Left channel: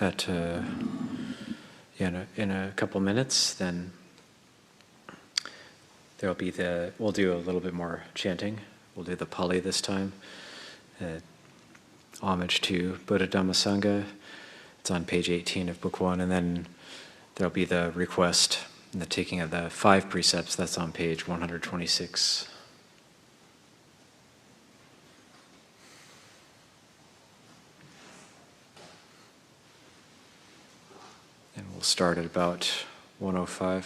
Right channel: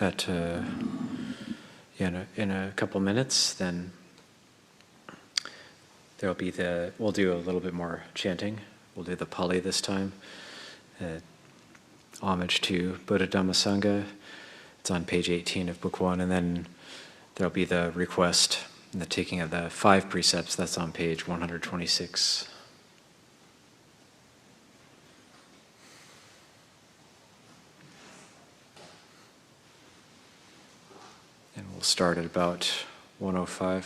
at in a couple minutes, then there'll be we'll do a little bit more chanting. We'll do the Pali this time. Homage to Buddha Dhamma Sangha. It's on page 18 of book 1, and then there'll be the request and the taking of the 5 precepts. That's on page 126. And we'll start at about 1:05.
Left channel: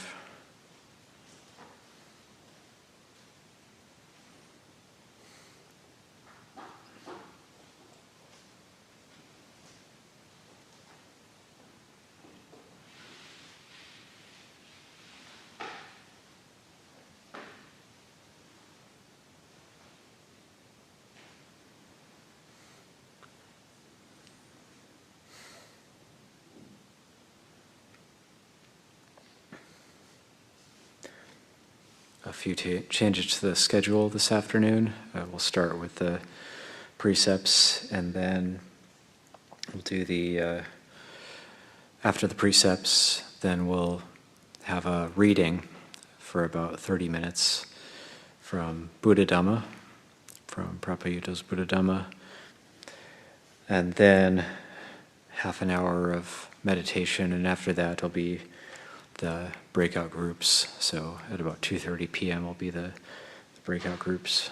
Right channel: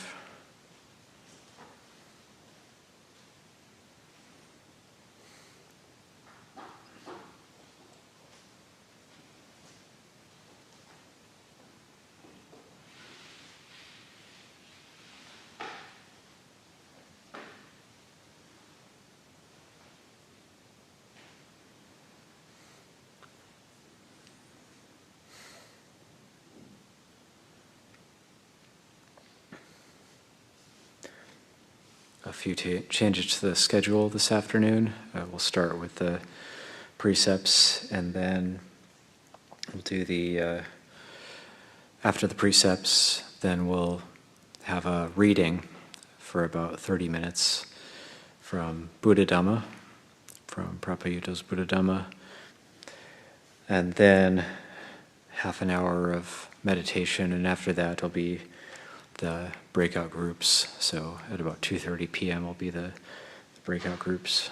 A few changes to the schedule this afternoon. We'll start with the precepts, and then we'll do after the precepts, then we'll have a reading for about 30 minutes from Buddha Dhamma, from Prabhupada's Buddha Dhamma, and then half an hour of meditation, and after that it'll be the breakout groups. So at about 2:30 p.m. will be the breakout groups.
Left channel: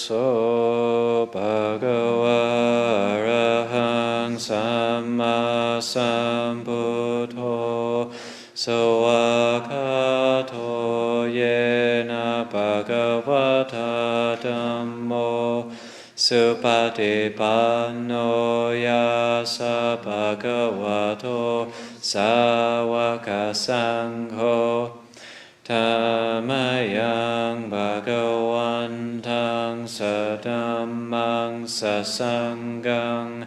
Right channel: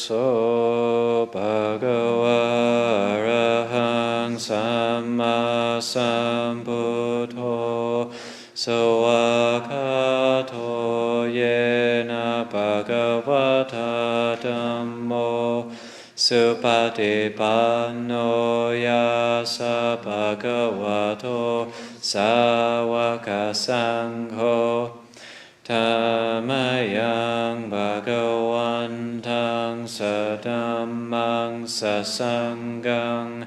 so bhagava arahang samma sambuddho soakato yena bhagavata dhammo supatipanno yasa bhagavato sāvaka sangho Tamayang bhagavantang sadhammang sasangang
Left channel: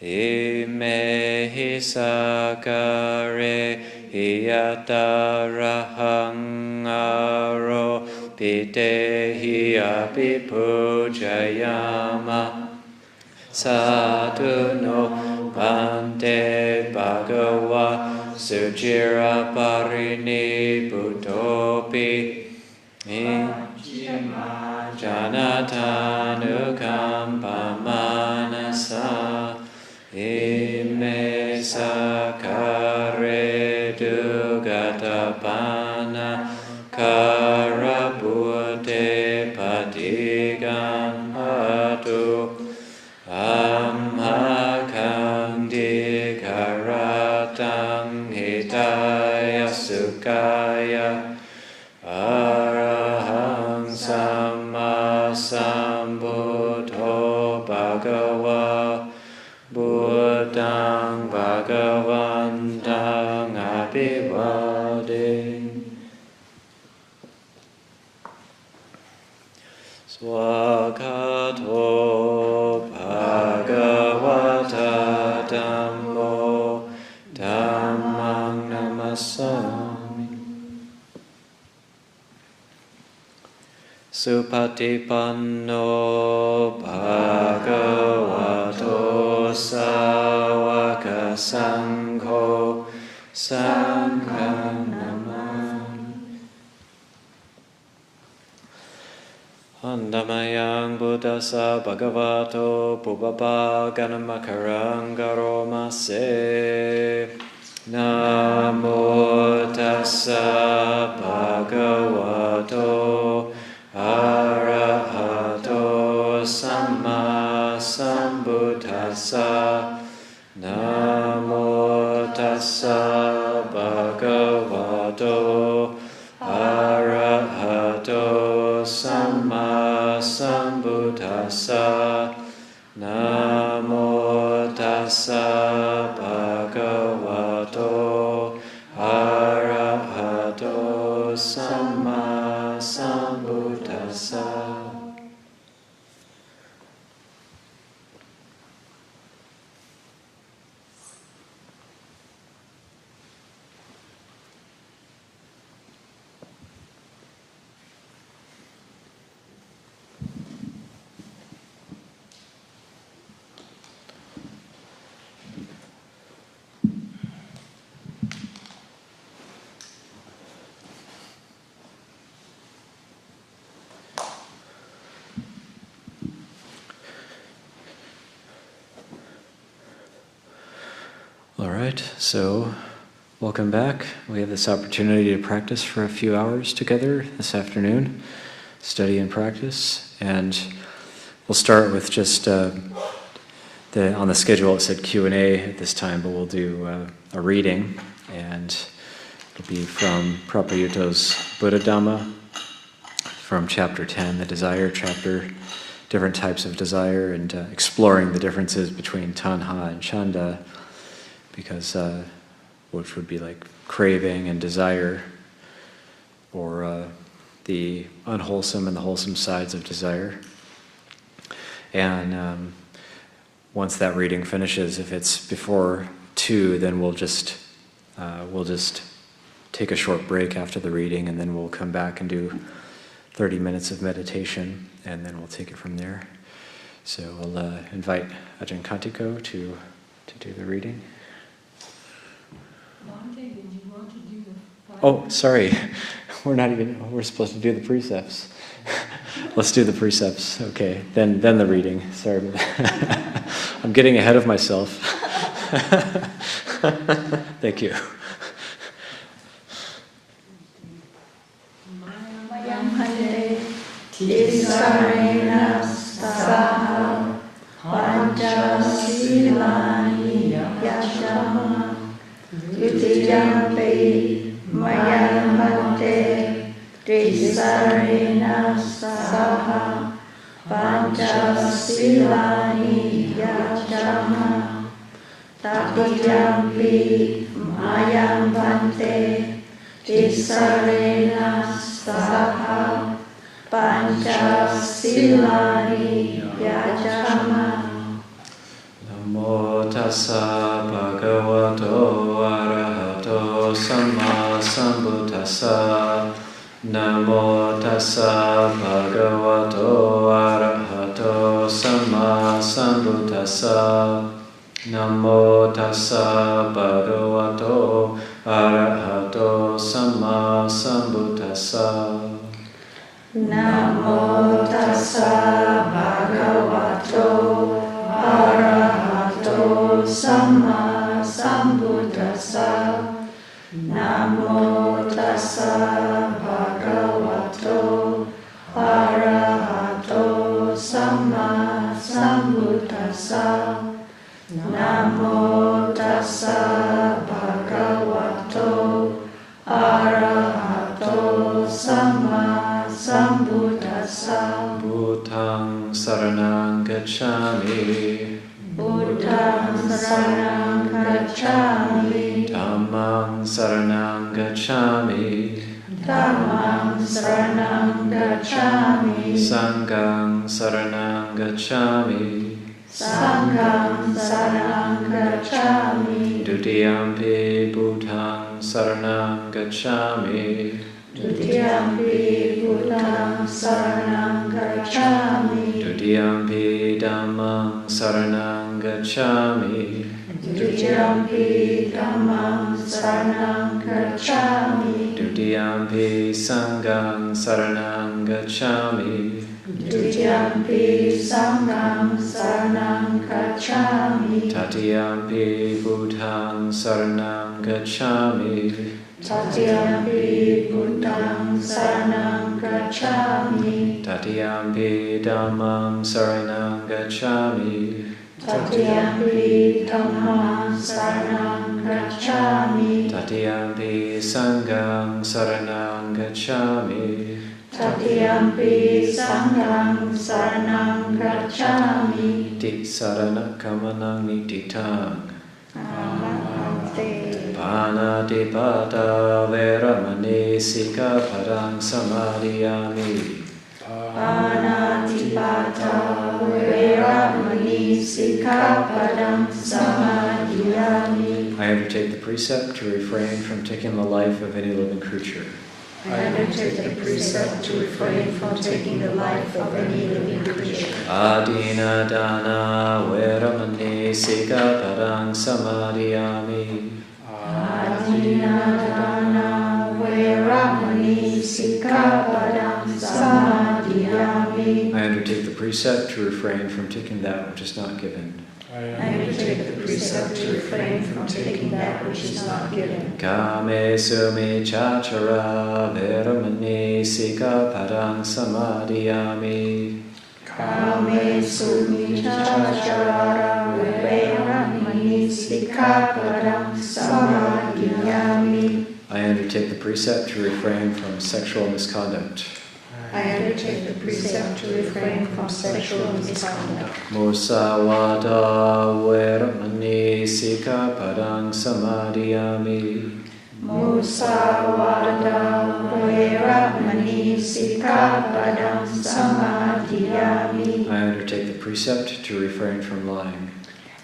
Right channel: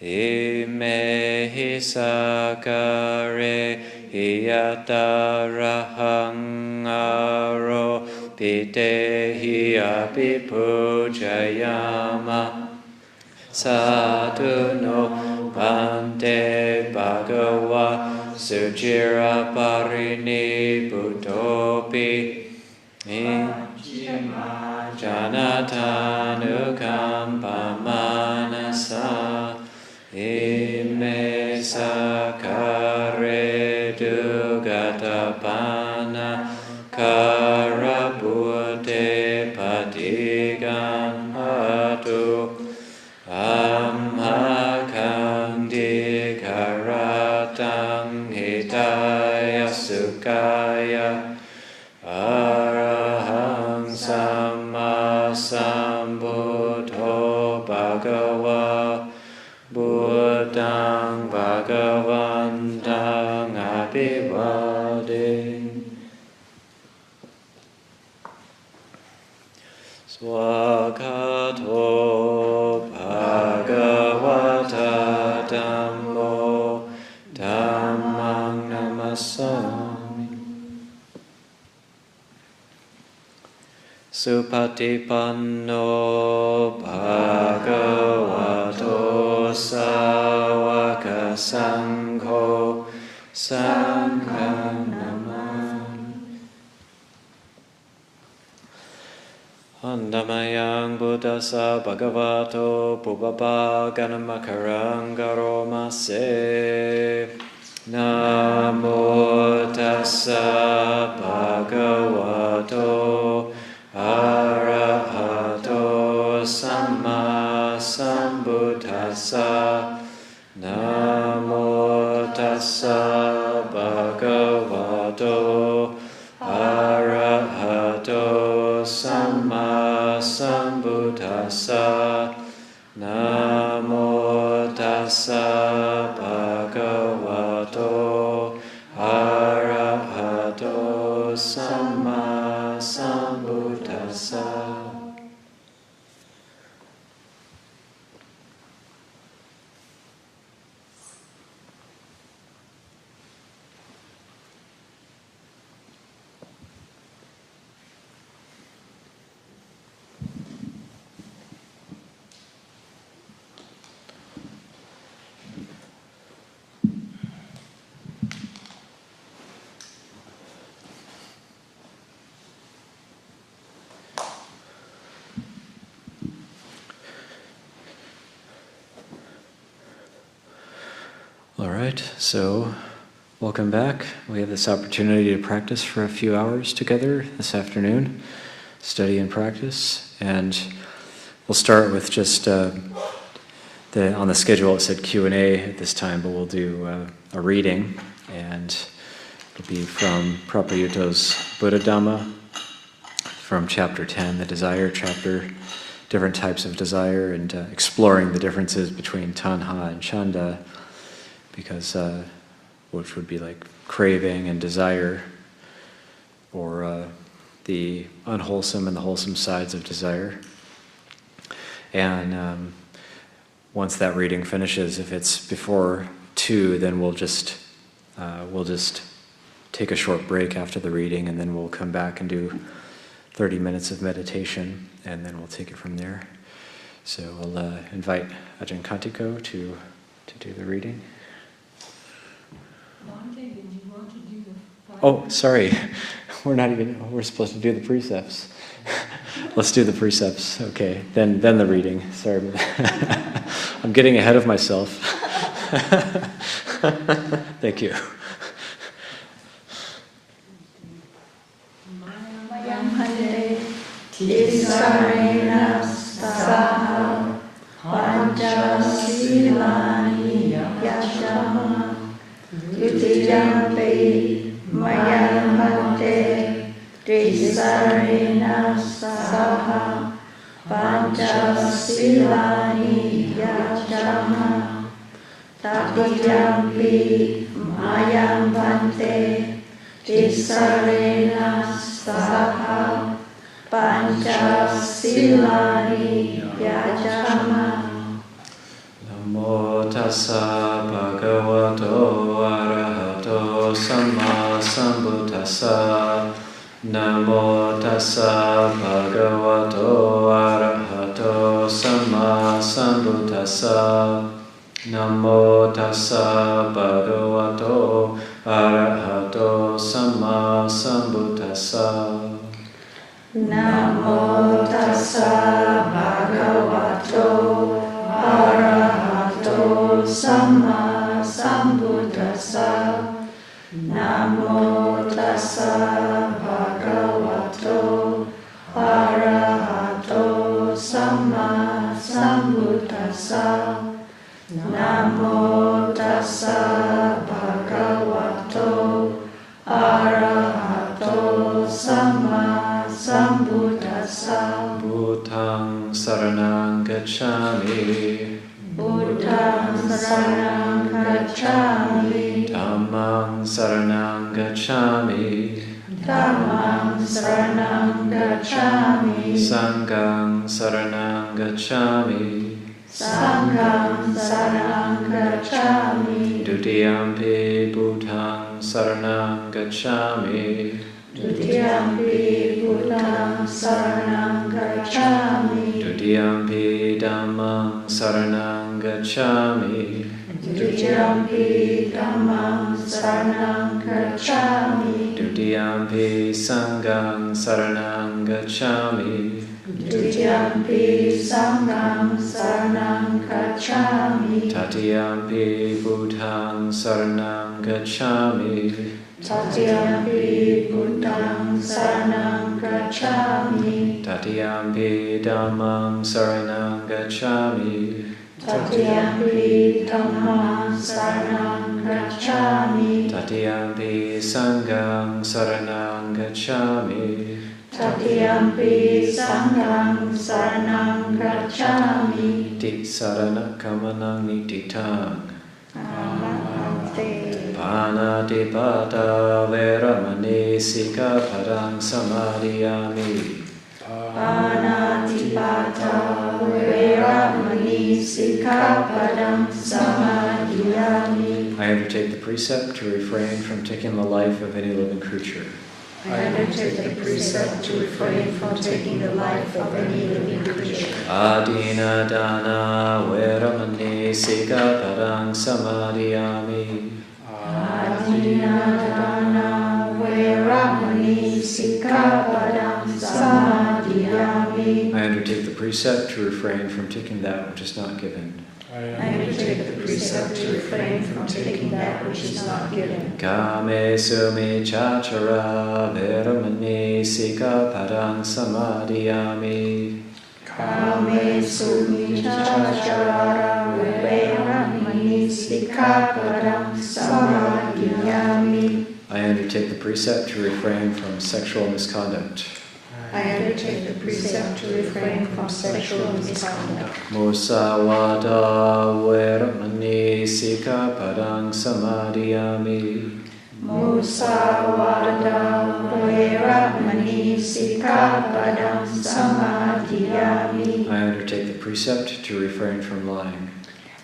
imehi sakare hiyatarahang aro pitehi apipujayama sadhu no bhante bhagava Sujira parini buddhopi janatanu manasa ime sakare dugatapana karabute patigan atu amhakandi karatang hitaya sukaya arahang samma sambuddho bhagava buddhang bhagavantang abhivade swakato bhagavata dhammo dhammang namasami supatipanno bhagavato sāvaka sangho sangham namami Andamayang buddhasa bhagavato pubbapa ganamakarang garomase Namo tassa bhagavato arahato samma sambuddhassa Namo tassa bhagavato arahato samma sambuddhassa Namo tassa bhagavato arahato samma sambuddhassa All right, so welcome back. We have this opportunity to practice for a few hours together this afternoon, study and practice, and we'll start with just on the schedule it said Q&A at this time, but we'll do a reading, and it'll be from Prabhupada's Buddha Dhamma, from chapter 10, the desire chapter, different types of desire, and exploring the differences between tanha and chanda, because which would be like craving and desire, or the unwholesome and the wholesome sides of desire. And once that reading finishes, if it's before 2, then we'll just take a short break after the reading, and then we'll come back and do 30 minutes of meditation, and then we'll take it from there. So we'll invite Ajahn Kantiko to do the reading. Oh, sorry. We're supposed to do the precepts. Let's do the precepts. Okay, then the reading. Sorry. I'm getting ahead of myself. Thank you. Tisarena saha panchasilani yashama Dutiyampi mayamante Tisarena saha panchasilani yashama Tatiyampi mayamante Tisarena saha panchasilani yashama Namo tassa bhagavato arahato samma sambuddhassa. Namo tassa bhagavato arahato samma sambuddhassa. Namo tassa bhagavato arahato samma sambuddhassa. Namo tassa bhagavato arahato samma sambuddhassa. Namo tassa bhagavato arahato samma sambuddhassa. Namo tassa bhagavato arahato samma sambuddhassa. Buddhang saranang gacchami. Buddhang saranang gacchami. Dhammang saranang gacchami. Dhammang saranang gacchami. Sanghang saranang gacchami. Sanghang saranang gacchami. Dutiyampi buddhang saranang gacchami. Dutiyampi buddhang saranang gacchami. Dutiyampi dhammang saranang gacchami. Dutiyampi dhammang saranang gacchami. Dutiyampi sanghang saranang gacchami. Dutiyampi sanghang saranang gacchami. Tatiyampi buddhang saranang gacchami. Tatiyampi buddhang saranang gacchami. Tatiyampi dhammang saranang gacchami. Tatiyampi dhammang saranang gacchami. Tatiyampi sanghang saranang gacchami. Tatiyampi sanghang saranang gacchami. Tisarana kamanang nititang. Namaste. Panatipata veramani sikkhapadang samadhiyami. Panatipata veramani sikkhapadang samadhiyami. I undertake the precept to refrain from taking the life of any living creature. I undertake the precept to refrain from taking the life of any living creature. Adina dana veramani sikkhapadang samadhiyami. Adina dana veramani sikkhapadang samadhiyami. I undertake the precept to refrain from taking that which is not given. I undertake the precept to refrain from taking that which is not given. Kame sumichachara veramani sikkhapadang samadhiyami. Kame sumichachara veramani sikkhapadang samadhiyami. I undertake the precept to refrain from sexual misconduct. I undertake the precept to refrain from sexual misconduct. Musawada veramani sikkhapadang samadhiyami. Musawada veramani sikkhapadang samadhiyami. I undertake the precept to refrain from lying.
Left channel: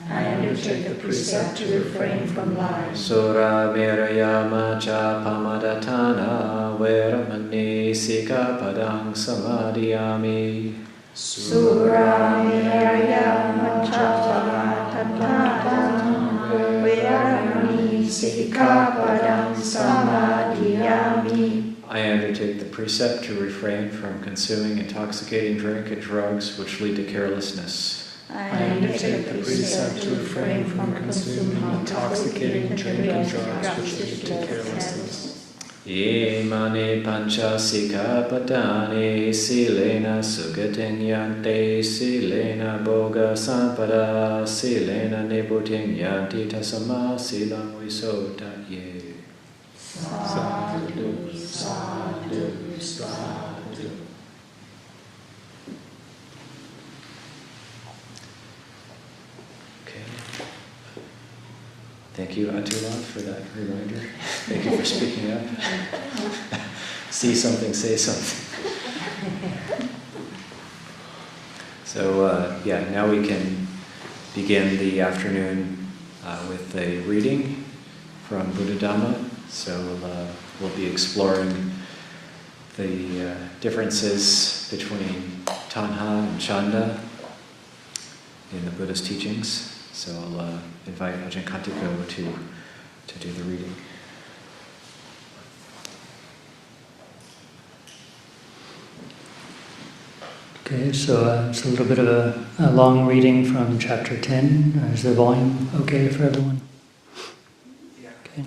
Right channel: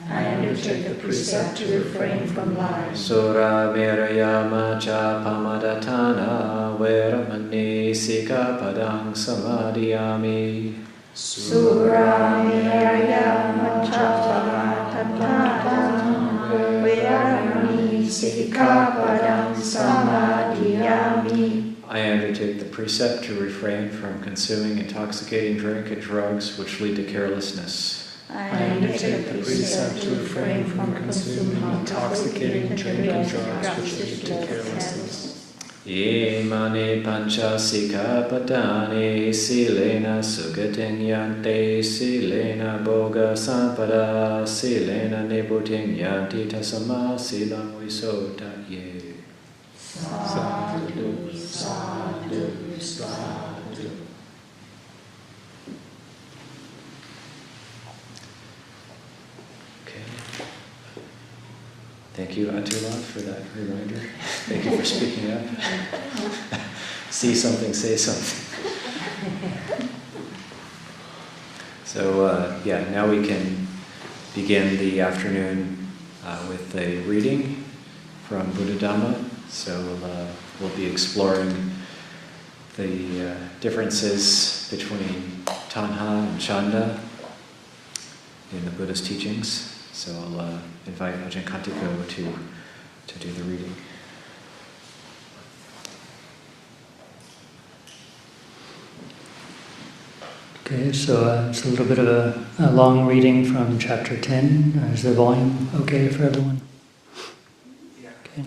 I undertake the precept to refrain from lying. Sura virayama cha pamadatana veramani sikkhapadang samadhiyami. Sura virayama cha pamadatana veramani sikkhapadang samadhiyami. I undertake the precept to refrain from consuming intoxicating drink and drugs which lead to carelessness. I undertake the precept to refrain from consuming intoxicating drink and drugs which lead to carelessness. Imane panchasika padane silena sugating yante silena boga sampada silena nibuting yanti tasama silam visota ye. Sadhu, sadhu, sadhu. Thank you, Atula, for that reminder. Thank you for speaking up. See something, say something. So, now we can begin the afternoon with a reading from Buddha Dhamma. So we'll be exploring the differences between Tanha and Chanda in the Buddha's teachings. So I'll invite Ajahn Katiko to do the reading. Okay, so it's a little bit of a long reading from chapter 10. Is the volume okay for everyone? Okay.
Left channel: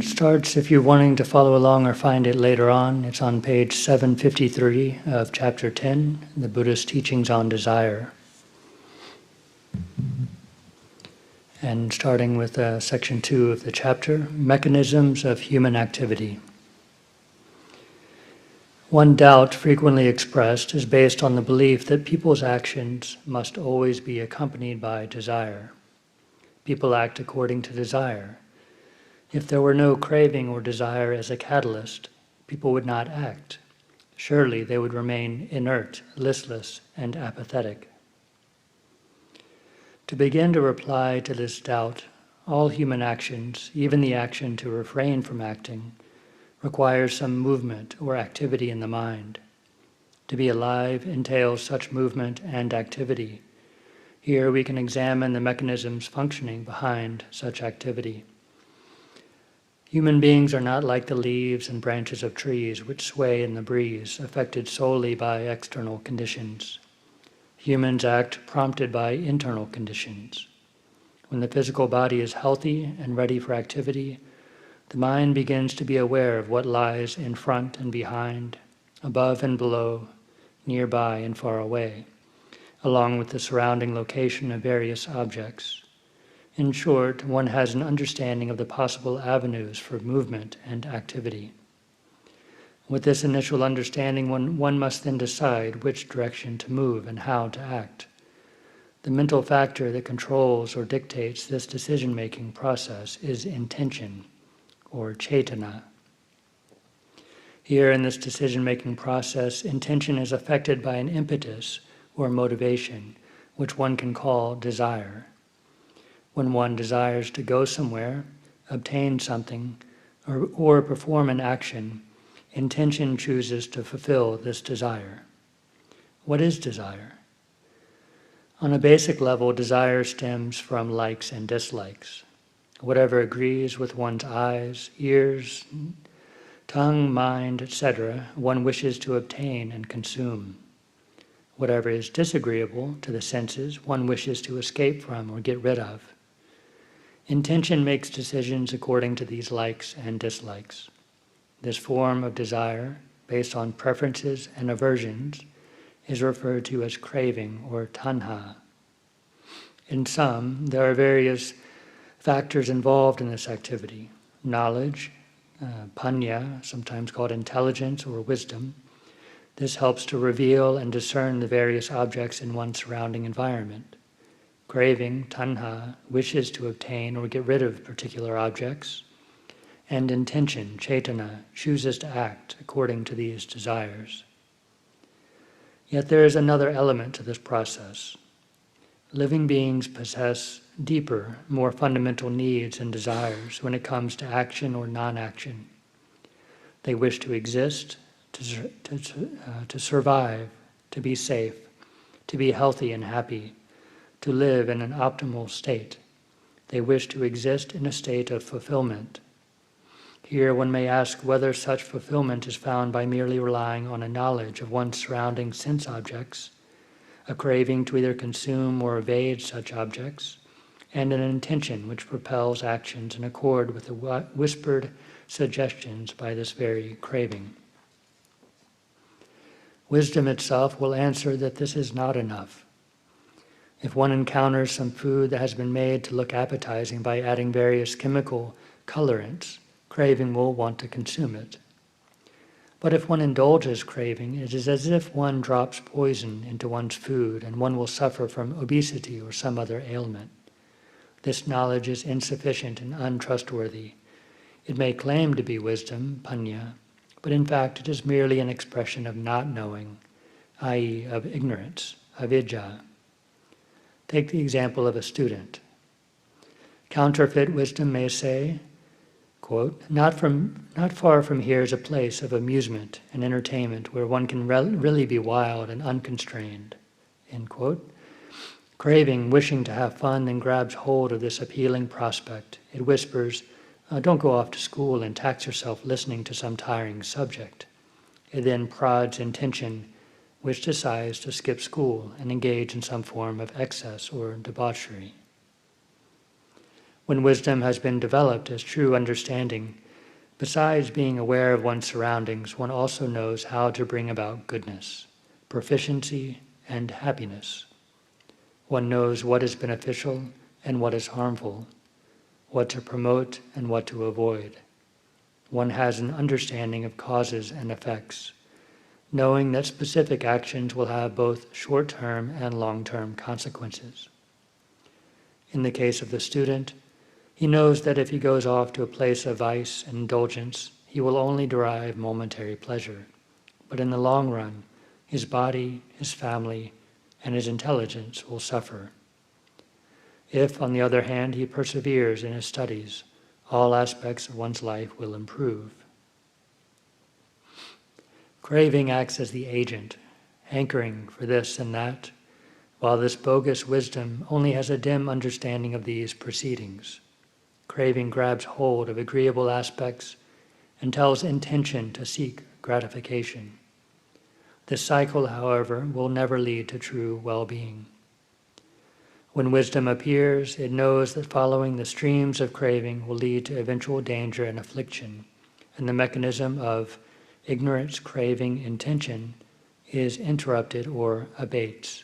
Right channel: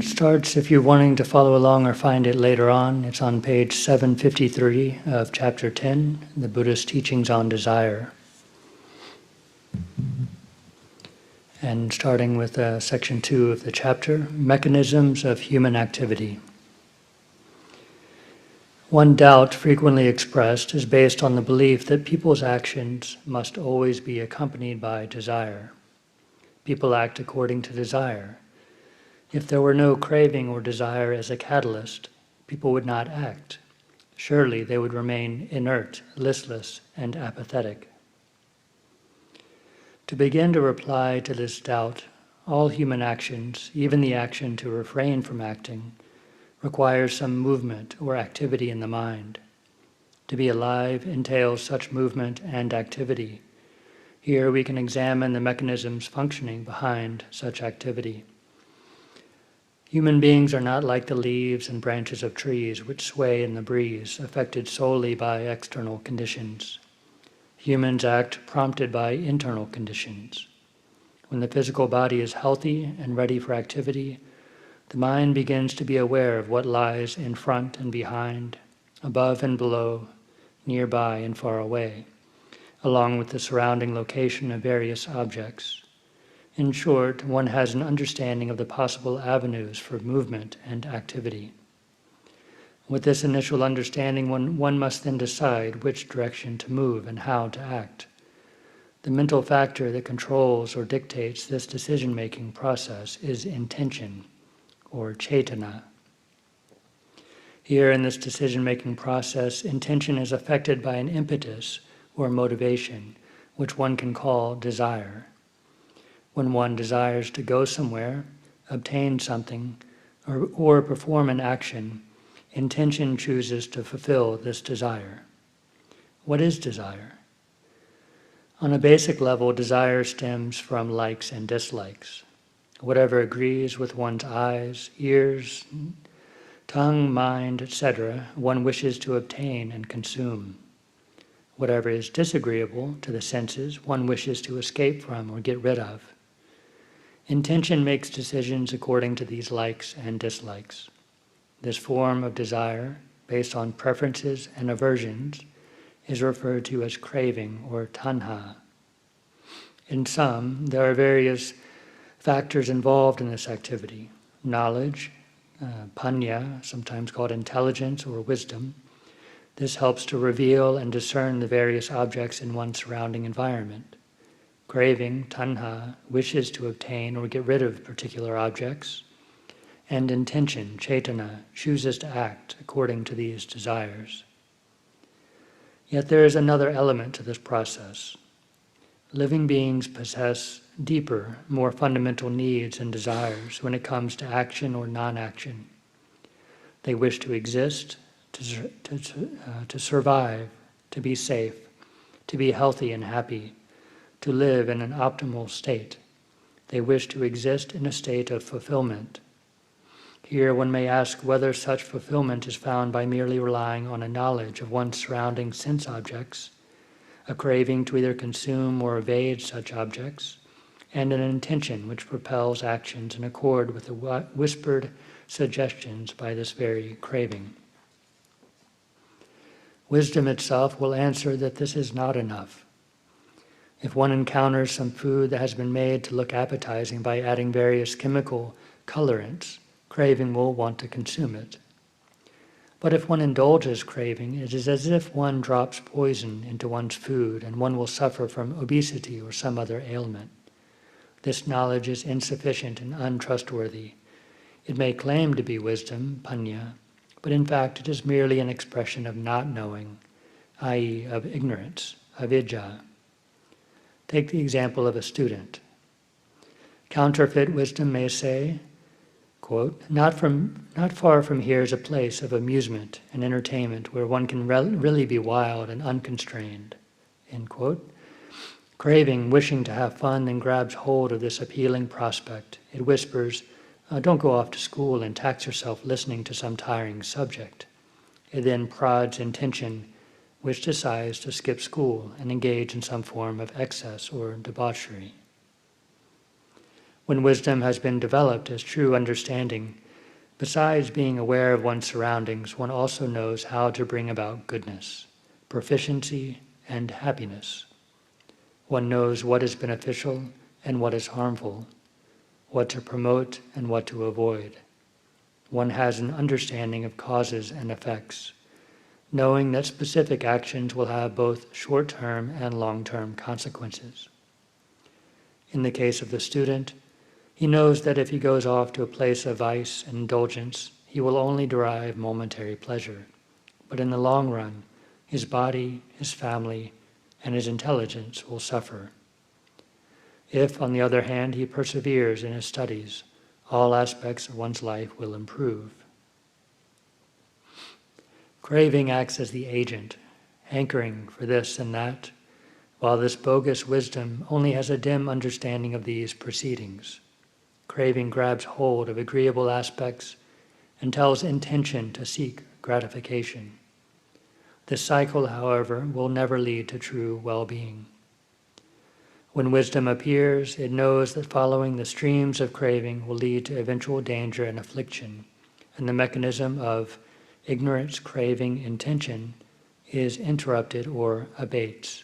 Starts, if you're wanting to follow along or find it later on, it's on page 753 of chapter 10, the Buddha's teachings on desire. And starting with section 2 of the chapter, Mechanisms of Human Activity. One doubt frequently expressed is based on the belief that people's actions must always be accompanied by desire. People act according to desire. If there were no craving or desire as a catalyst, people would not act. Surely they would remain inert, listless, and apathetic. To begin to reply to this doubt, all human actions, even the action to refrain from acting, requires some movement or activity in the mind. To be alive entails such movement and activity. Here we can examine the mechanisms functioning behind such activity. Human beings are not like the leaves and branches of trees which sway in the breeze, affected solely by external conditions. Humans act prompted by internal conditions. When the physical body is healthy and ready for activity, the mind begins to be aware of what lies in front and behind, above and below, nearby and far away, along with the surrounding location of various objects. In short, one has an understanding of the possible avenues for movement and activity. With this initial understanding, one must then decide which direction to move and how to act. The mental factor that controls or dictates this decision-making process is intention, or cetana. Here in this decision-making process, intention is affected by an impetus or motivation, which one can call desire. When one desires to go somewhere, obtain something, or perform an action, intention chooses to fulfill this desire. What is desire? On a basic level, desire stems from likes and dislikes. Whatever agrees with one's eyes, ears, tongue, mind, etc., one wishes to obtain and consume. Whatever is disagreeable to the senses, one wishes to escape from or get rid of. Intention makes decisions according to these likes and dislikes. This form of desire, based on preferences and aversions, is referred to as craving or tanha. In sum, there are various factors involved in this activity. Knowledge, panya, sometimes called intelligence or wisdom. This helps to reveal and discern the various objects in one's surrounding environment. Craving, tanha, wishes to obtain or get rid of particular objects. And intention, cetana, chooses to act according to these desires. Yet there is another element to this process. Living beings possess deeper, more fundamental needs and desires when it comes to action or non-action. They wish to exist, to survive, to be safe, to be healthy and happy, to live in an optimal state. They wish to exist in a state of fulfillment. Here one may ask whether such fulfillment is found by merely relying on a knowledge of one's surrounding sense objects, a craving to either consume or evade such objects, and an intention which propels actions in accord with the whispered suggestions by this very craving. Wisdom itself will answer that this is not enough. If one encounters some food that has been made to look appetizing by adding various chemical colorants, craving will want to consume it. But if one indulges craving, it is as if one drops poison into one's food and one will suffer from obesity or some other ailment. This knowledge is insufficient and untrustworthy. It may claim to be wisdom, panya, but in fact it is merely an expression of not knowing, i.e. of ignorance, avidya. Take the example of a student. Counterfeit wisdom may say, quote, not far from here is a place of amusement and entertainment where one can really be wild and unconstrained, end quote. Craving, wishing to have fun, then grabs hold of this appealing prospect. It whispers, don't go off to school and tax yourself listening to some tiring subject. It then prods intention, which decides to skip school and engage in some form of excess or debauchery. When wisdom has been developed as true understanding, besides being aware of one's surroundings, one also knows how to bring about goodness, proficiency, and happiness. One knows what is beneficial and what is harmful, what to promote and what to avoid. One has an understanding of causes and effects, knowing that specific actions will have both short-term and long-term consequences. In the case of the student, he knows that if he goes off to a place of vice and indulgence, he will only derive momentary pleasure. But in the long run, his body, his family, and his intelligence will suffer. If, on the other hand, he perseveres in his studies, all aspects of one's life will improve. Craving acts as the agent, hankering for this and that, while this bogus wisdom only has a dim understanding of these proceedings. Craving grabs hold of agreeable aspects and tells intention to seek gratification. This cycle, however, will never lead to true well-being. When wisdom appears, it knows that following the streams of craving will lead to eventual danger and affliction, and the mechanism of ignorance, craving, intention is interrupted or abates.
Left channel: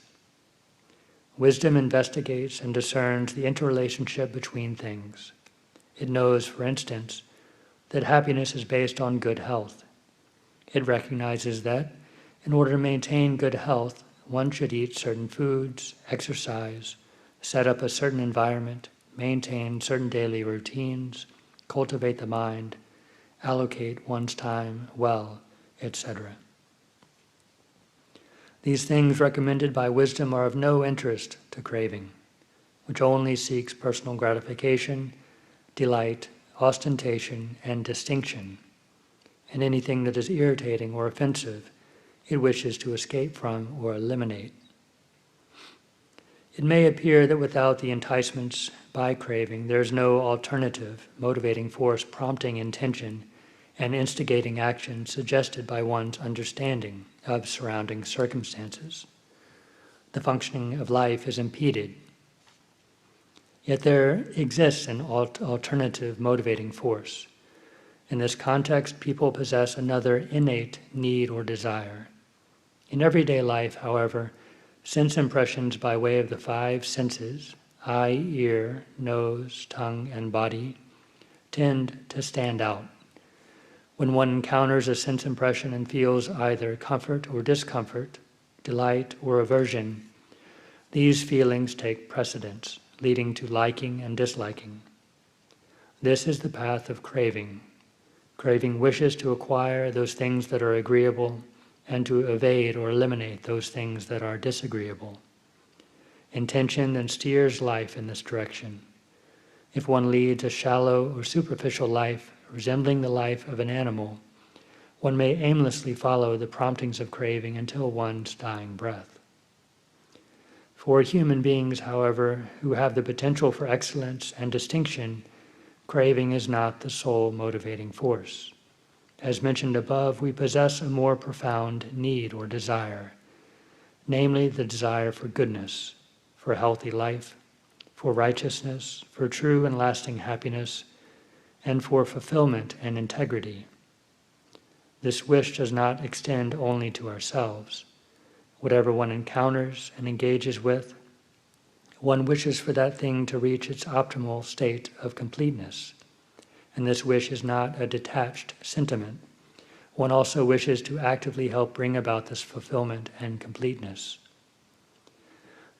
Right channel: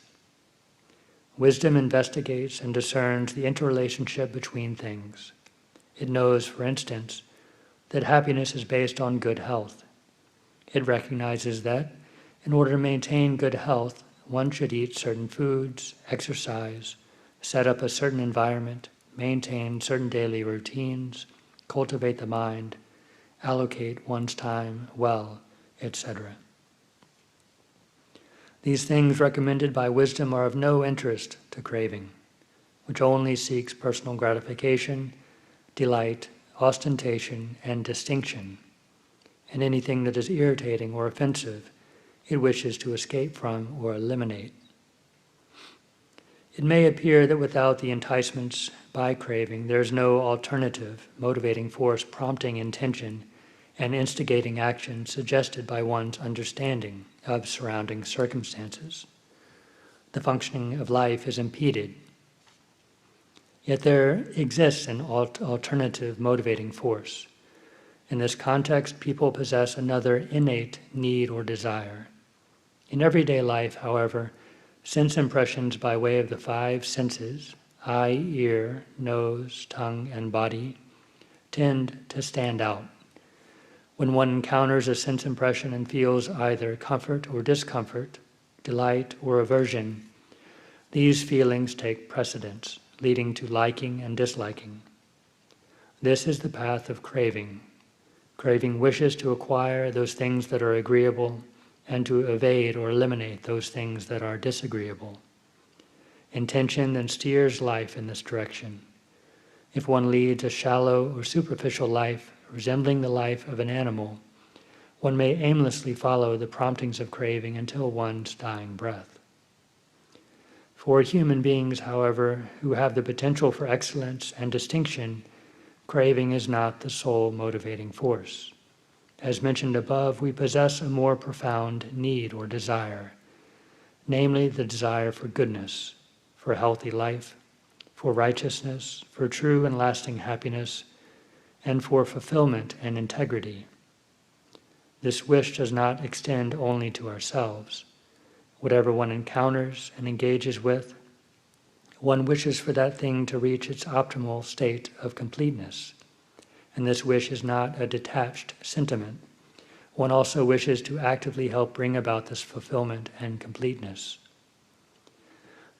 Wisdom investigates and discerns the interrelationship between things. It knows, for instance, that happiness is based on good health. It recognizes that, in order to maintain good health, one should eat certain foods, exercise, set up a certain environment, maintain certain daily routines, cultivate the mind, allocate one's time well, etc. These things recommended by wisdom are of no interest to craving, which only seeks personal gratification, delight, ostentation, and distinction, and anything that is irritating or offensive it wishes to escape from or eliminate. It may appear that without the enticements by craving, there is no alternative motivating force prompting intention and instigating action suggested by one's understanding of surrounding circumstances. The functioning of life is impeded. Yet there exists an alternative motivating force. In this context, people possess another innate need or desire. In everyday life, however, sense impressions by way of the five senses, eye, ear, nose, tongue, and body, tend to stand out. When one encounters a sense impression and feels either comfort or discomfort, delight or aversion, these feelings take precedence, leading to liking and disliking. This is the path of craving. Craving wishes to acquire those things that are agreeable and to evade or eliminate those things that are disagreeable. Intention then steers life in this direction. If one leads a shallow or superficial life resembling the life of an animal, one may aimlessly follow the promptings of craving until one's dying breath. For human beings, however, who have the potential for excellence and distinction, craving is not the sole motivating force. As mentioned above, we possess a more profound need or desire, namely the desire for goodness, for a healthy life, for righteousness, for true and lasting happiness, and for fulfillment and integrity. This wish does not extend only to ourselves. Whatever one encounters and engages with, one wishes for that thing to reach its optimal state of completeness. And this wish is not a detached sentiment. One also wishes to actively help bring about this fulfillment and completeness.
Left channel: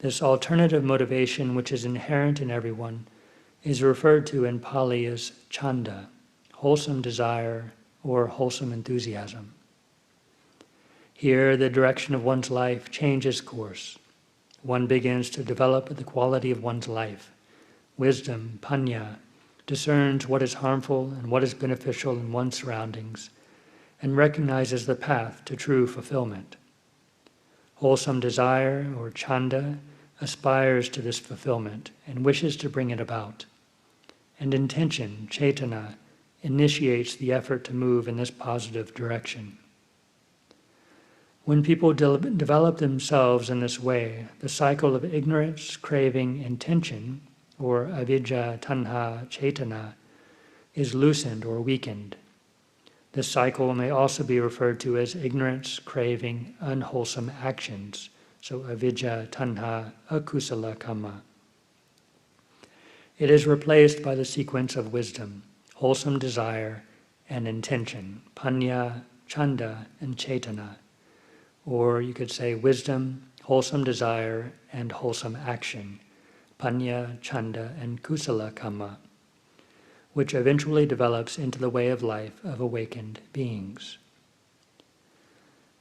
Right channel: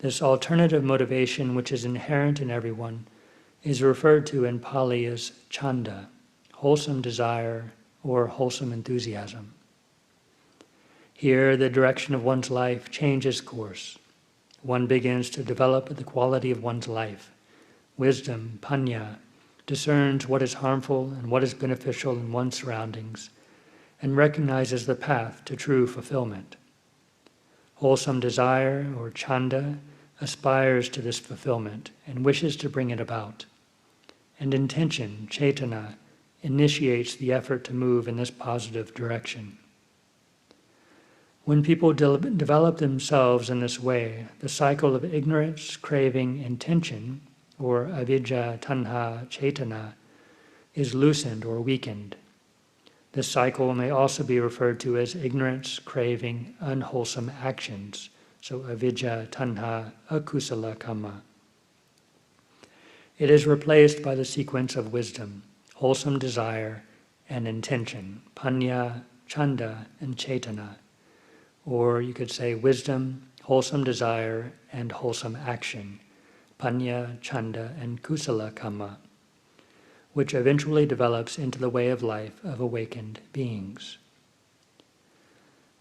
This alternative motivation, which is inherent in everyone, is referred to in Pali as chanda, wholesome desire or wholesome enthusiasm. Here, the direction of one's life changes course. One begins to develop the quality of one's life. Wisdom, panya, discerns what is harmful and what is beneficial in one's surroundings, and recognizes the path to true fulfillment. Wholesome desire, or chanda, aspires to this fulfillment and wishes to bring it about. And intention, cetana, initiates the effort to move in this positive direction. When people develop themselves in this way, the cycle of ignorance, craving, intention, or avidya, tanha, cetana, is loosened or weakened. This cycle may also be referred to as ignorance, craving, unwholesome actions, so avidya, tanha, akusala kamma. It is replaced by the sequence of wisdom, wholesome desire, and intention, panya, chanda, and cetana. Or you could say wisdom, wholesome desire, and wholesome action, panya, chanda, and kusala kamma, which eventually develops into the way of life of awakened beings.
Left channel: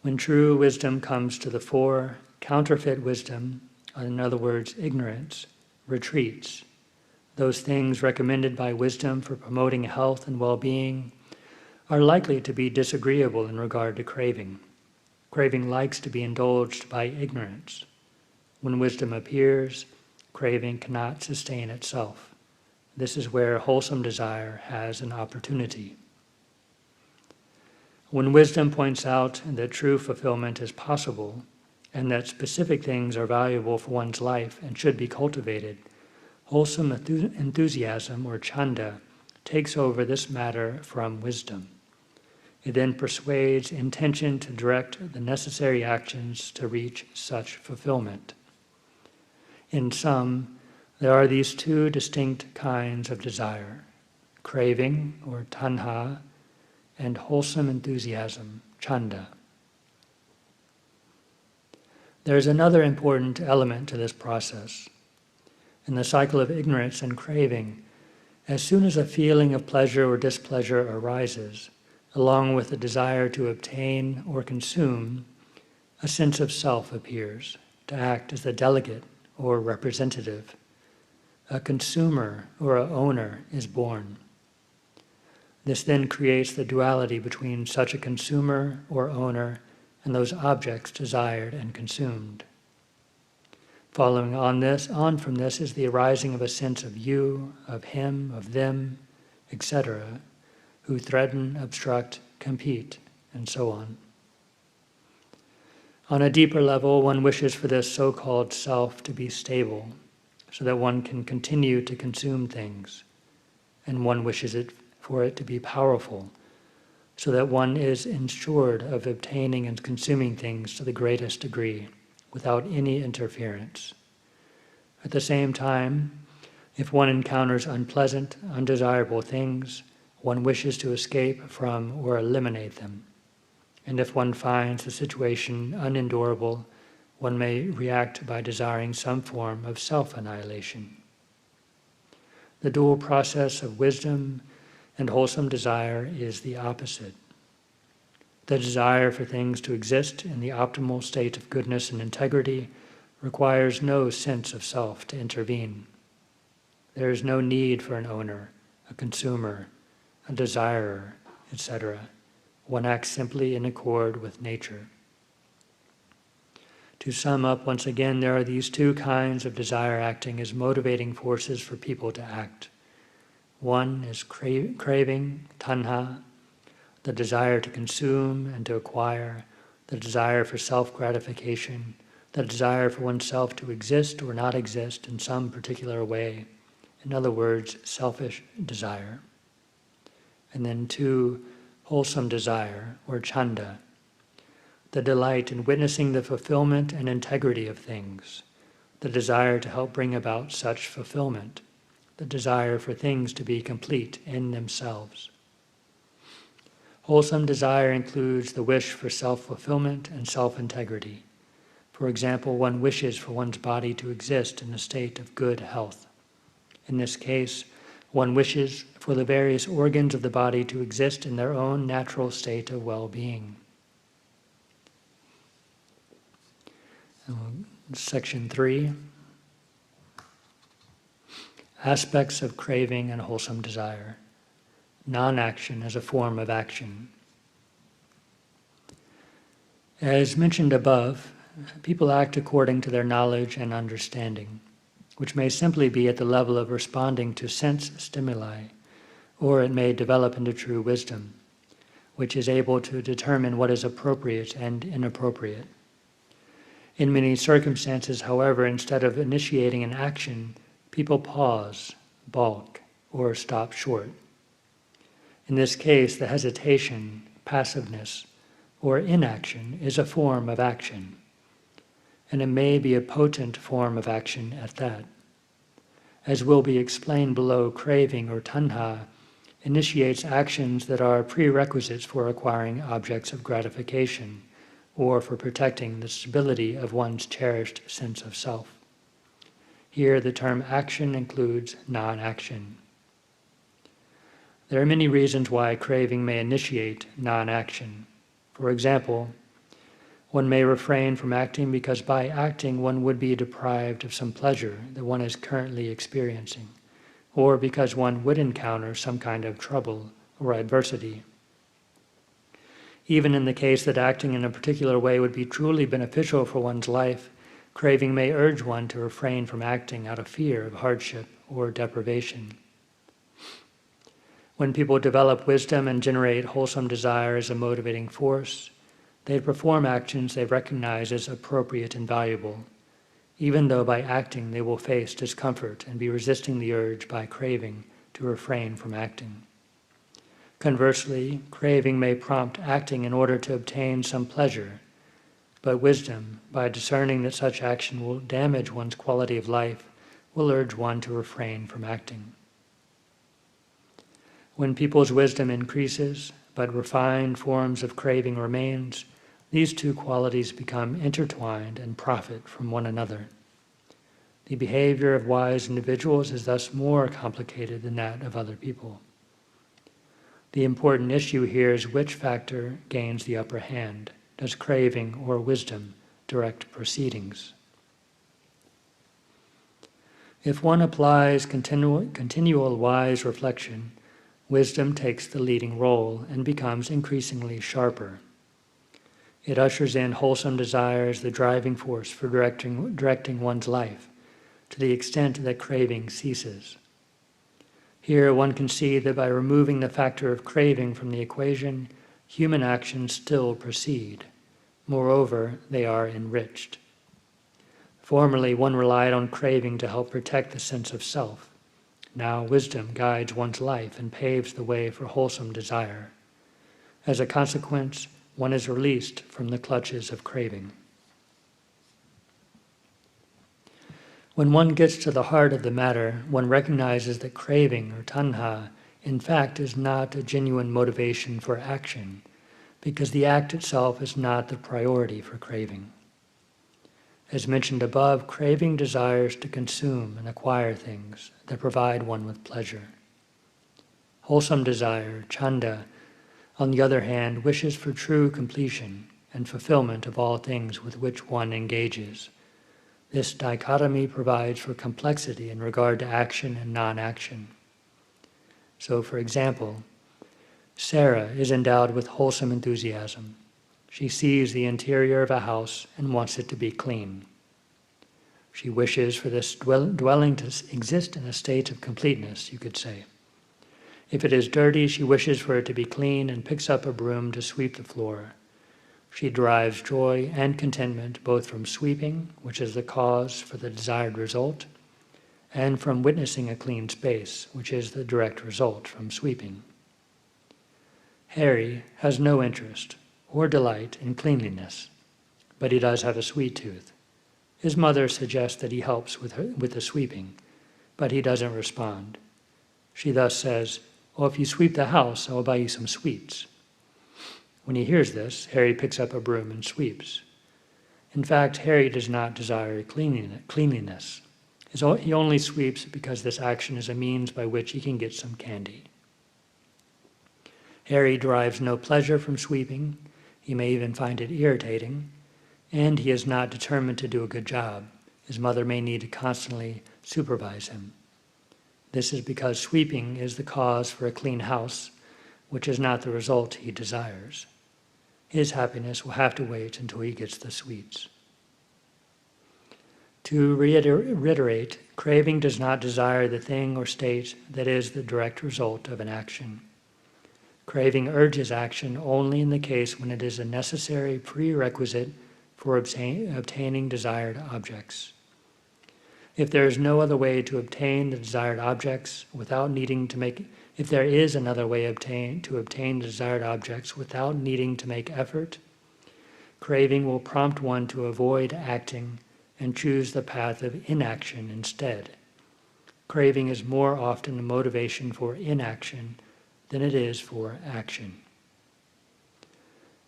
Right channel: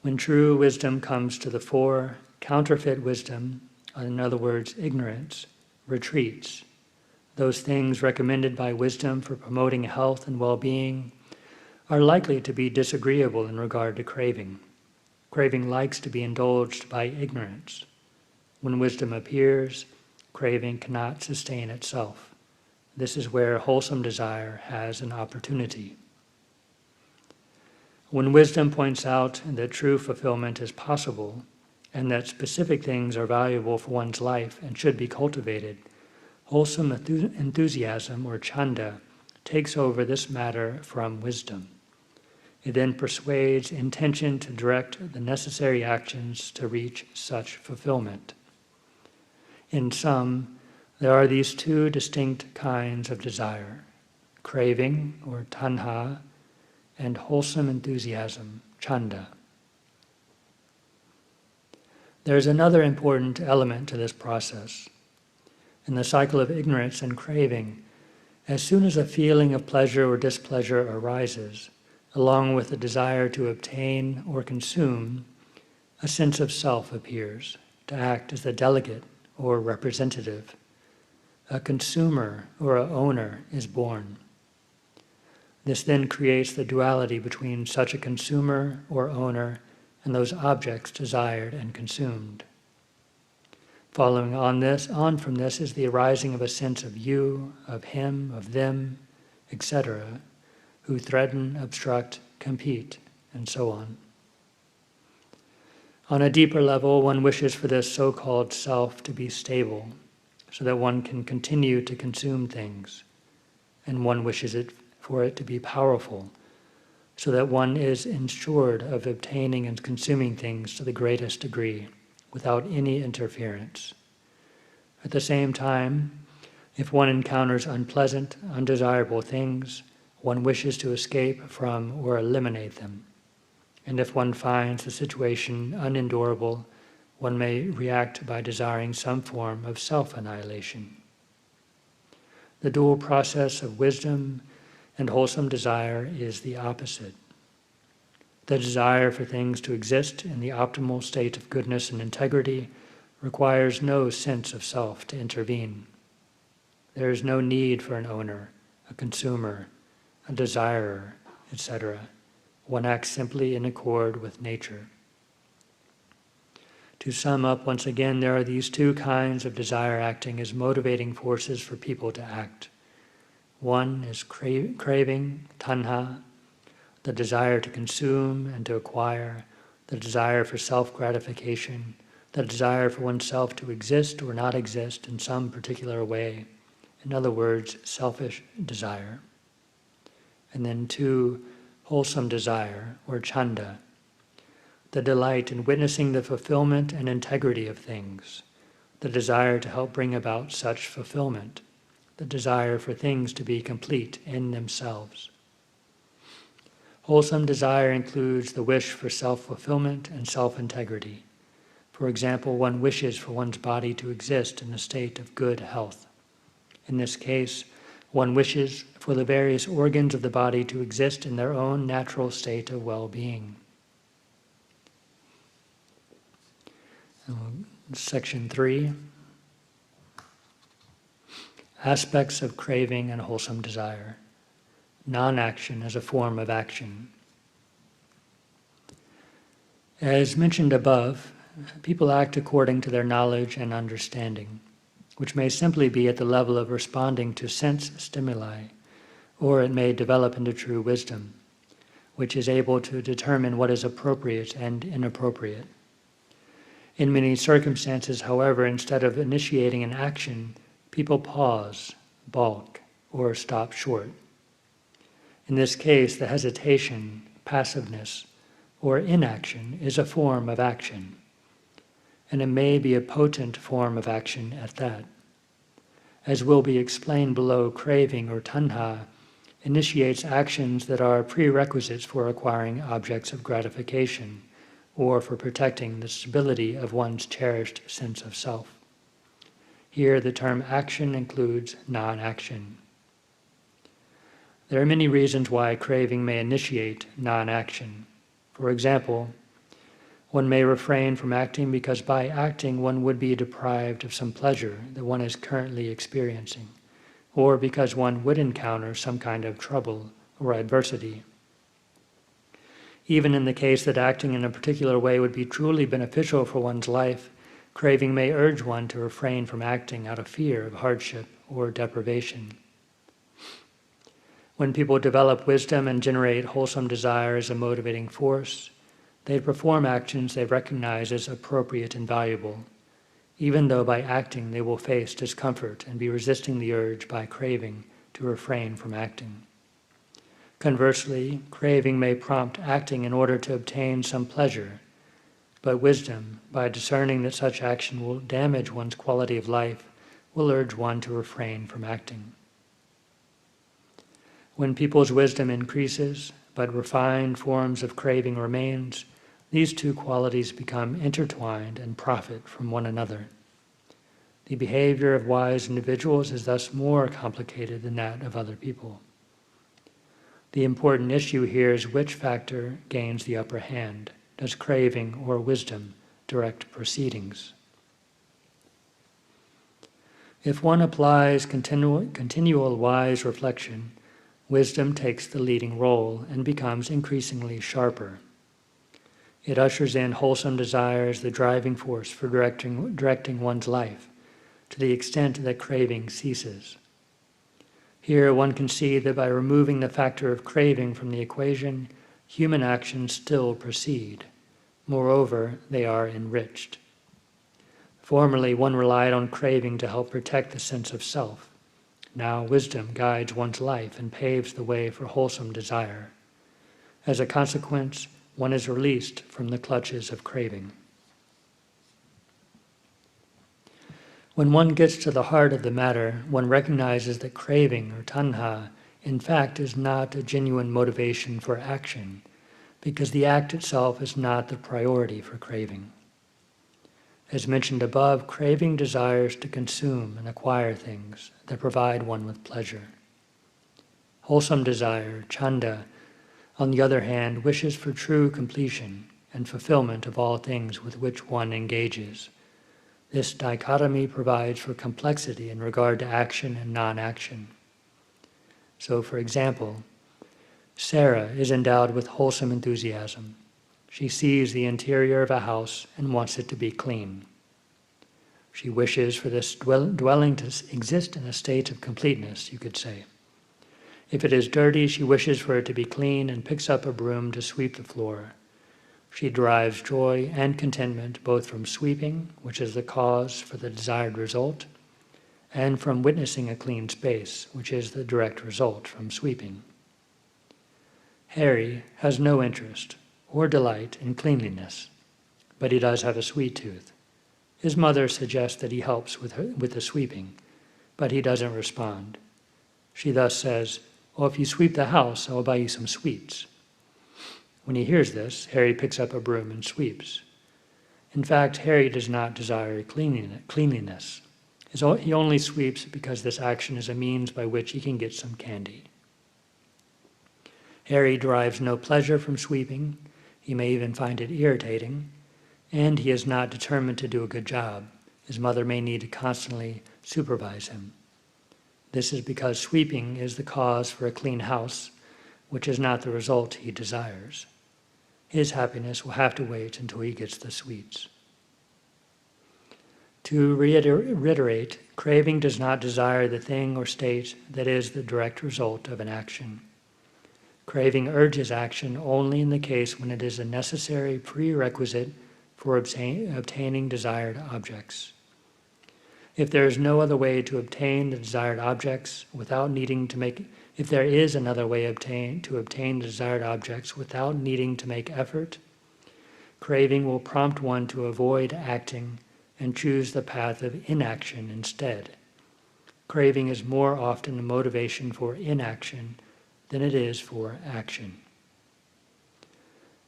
When true wisdom comes to the fore, counterfeit wisdom, in other words, ignorance, retreats. Those things recommended by wisdom for promoting health and well-being are likely to be disagreeable in regard to craving. Craving likes to be indulged by ignorance. When wisdom appears, craving cannot sustain itself. This is where wholesome desire has an opportunity. When wisdom points out that true fulfillment is possible, and that specific things are valuable for one's life and should be cultivated, wholesome enthusiasm, or chanda, takes over this matter from wisdom. It then persuades intention to direct the necessary actions to reach such fulfillment. In sum, there are these two distinct kinds of desire, craving, or tanha, and wholesome enthusiasm, chanda. There is another important element to this process. In the cycle of ignorance and craving, as soon as a feeling of pleasure or displeasure arises, along with the desire to obtain or consume, a sense of self appears, to act as the delegate or representative. A consumer or a owner is born. This then creates the duality between such a consumer or owner and those objects desired and consumed. Following on from this is the arising of a sense of you, of him, of them, etc., who threaten, obstruct, compete, and so on. On a deeper level, one wishes for this so-called self to be stable, so that one can continue to consume things, and one wishes for it to be powerful, so that one is ensured of obtaining and consuming things to the greatest degree, without any interference. At the same time, if one encounters unpleasant, undesirable things, one wishes to escape from or eliminate them. And if one finds the situation unendurable, one may react by desiring some form of self-annihilation. The dual process of wisdom and wholesome desire is the opposite. The desire for things to exist in the optimal state of goodness and integrity requires no sense of self to intervene. There is no need for an owner, a consumer, a desirer, etc. One acts simply in accord with nature. To sum up, once again, there are these two kinds of desire acting as motivating forces for people to act. One is craving, tanha, the desire to consume and to acquire, the desire for self-gratification, the desire for oneself to exist or not exist in some particular way. In other words, selfish desire. And then 2, wholesome desire, or chanda, the delight in witnessing the fulfillment and integrity of things, the desire to help bring about such fulfillment, the desire for things to be complete in themselves. Wholesome desire includes the wish for self-fulfillment and self-integrity. For example, one wishes for one's body to exist in a state of good health. In this case, one wishes for the various organs of the body to exist in their own natural state of well-being. Section 3. Aspects of craving and wholesome desire. Non-action as a form of action. As mentioned above, people act according to their knowledge and understanding, which may simply be at the level of responding to sense stimuli, or it may develop into true wisdom, which is able to determine what is appropriate and inappropriate. In many circumstances, however, instead of initiating an action, people pause, balk, or stop short. In this case, the hesitation, passiveness, or inaction is a form of action, and it may be a potent form of action at that. As will be explained below, craving or tanha initiates actions that are prerequisites for acquiring objects of gratification or for protecting the stability of one's cherished sense of self. Here the term action includes non-action. There are many reasons why craving may initiate non-action. For example, one may refrain from acting because by acting one would be deprived of some pleasure that one is currently experiencing, or because one would encounter some kind of trouble or adversity. Even in the case that acting in a particular way would be truly beneficial for one's life, craving may urge one to refrain from acting out of fear of hardship or deprivation. When people develop wisdom and generate wholesome desire as a motivating force, they perform actions they recognize as appropriate and valuable, even though by acting they will face discomfort and be resisting the urge by craving to refrain from acting. Conversely, craving may prompt acting in order to obtain some pleasure, but wisdom, by discerning that such action will damage one's quality of life, will urge one to refrain from acting. When people's wisdom increases, but refined forms of craving remains, these two qualities become intertwined and profit from one another. The behavior of wise individuals is thus more complicated than that of other people. The important issue here is which factor gains the upper hand. Does craving or wisdom direct proceedings? If one applies continual wise reflection, wisdom takes the leading role and becomes increasingly sharper. It ushers in wholesome desire as the driving force for directing one's life, to the extent that craving ceases. Here one can see that by removing the factor of craving from the equation, human actions still proceed. Moreover, they are enriched. Formerly, one relied on craving to help protect the sense of self. Now, wisdom guides one's life and paves the way for wholesome desire. As a consequence, one is released from the clutches of craving. When one gets to the heart of the matter, one recognizes that craving, or tanha, in fact is not a genuine motivation for action, because the act itself is not the priority for craving. As mentioned above, craving desires to consume and acquire things that provide one with pleasure. Wholesome desire, chanda, on the other hand, wishes for true completion and fulfillment of all things with which one engages. This dichotomy provides for complexity in regard to action and non-action. So, for example, Sarah is endowed with wholesome enthusiasm. She sees the interior of a house and wants it to be clean. She wishes for this dwelling to exist in a state of completeness, you could say. If it is dirty, she wishes for it to be clean and picks up a broom to sweep the floor. She derives joy and contentment both from sweeping, which is the cause for the desired result, and from witnessing a clean space, which is the direct result from sweeping. Harry has no interest or delight in cleanliness, but he does have a sweet tooth. His mother suggests that he helps with the sweeping, but he doesn't respond. She thus says, "Well, if you sweep the house, I will buy you some sweets." When he hears this, Harry picks up a broom and sweeps. In fact, Harry does not desire cleanliness. He only sweeps because this action is a means by which he can get some candy. Harry derives no pleasure from sweeping. He may even find it irritating, and he is not determined to do a good job. His mother may need to constantly supervise him. This is because sweeping is the cause for a clean house, which is not the result he desires. His happiness will have to wait until he gets the sweets. To reiterate, craving does not desire the thing or state that is the direct result of an action. Craving urges action only in the case when it is a necessary prerequisite for obtaining desired objects. If there is no other way to obtain the desired objects without needing to make If there is another way to obtain the desired objects without needing to make effort, craving will prompt one to avoid acting and choose the path of inaction instead. Craving is more often a motivation for inaction than it is for action.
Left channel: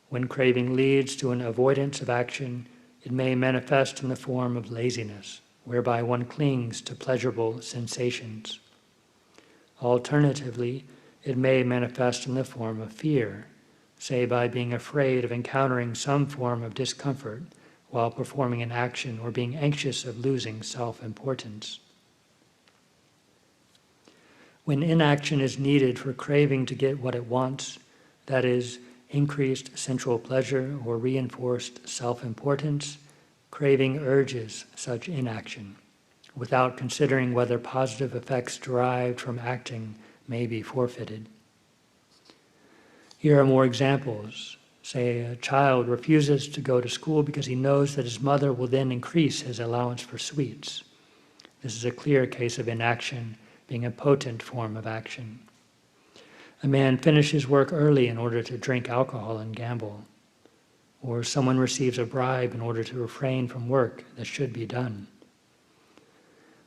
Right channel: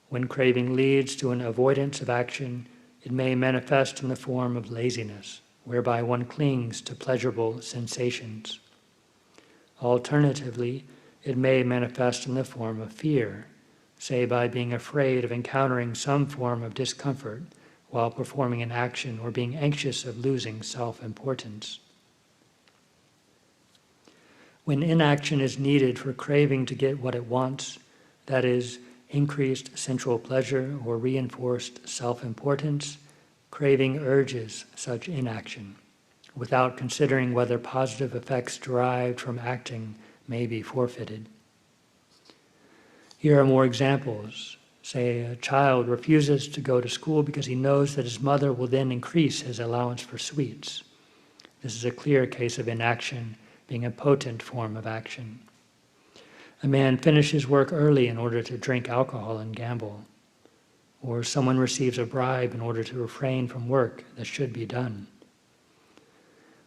When craving leads to an avoidance of action, it may manifest in the form of laziness, whereby one clings to pleasurable sensations. Alternatively, it may manifest in the form of fear, say by being afraid of encountering some form of discomfort while performing an action or being anxious of losing self-importance. When inaction is needed for craving to get what it wants, that is, increased sensual pleasure or reinforced self-importance, craving urges such inaction, without considering whether positive effects derived from acting may be forfeited. Here are more examples. Say a child refuses to go to school because he knows that his mother will then increase his allowance for sweets. This is a clear case of inaction being a potent form of action. A man finishes work early in order to drink alcohol and gamble. Or someone receives a bribe in order to refrain from work that should be done.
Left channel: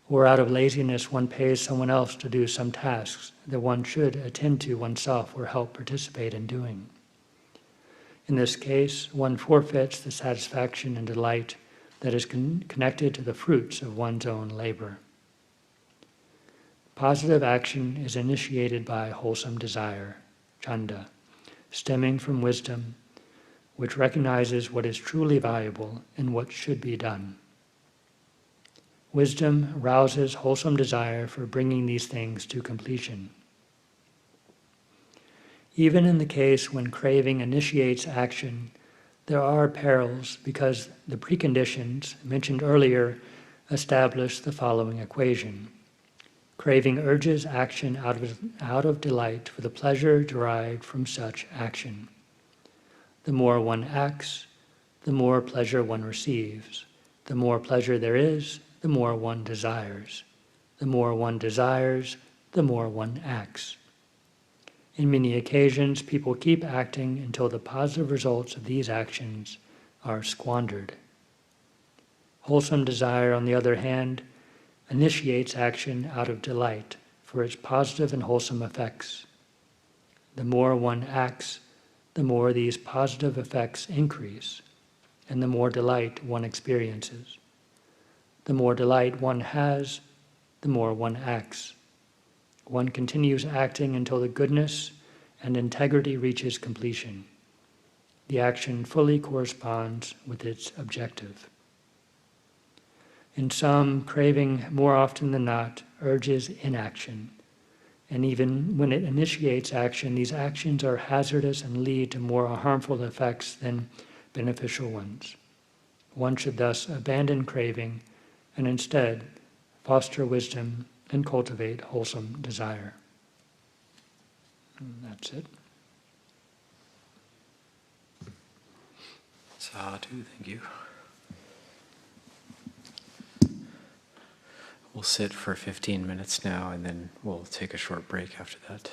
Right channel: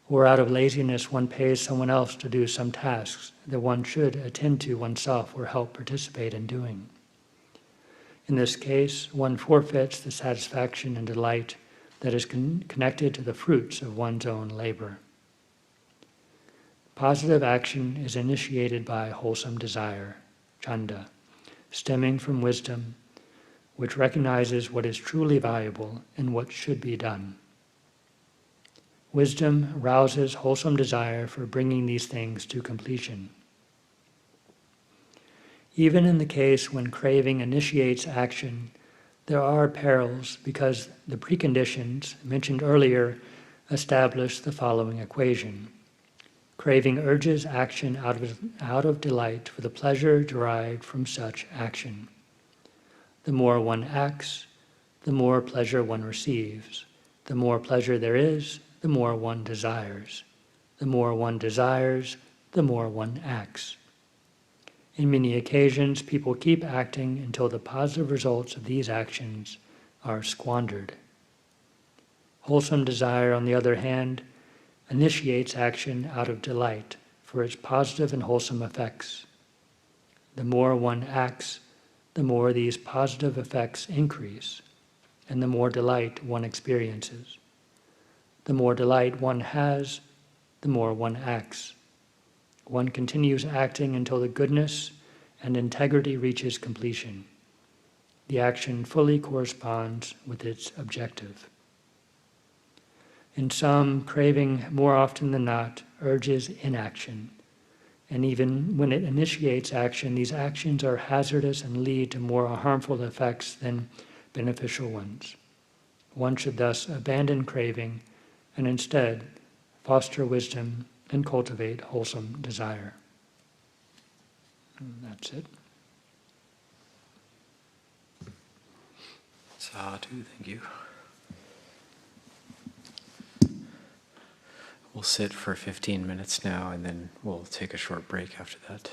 Or out of laziness one pays someone else to do some tasks that one should attend to oneself or help participate in doing. In this case, one forfeits the satisfaction and delight that is connected to the fruits of one's own labor. Positive action is initiated by wholesome desire, chanda, stemming from wisdom, which recognizes what is truly valuable and what should be done. Wisdom rouses wholesome desire for bringing these things to completion. Even in the case when craving initiates action, there are perils because the preconditions mentioned earlier establish the following equation. Craving urges action out of delight for the pleasure derived from such action. The more one acts, the more pleasure one receives. The more pleasure there is, the more one desires. The more one desires, the more one acts. In many occasions, people keep acting until the positive results of these actions are squandered. Wholesome desire, on the other hand, initiates action out of delight for its positive and wholesome effects. The more one acts, the more these positive effects increase, and the more delight one experiences. The more delight one has, the more one acts. One continues acting until the goodness and integrity reaches completion. The action fully corresponds with its objective. In some, craving more often than not urges inaction, and even when it initiates action, these actions are hazardous and lead to more harmful effects than beneficial ones. One should thus abandon craving and instead foster wisdom and cultivate wholesome desire. And that's it. Sadhu, thank you. We'll sit for 15 minutes now, and then we'll take a short break after that.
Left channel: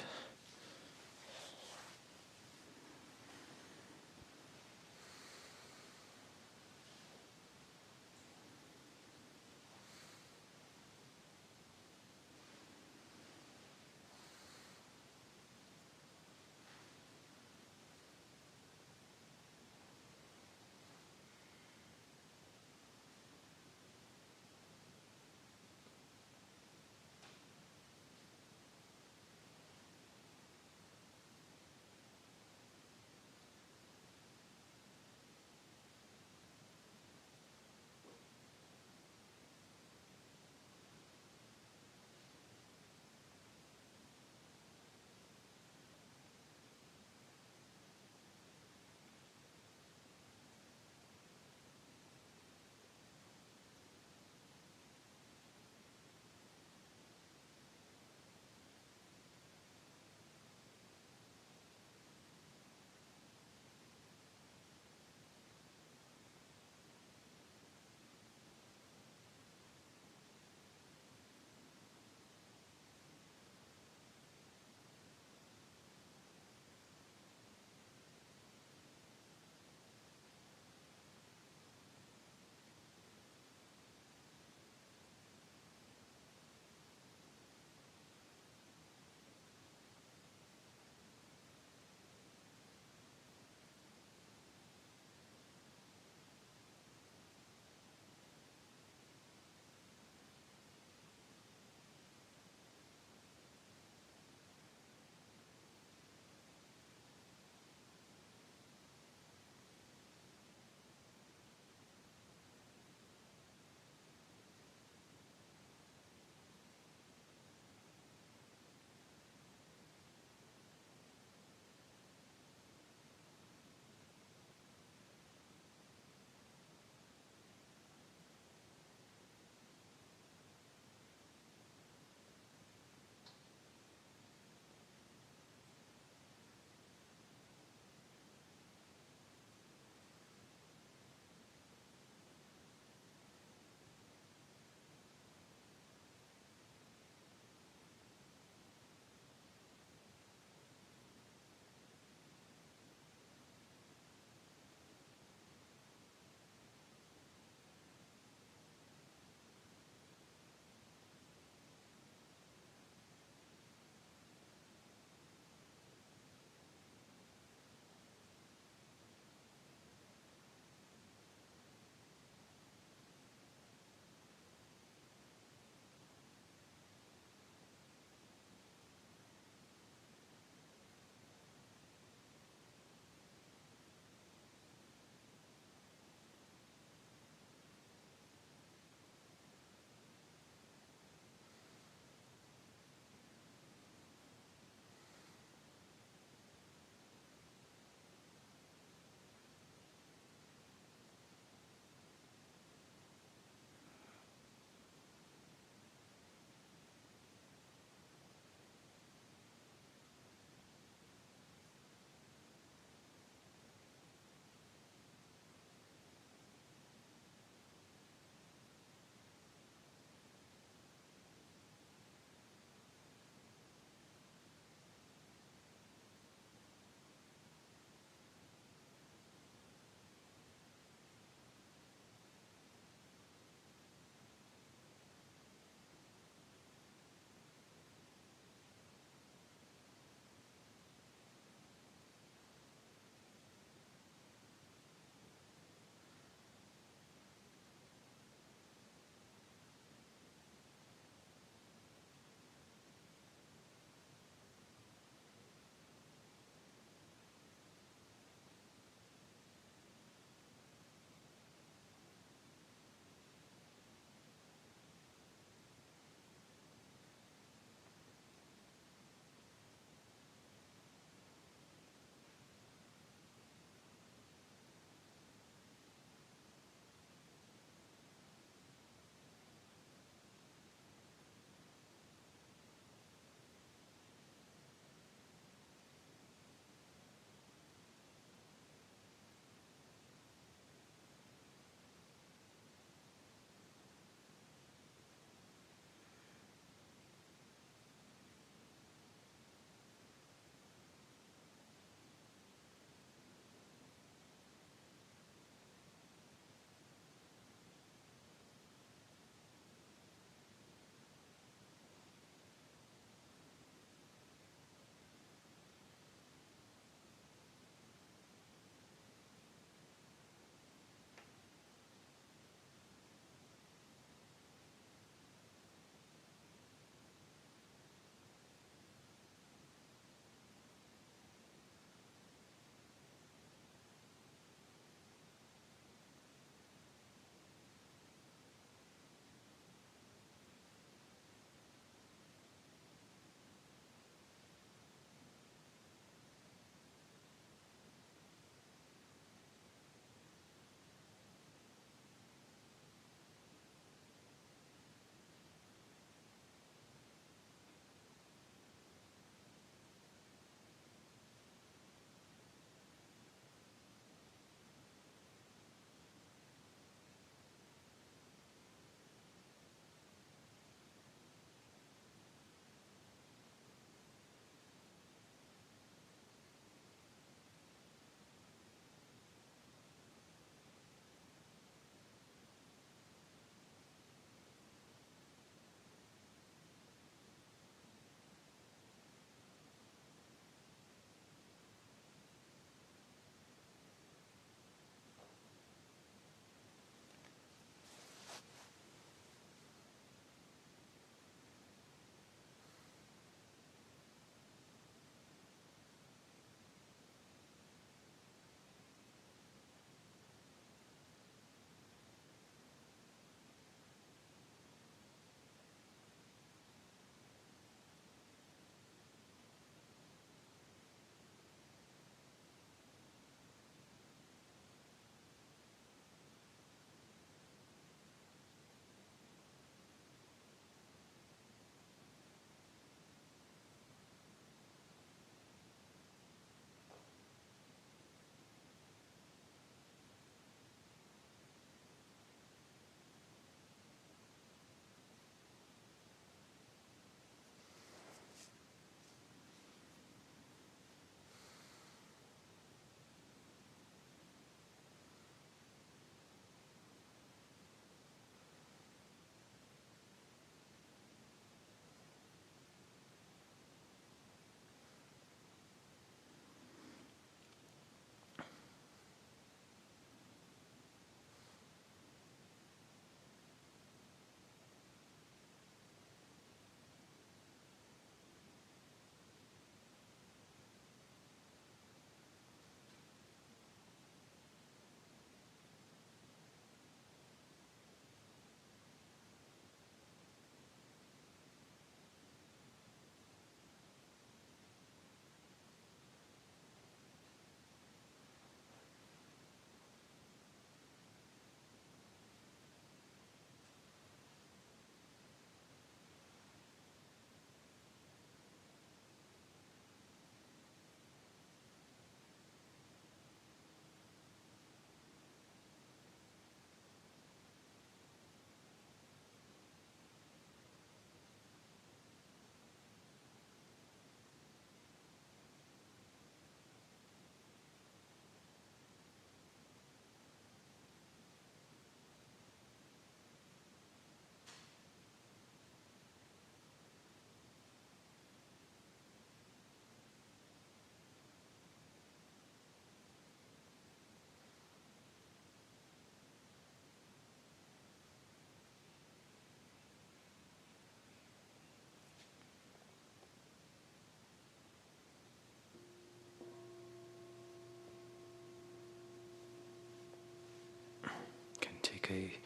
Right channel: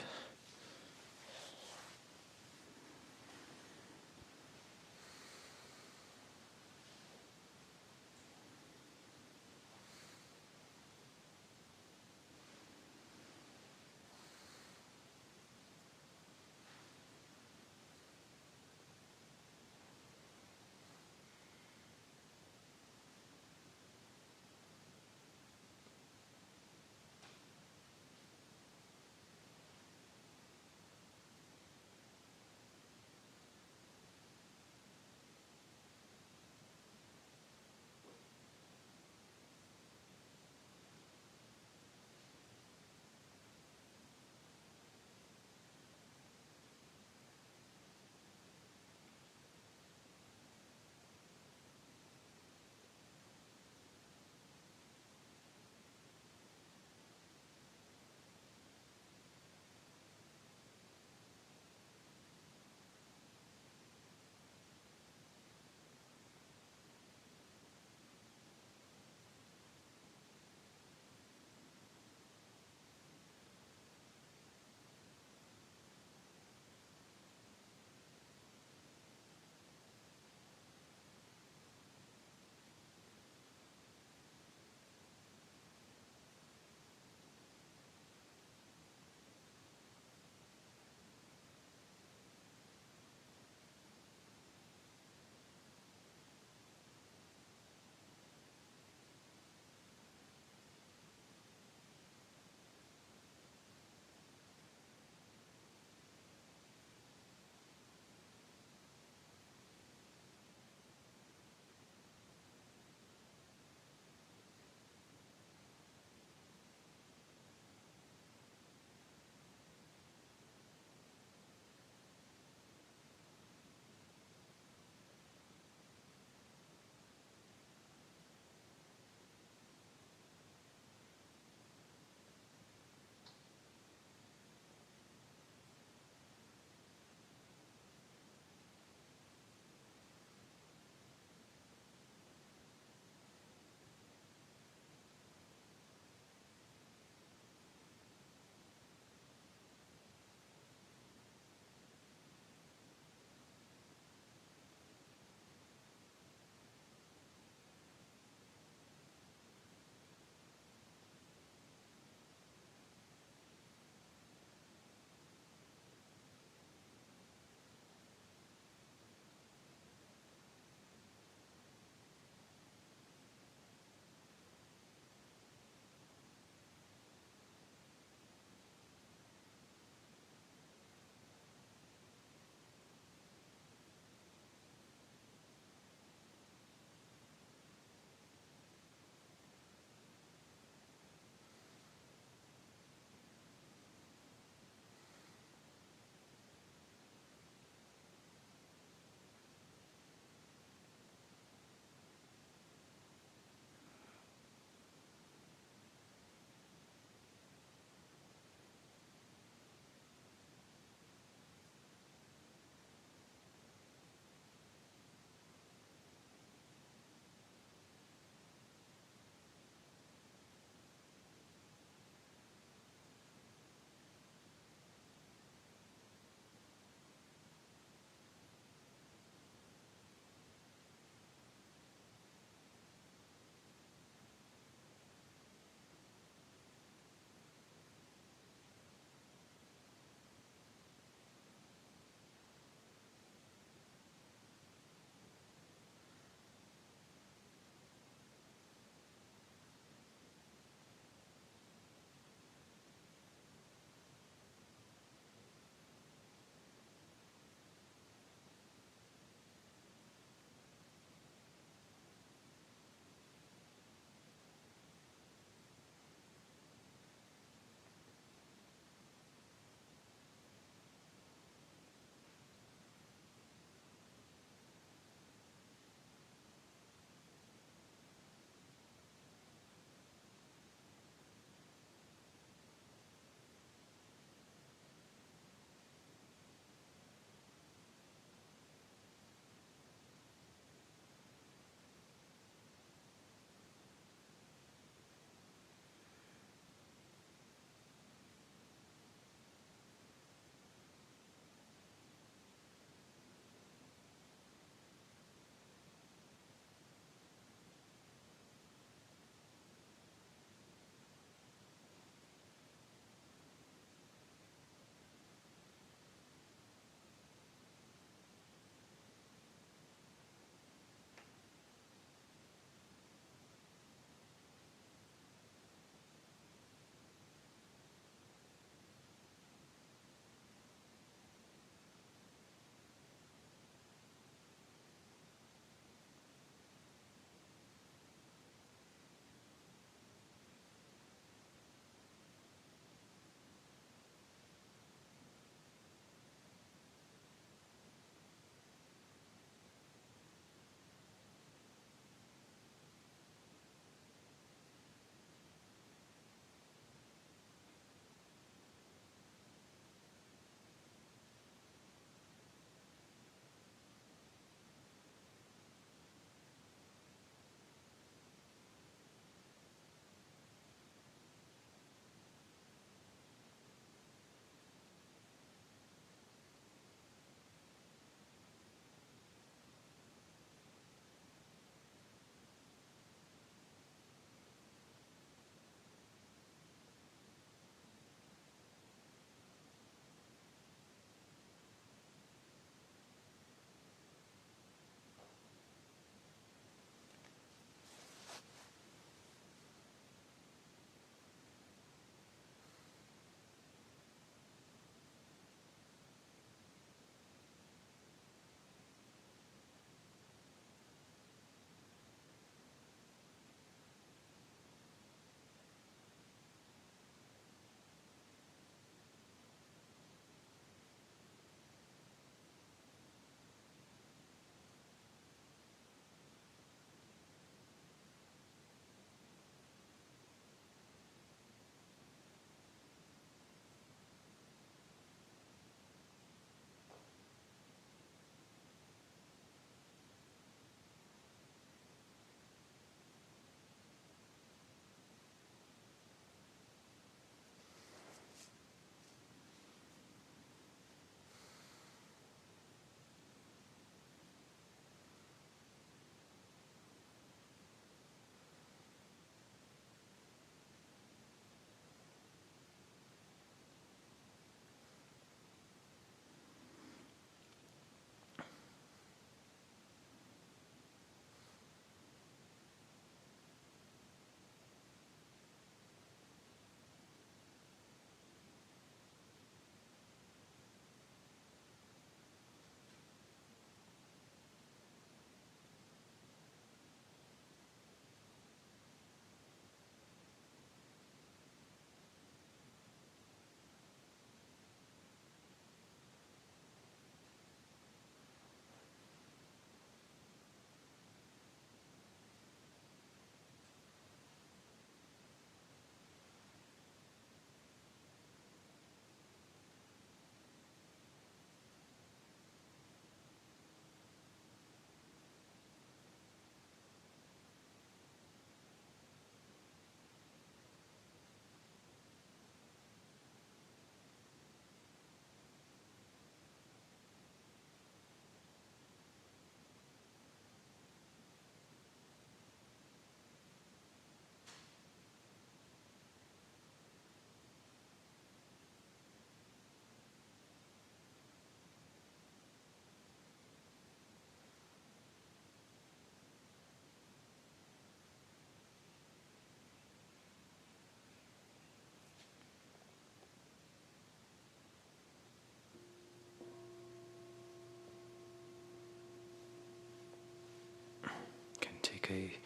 Can take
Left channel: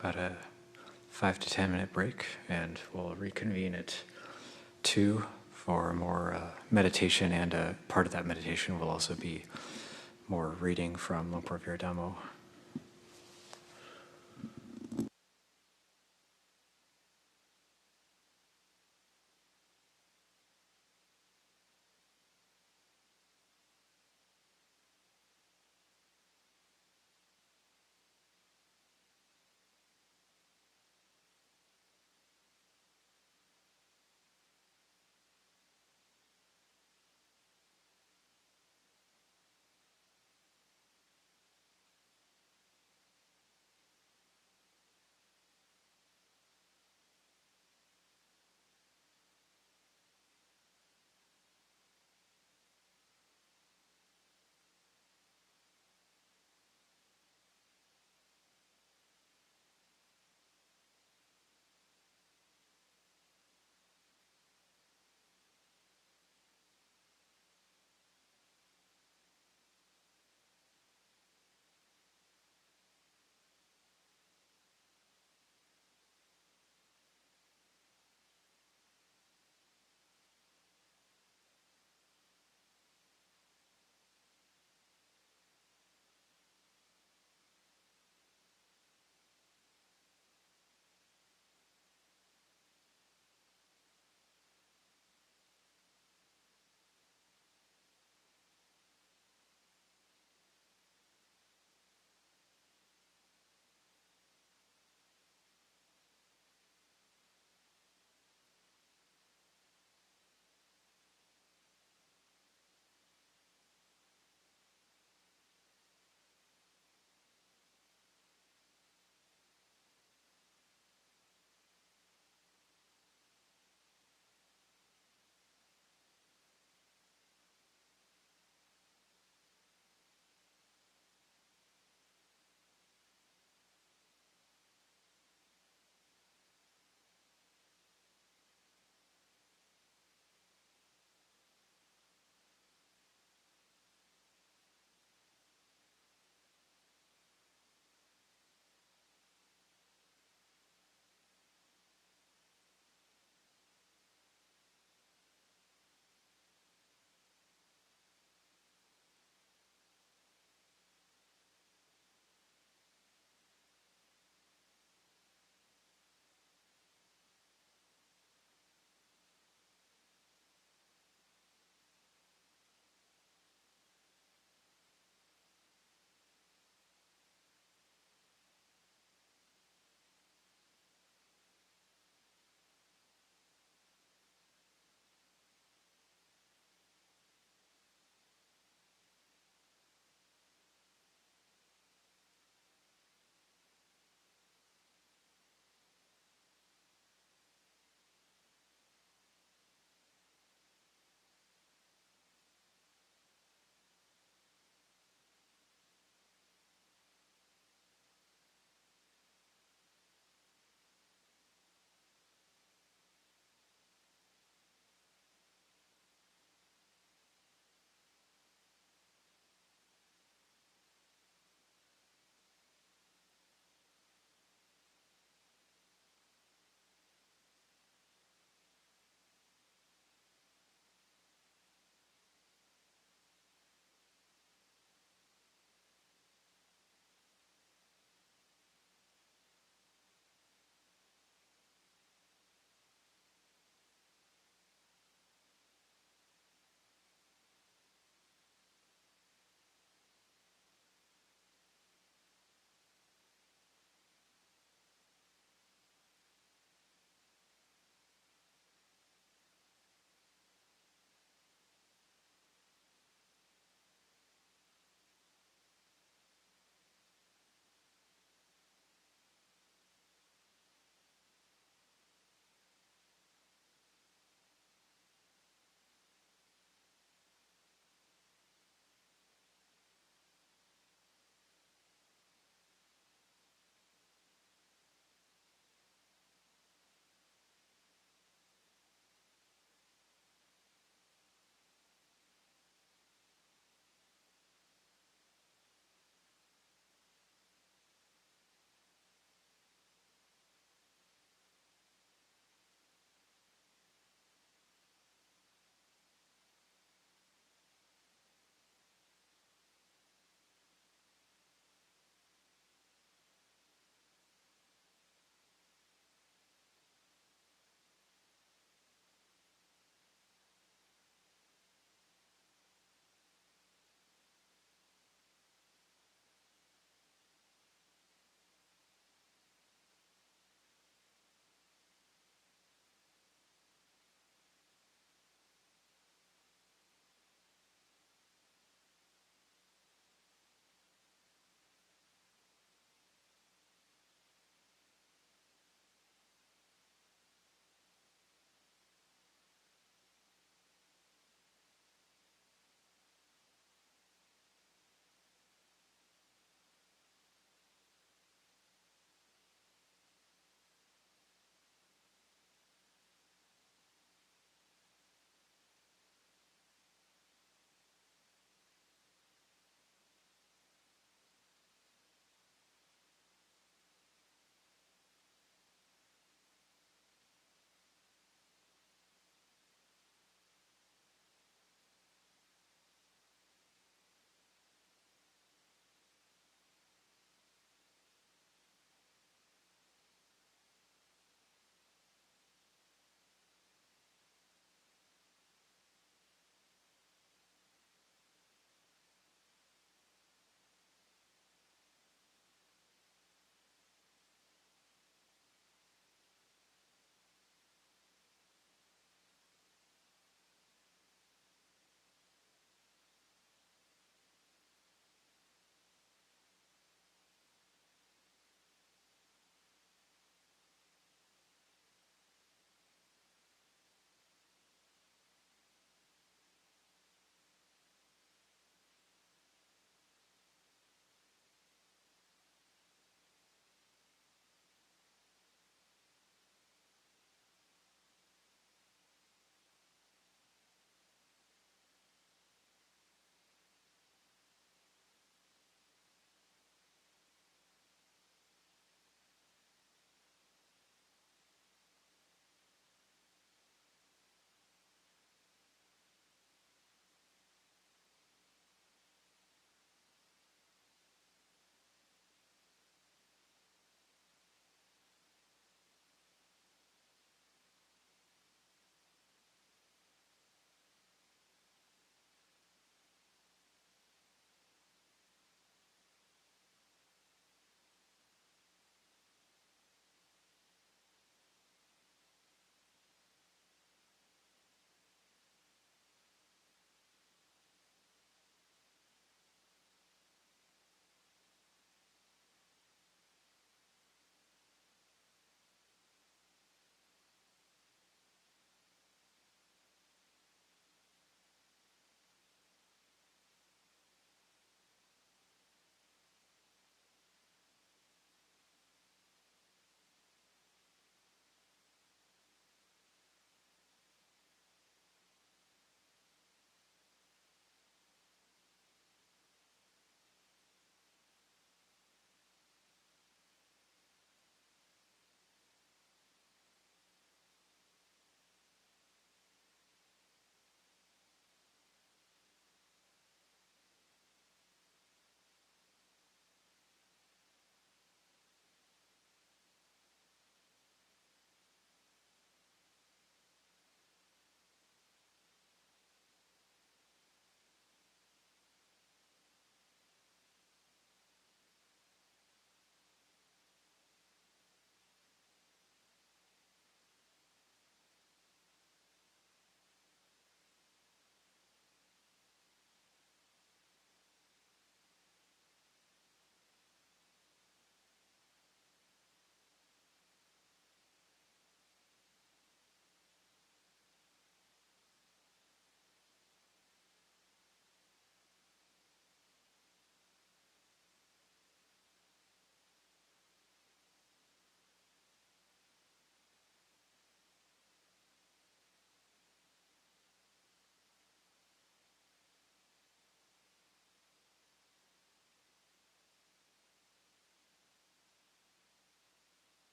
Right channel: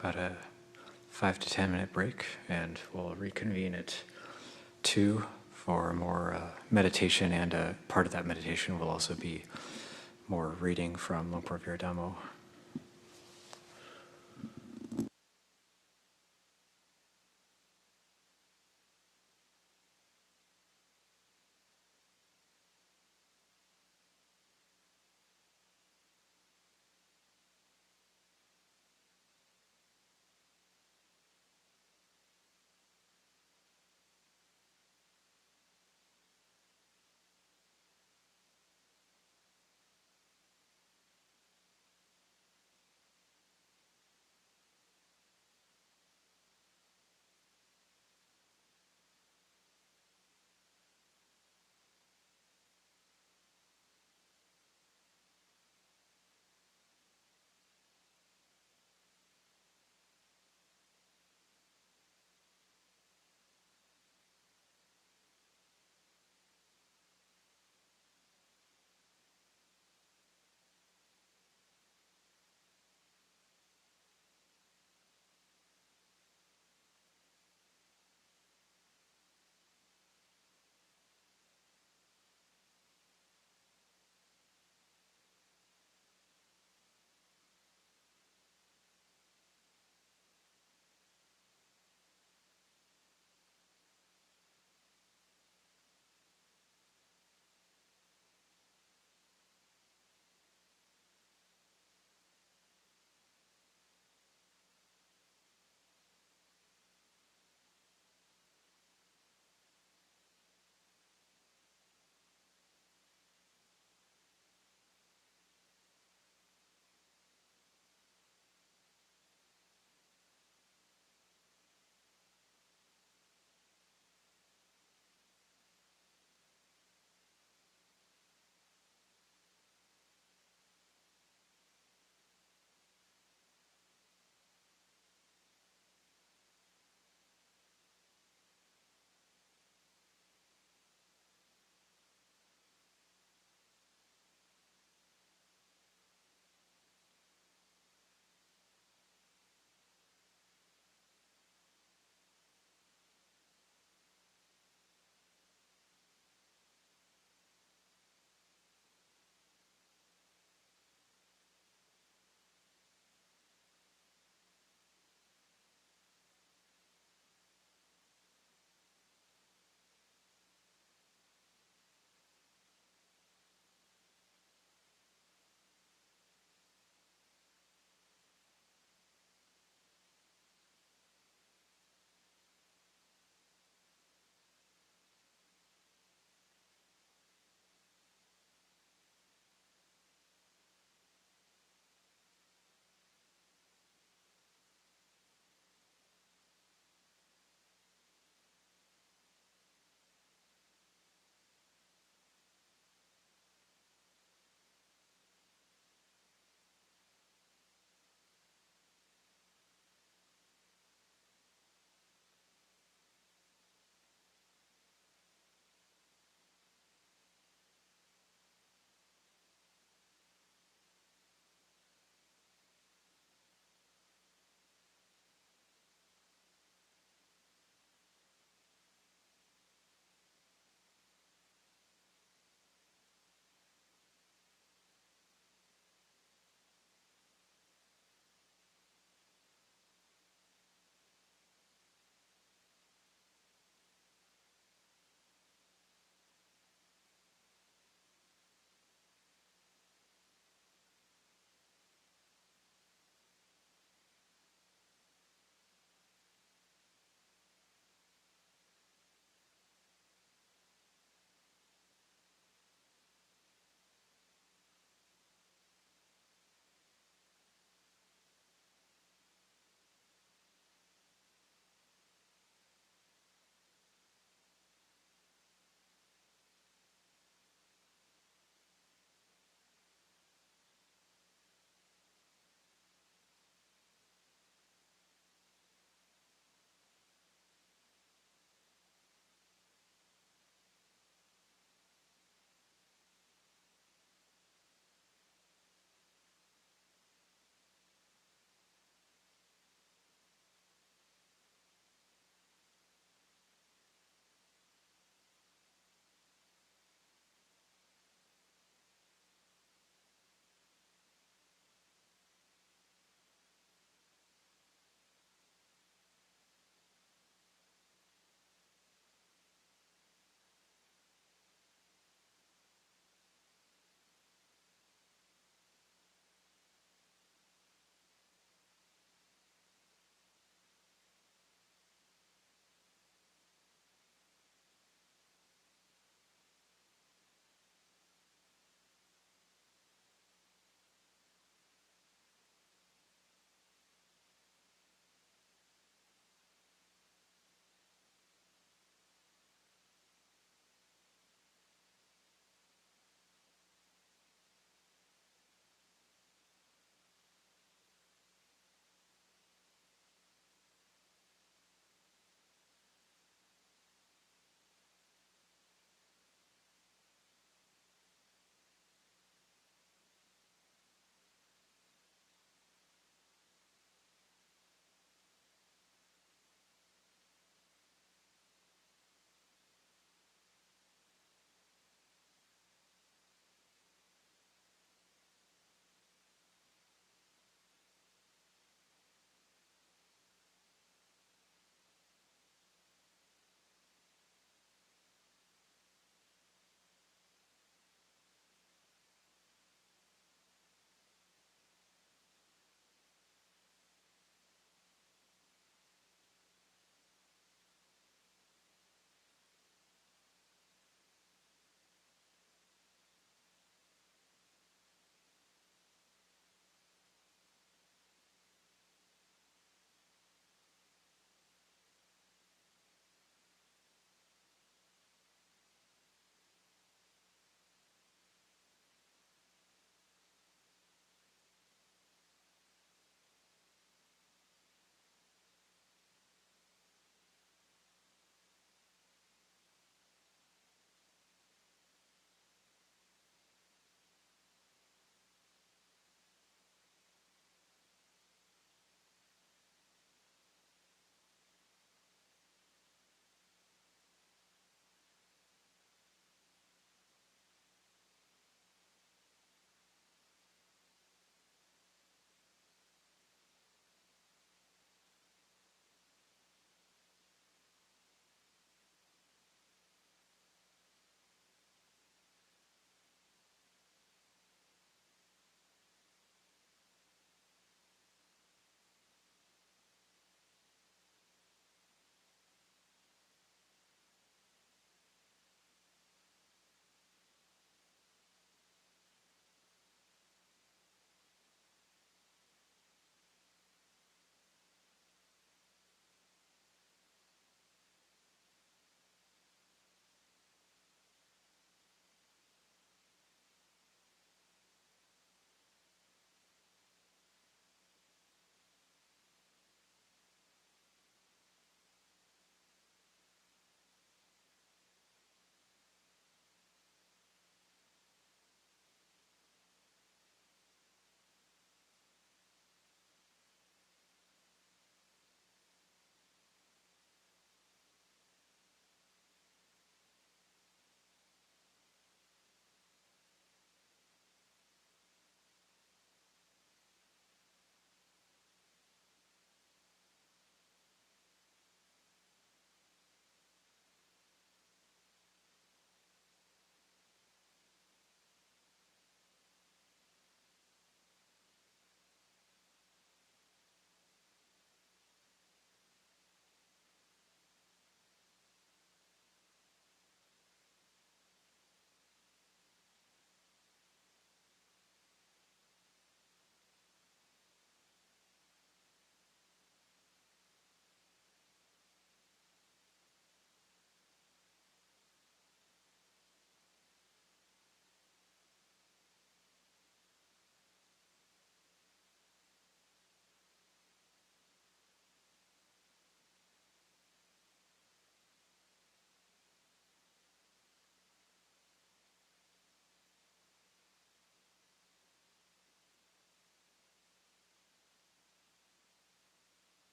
about a 5 to 10 minute break, and we'll reconvene at 2 for more meditation, and part of that meditation will also be more reading from Lumpur Viradamo.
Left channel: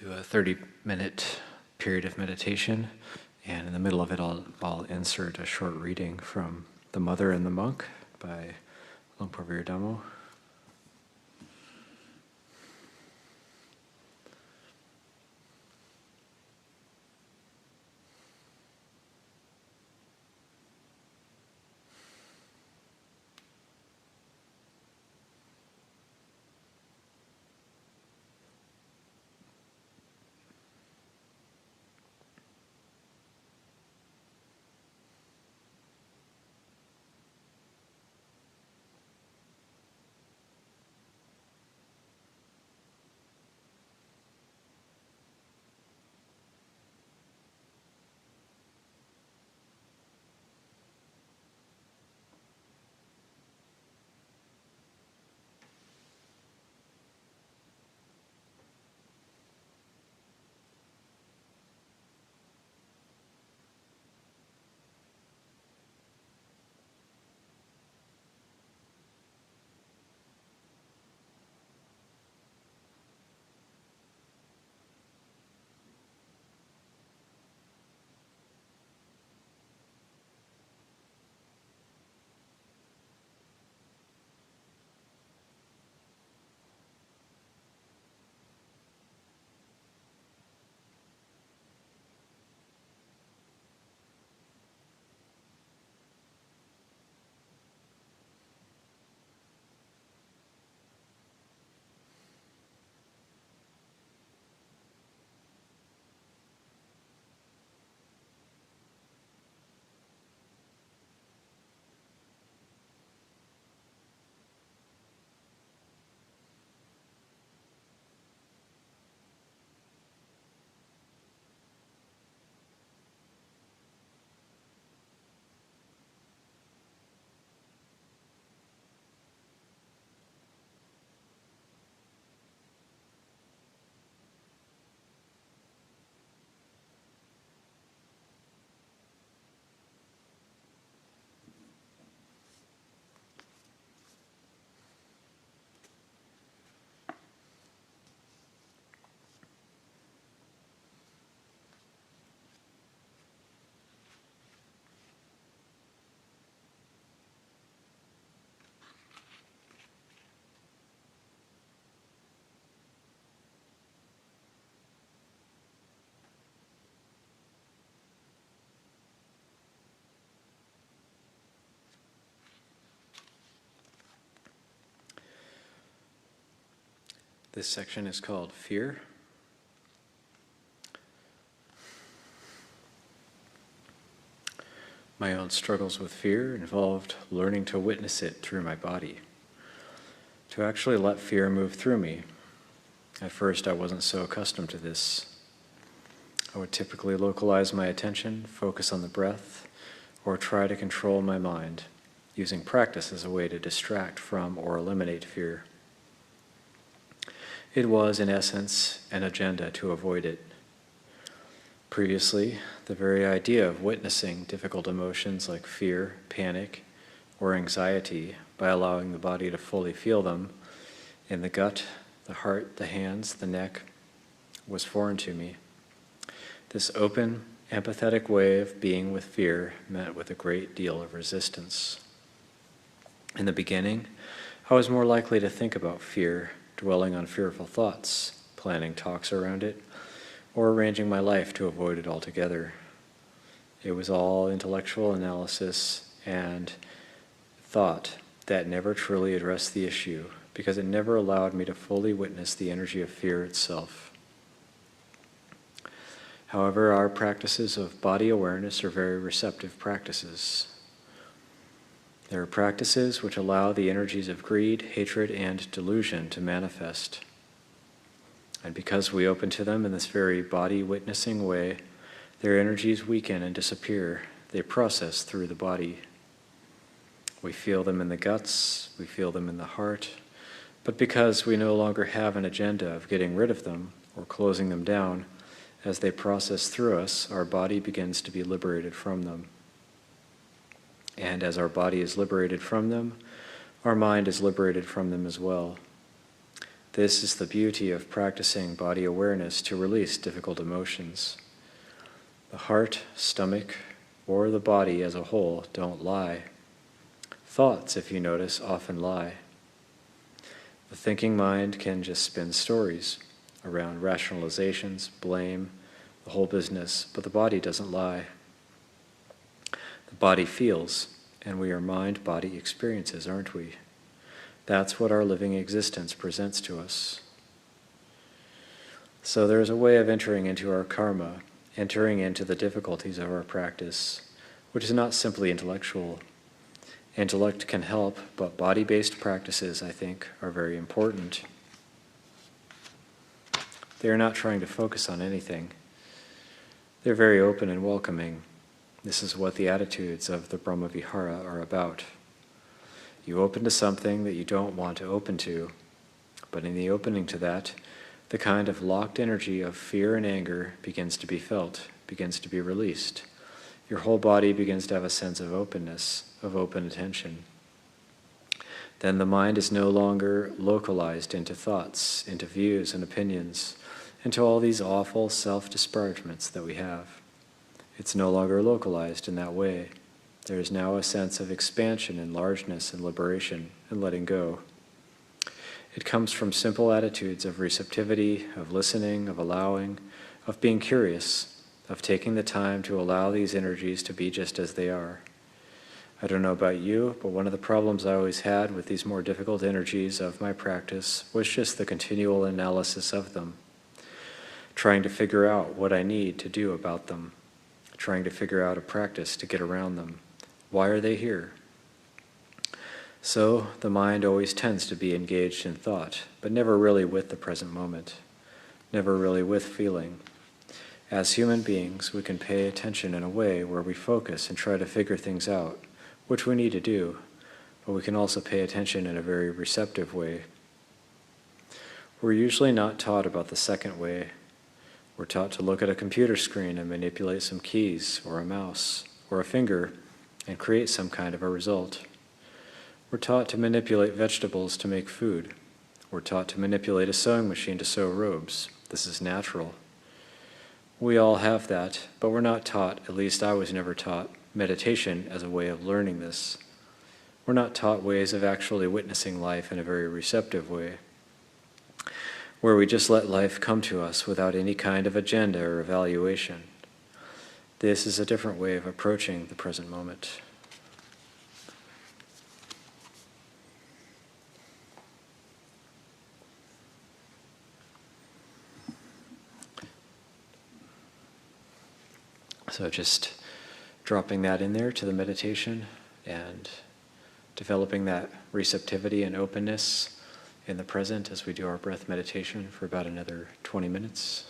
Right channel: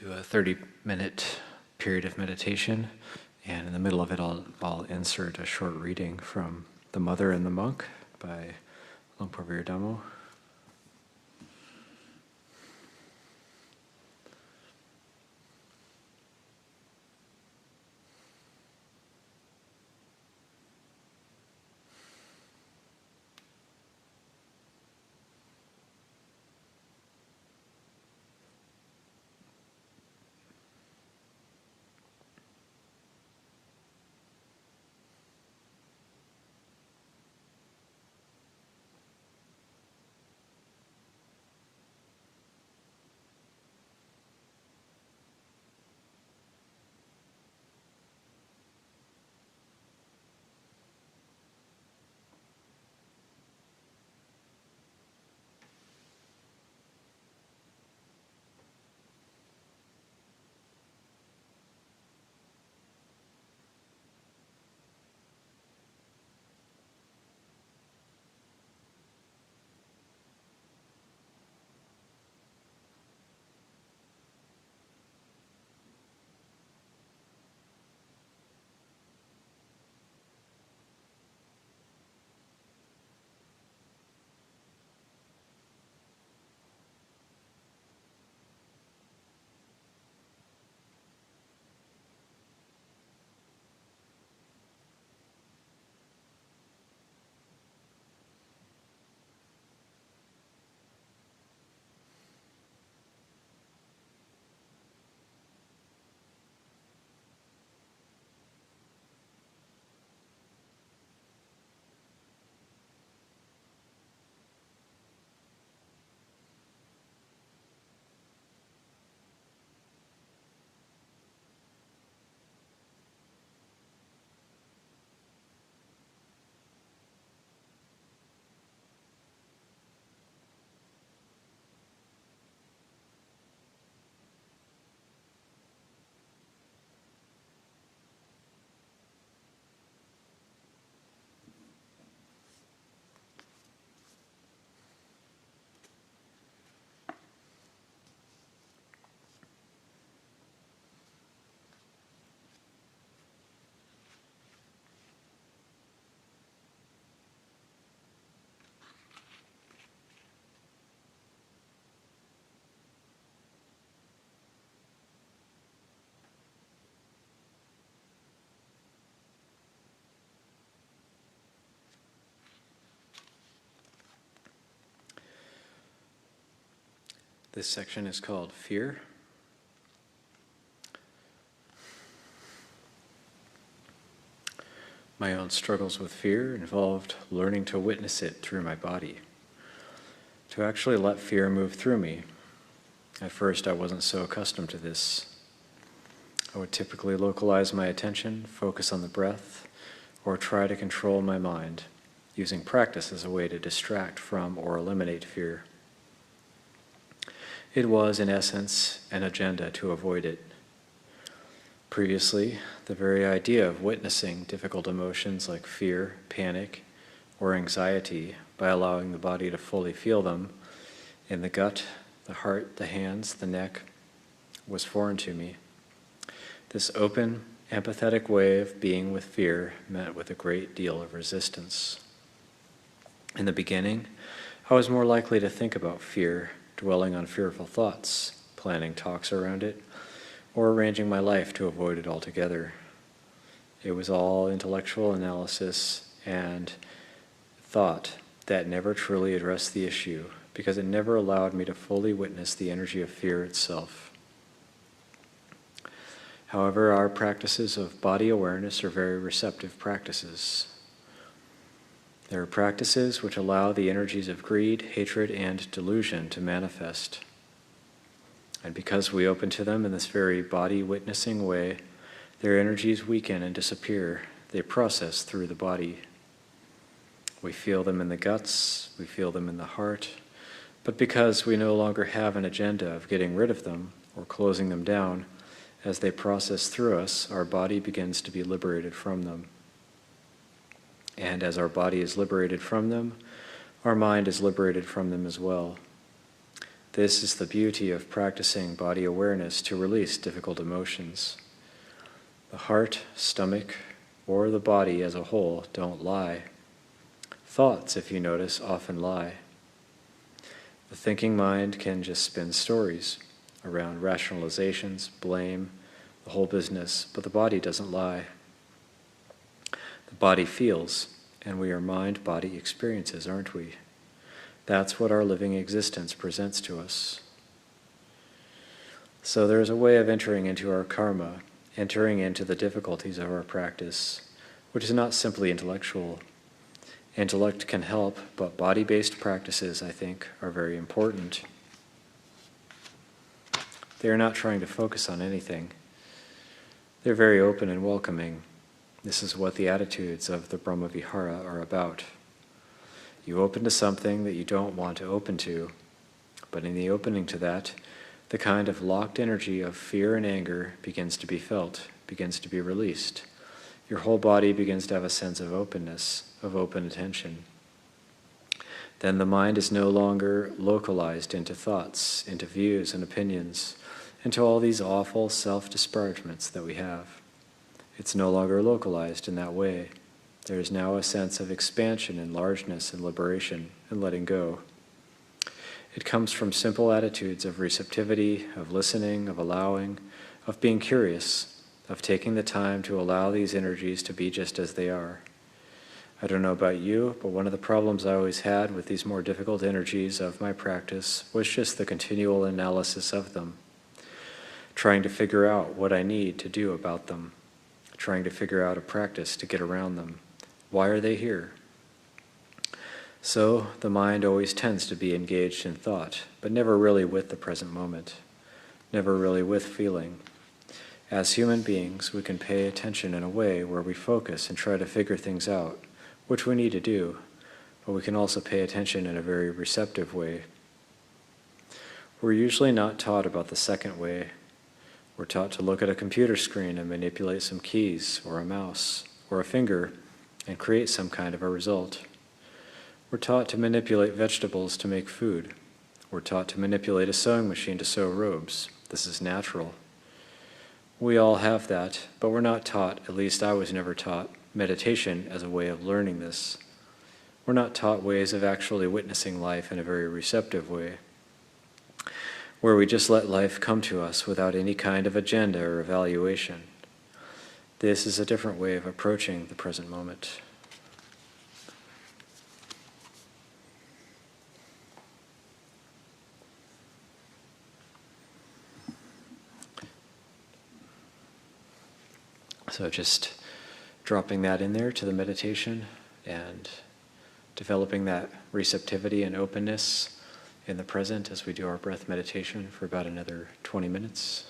do a 30-minute period of meditation, and in the middle of it I'll insert a short reading from The Mother and the Monk by Luangpo Viradamo. This section is called Fear. My own struggles with fear involved learning to witness it through my body, to actually let fear move through me. At first, I wasn't so accustomed to this. I would typically localize my attention, focus on the breath, or try to control my mind, using practice as a way to distract from or eliminate fear. It was, in essence, an agenda to avoid it. Previously, the very idea of witnessing difficult emotions like fear, panic, or anxiety by allowing the body to fully feel them in the gut, the heart, the hands, the neck, was foreign to me. This open, empathetic way of being with fear met with a great deal of resistance. In the beginning, I was more likely to think about fear, dwelling on fearful thoughts, planning talks around it, or arranging my life to avoid it altogether. It was all intellectual analysis and thought that never truly addressed the issue, because it never allowed me to fully witness the energy of fear itself. However, our practices of body awareness are very receptive practices. There are practices which allow the energies of greed, hatred, and delusion to manifest. And because we open to them in this very body-witnessing way, their energies weaken and disappear. They process through the body. We feel them in the guts, we feel them in the heart, but because we no longer have an agenda of getting rid of them or closing them down, as they process through us, our body begins to be liberated from them. And as our body is liberated from them, our mind is liberated from them as well. This is the beauty of practicing body awareness to release difficult emotions. The heart, stomach, or the body as a whole don't lie. Thoughts, if you notice, often lie. The thinking mind can just spin stories around rationalizations, blame, the whole business, but the body doesn't lie. The body feels, and we are mind-body experiences, aren't we? That's what our living existence presents to us. So there is a way of entering into our karma, entering into the difficulties of our practice, which is not simply intellectual. Intellect can help, but body-based practices, I think, are very important. They are not trying to focus on anything. They're very open and welcoming. This is what the attitudes of the Brahma-vihara are about. You open to something that you don't want to open to, but in the opening to that, the kind of locked energy of fear and anger begins to be felt, begins to be released. Your whole body begins to have a sense of openness, of open attention. Then the mind is no longer localized into thoughts, into views and opinions, into all these awful self-disparagements that we have. It's no longer localized in that way. There is now a sense of expansion and largeness and liberation and letting go. It comes from simple attitudes of receptivity, of listening, of allowing, of being curious, of taking the time to allow these energies to be just as they are. I don't know about you, but one of the problems I always had with these more difficult energies of my practice was just the continual analysis of them, trying to figure out what I need to do about them, trying to figure out a practice to get around them. Why are they here? So the mind always tends to be engaged in thought, but never really with the present moment, never really with feeling. As human beings, we can pay attention in a way where we focus and try to figure things out, which we need to do, but we can also pay attention in a very receptive way. We're usually not taught about the second way. We're taught to look at a computer screen and manipulate some keys, or a mouse, or a finger, and create some kind of a result. We're taught to manipulate vegetables to make food. We're taught to manipulate a sewing machine to sew robes. This is natural. We all have that, but we're not taught, at least I was never taught, meditation as a way of learning this. We're not taught ways of actually witnessing life in a very receptive way, where we just let life come to us without any kind of agenda or evaluation. This is a different way of approaching the present moment. So just dropping that in there to the meditation and developing that receptivity and openness in the present as we do our breath meditation for about another 20 minutes.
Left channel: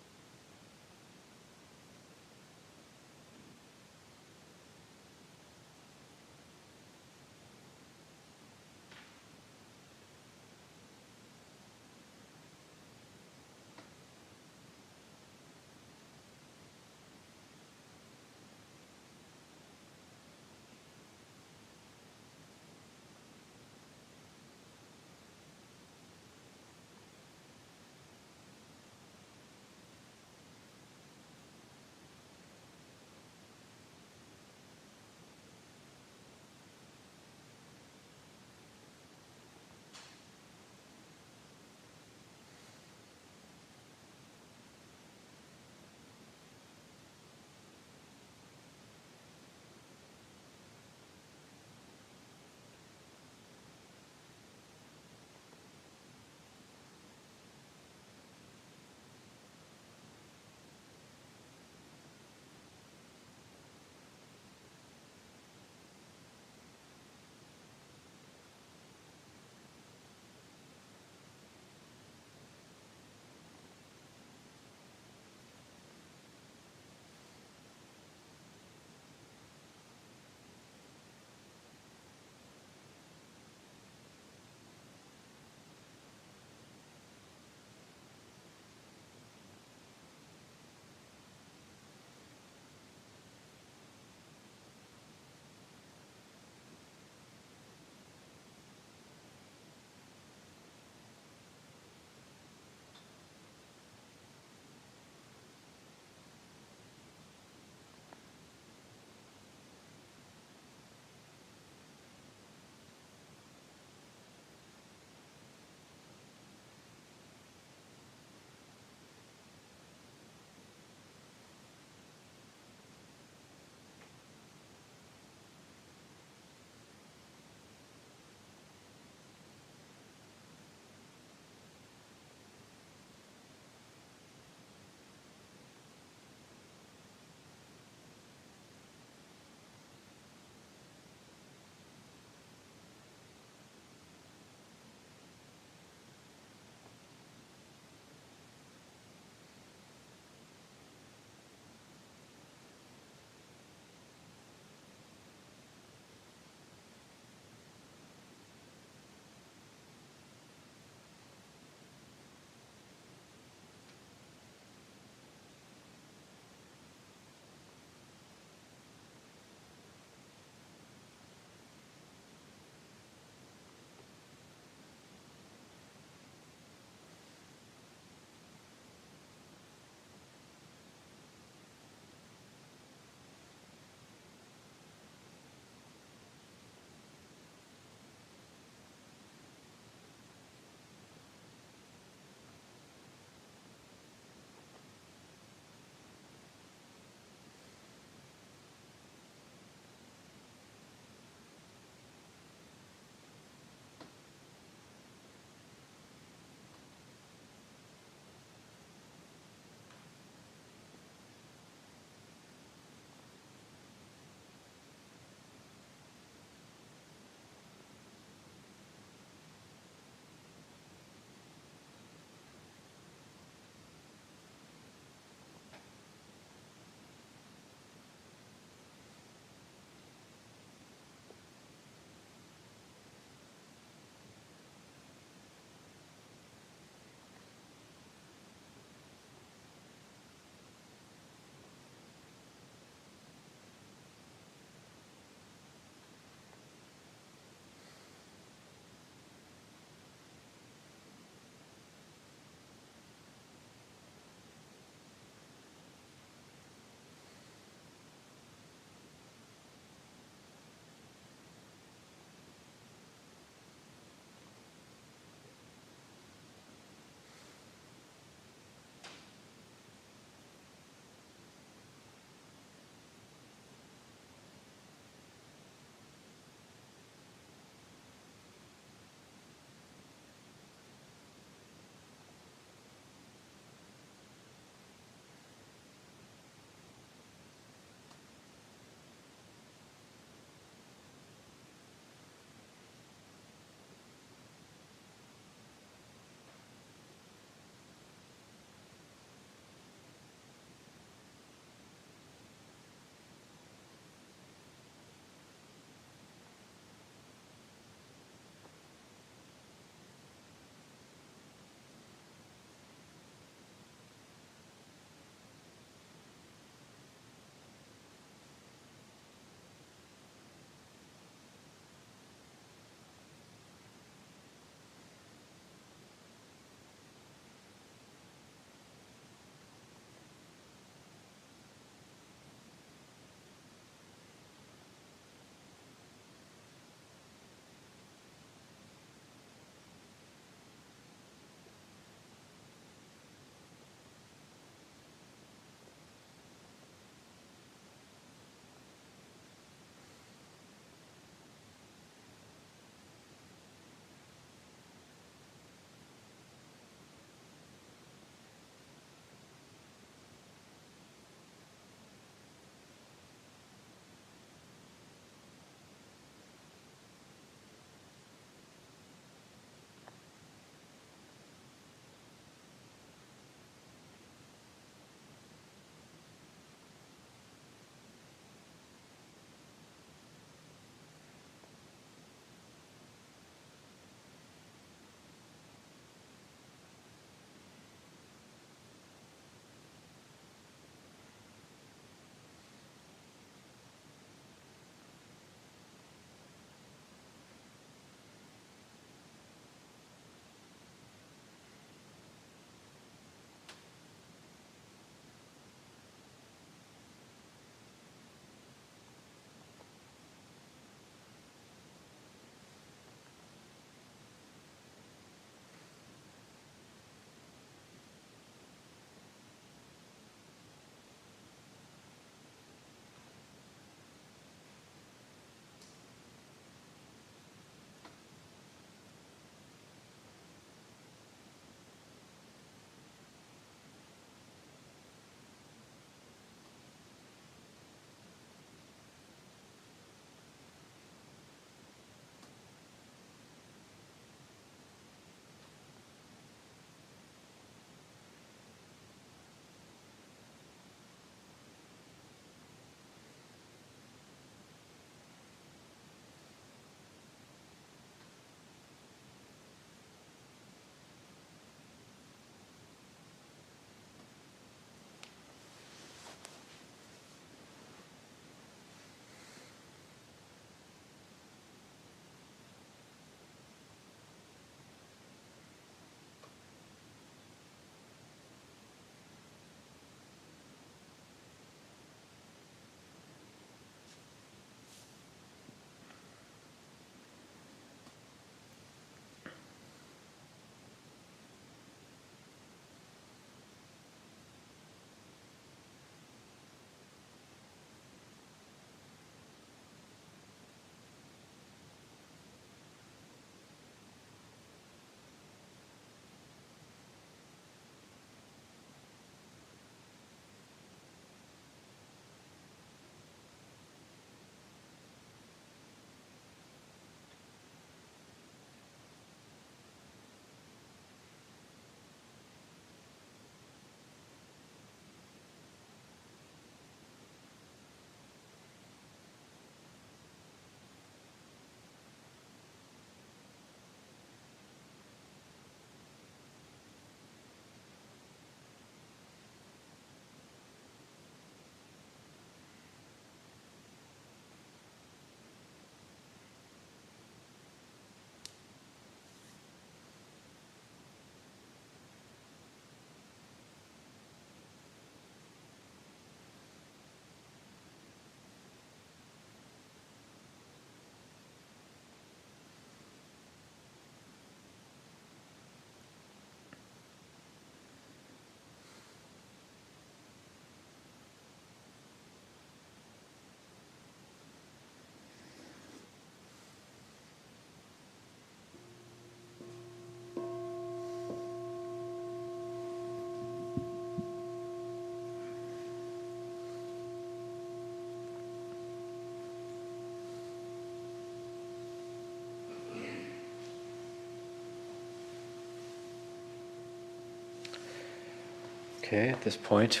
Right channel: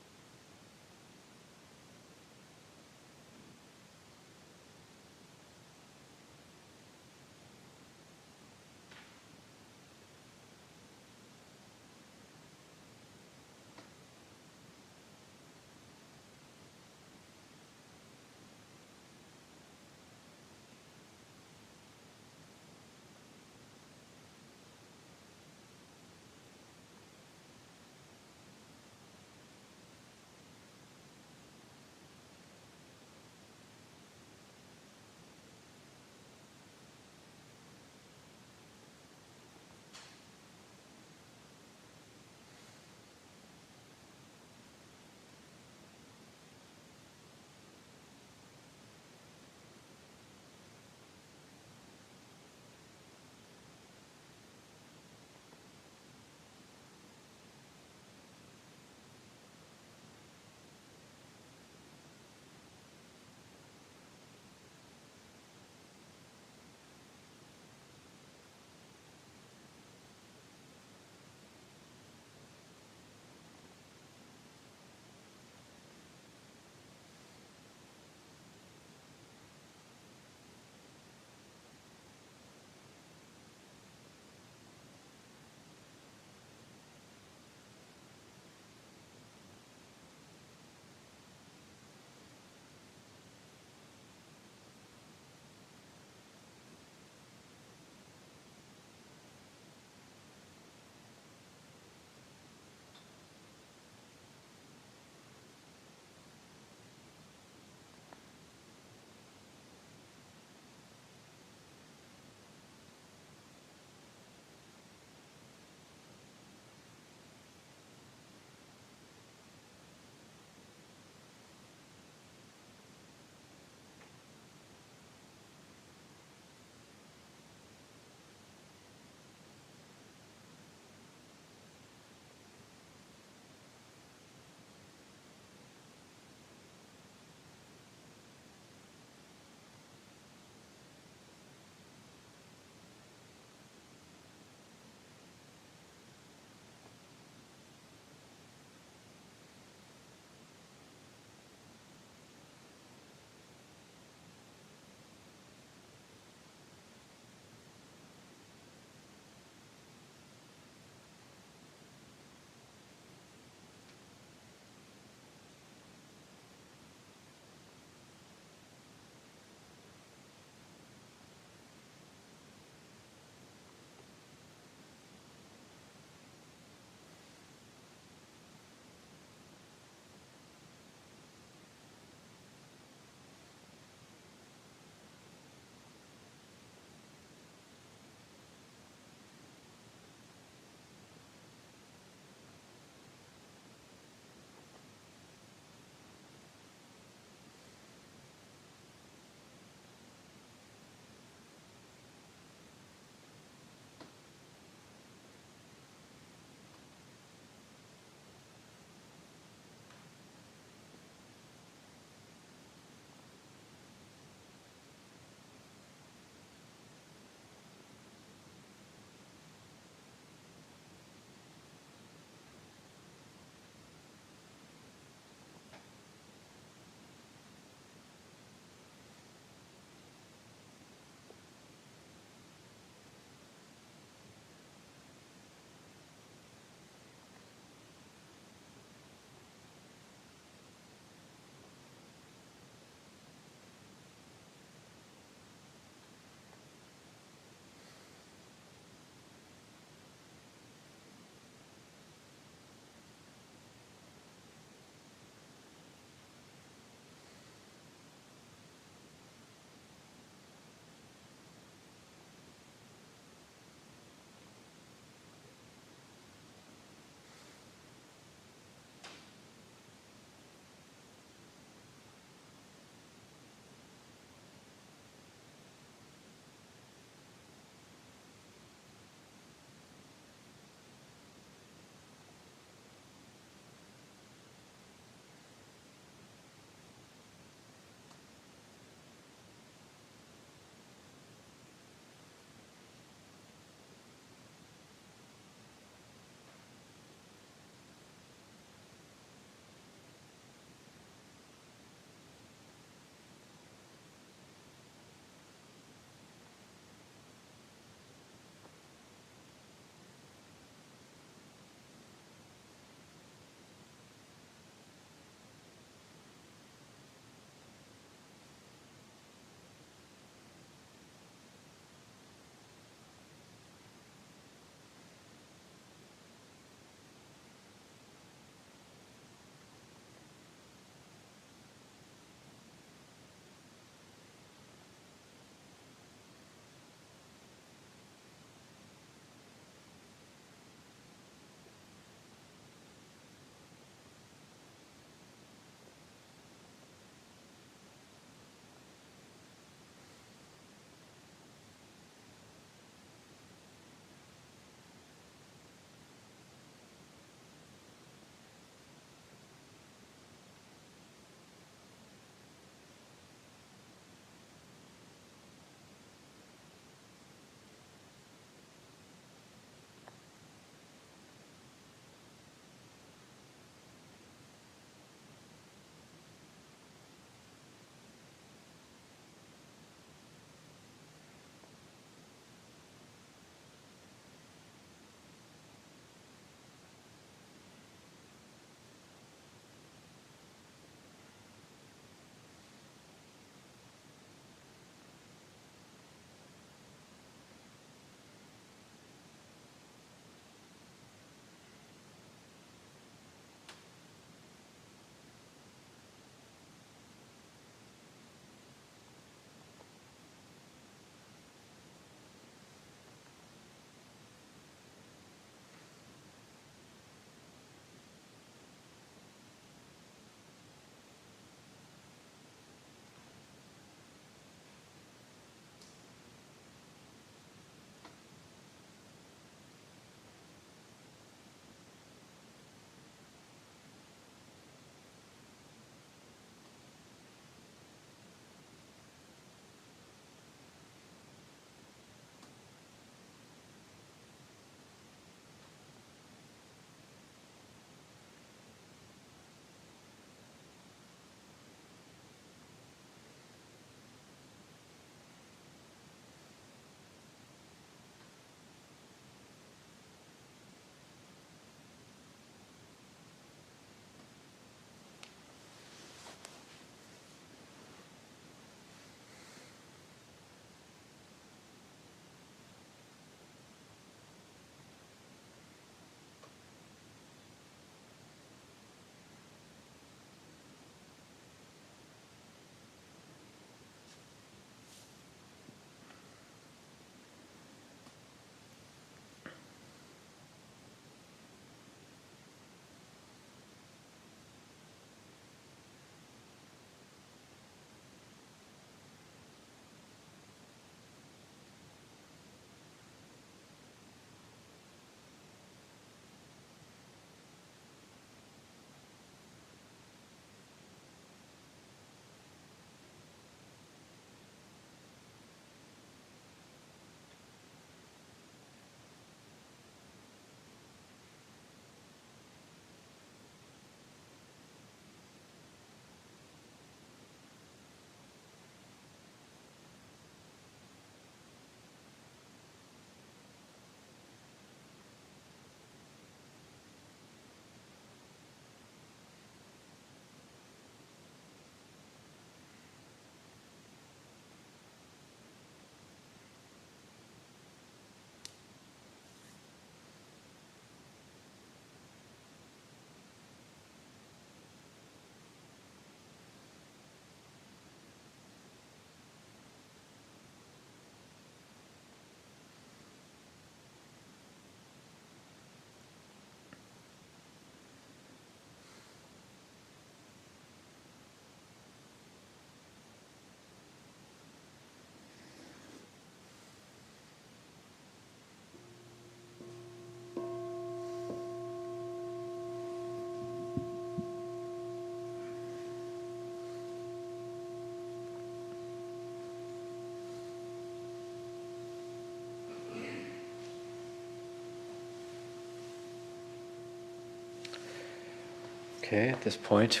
Okay, at this point,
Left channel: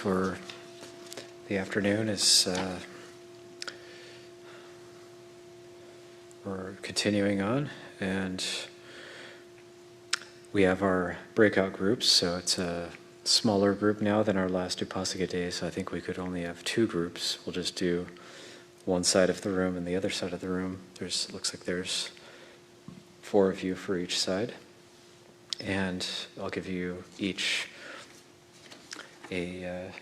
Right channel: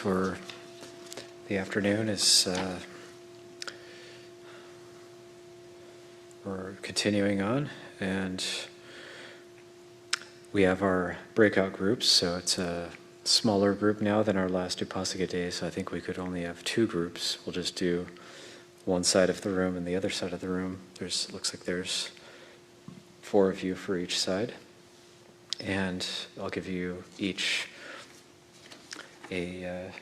the afternoon is, we're continuing on, and we have our breakout groups, so it's a smaller group now than our last Upāsika days. I think we could only have 2 groups. We'll just do one side of the room and the other side of the room. Looks like there's 4 of you for each side, and I'll give you each I'll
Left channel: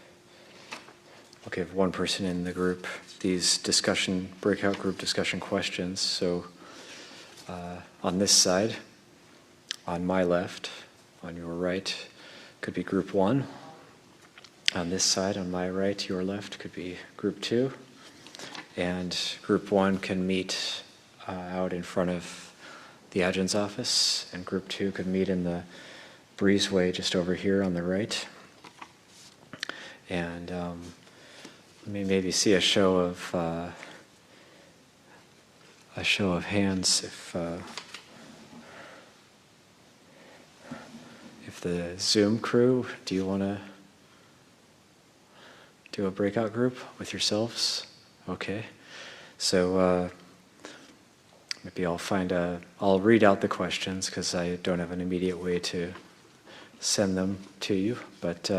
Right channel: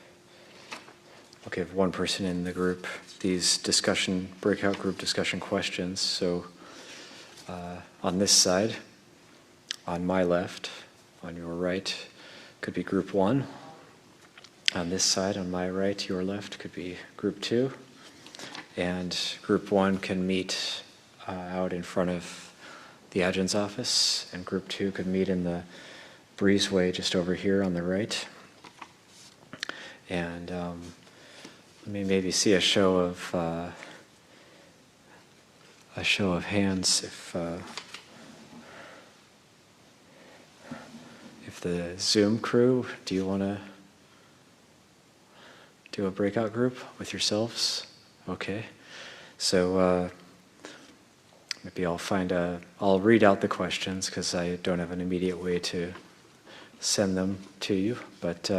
give one person in the group these breakout group discussion questions. So on this side, on my left, on your right, could be group 1. On this side, on my right, your left, could be group 2. And group 1 can meet out in front of the Ajahn's office, and group 2 could meet in the breezeway just over here on the right. And you may maybe see a show of hands if the Zoom crew, do you want to do a breakout group with yourselves? Okay, so maybe I'll read out the questions because I don't have an immediate way to send them to you, but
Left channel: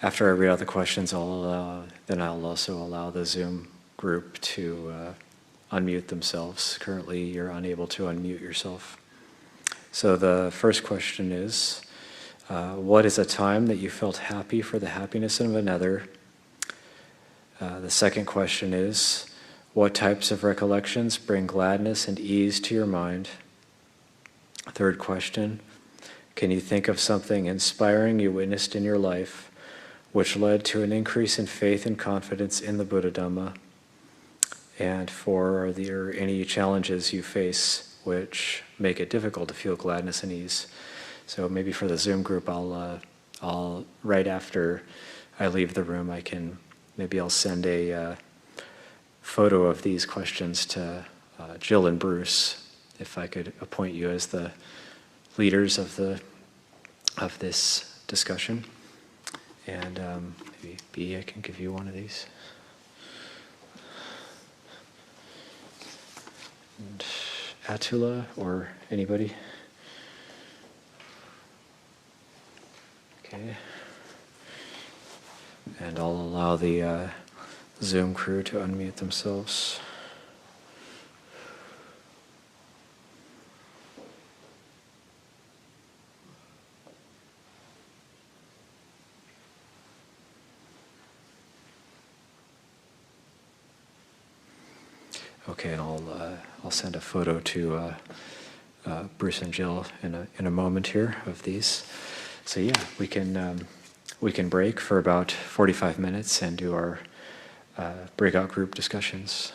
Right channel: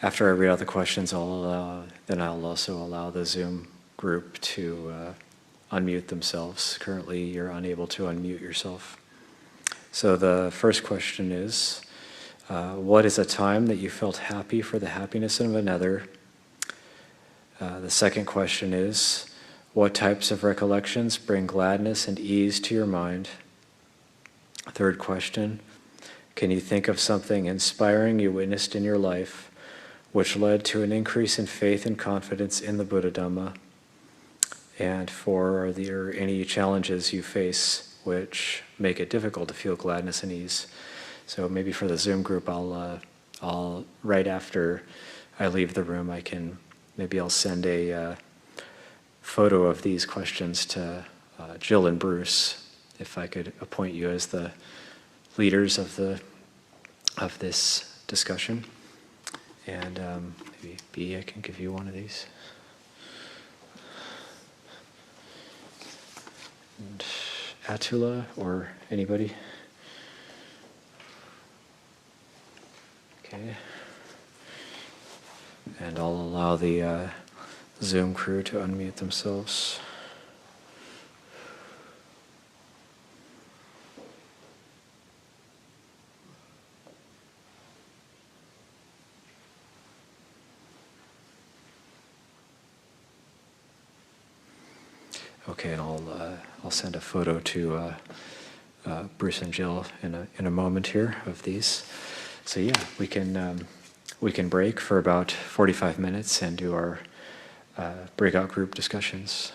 after I read out the questions, I'll also allow the Zoom group to unmute themselves. Currently, you're unable to unmute yourself. So the first question is, what is a time that you felt happy for the happiness of another? The second question is, what types of recollections bring gladness and ease to your mind? Third question, can you think of something inspiring you witnessed in your life which led to an increase in faith and confidence in the Buddha Dhamma? And 4, are there any challenges you face which make it difficult to feel gladness and ease? So maybe for the Zoom group, I'll right after I leave the room, I'll send a photo of these questions to Jill and Bruce, if I could appoint you as the leaders of this discussion. And maybe B, I can give you one of these. And Atula or anybody? Okay. And I'll allow the Zoom crew to unmute themselves. Okay, and I'll send a photo to Bruce and Jill in a moment here of these. So yeah, we can break for about 45 minutes and do our breakout group discussions.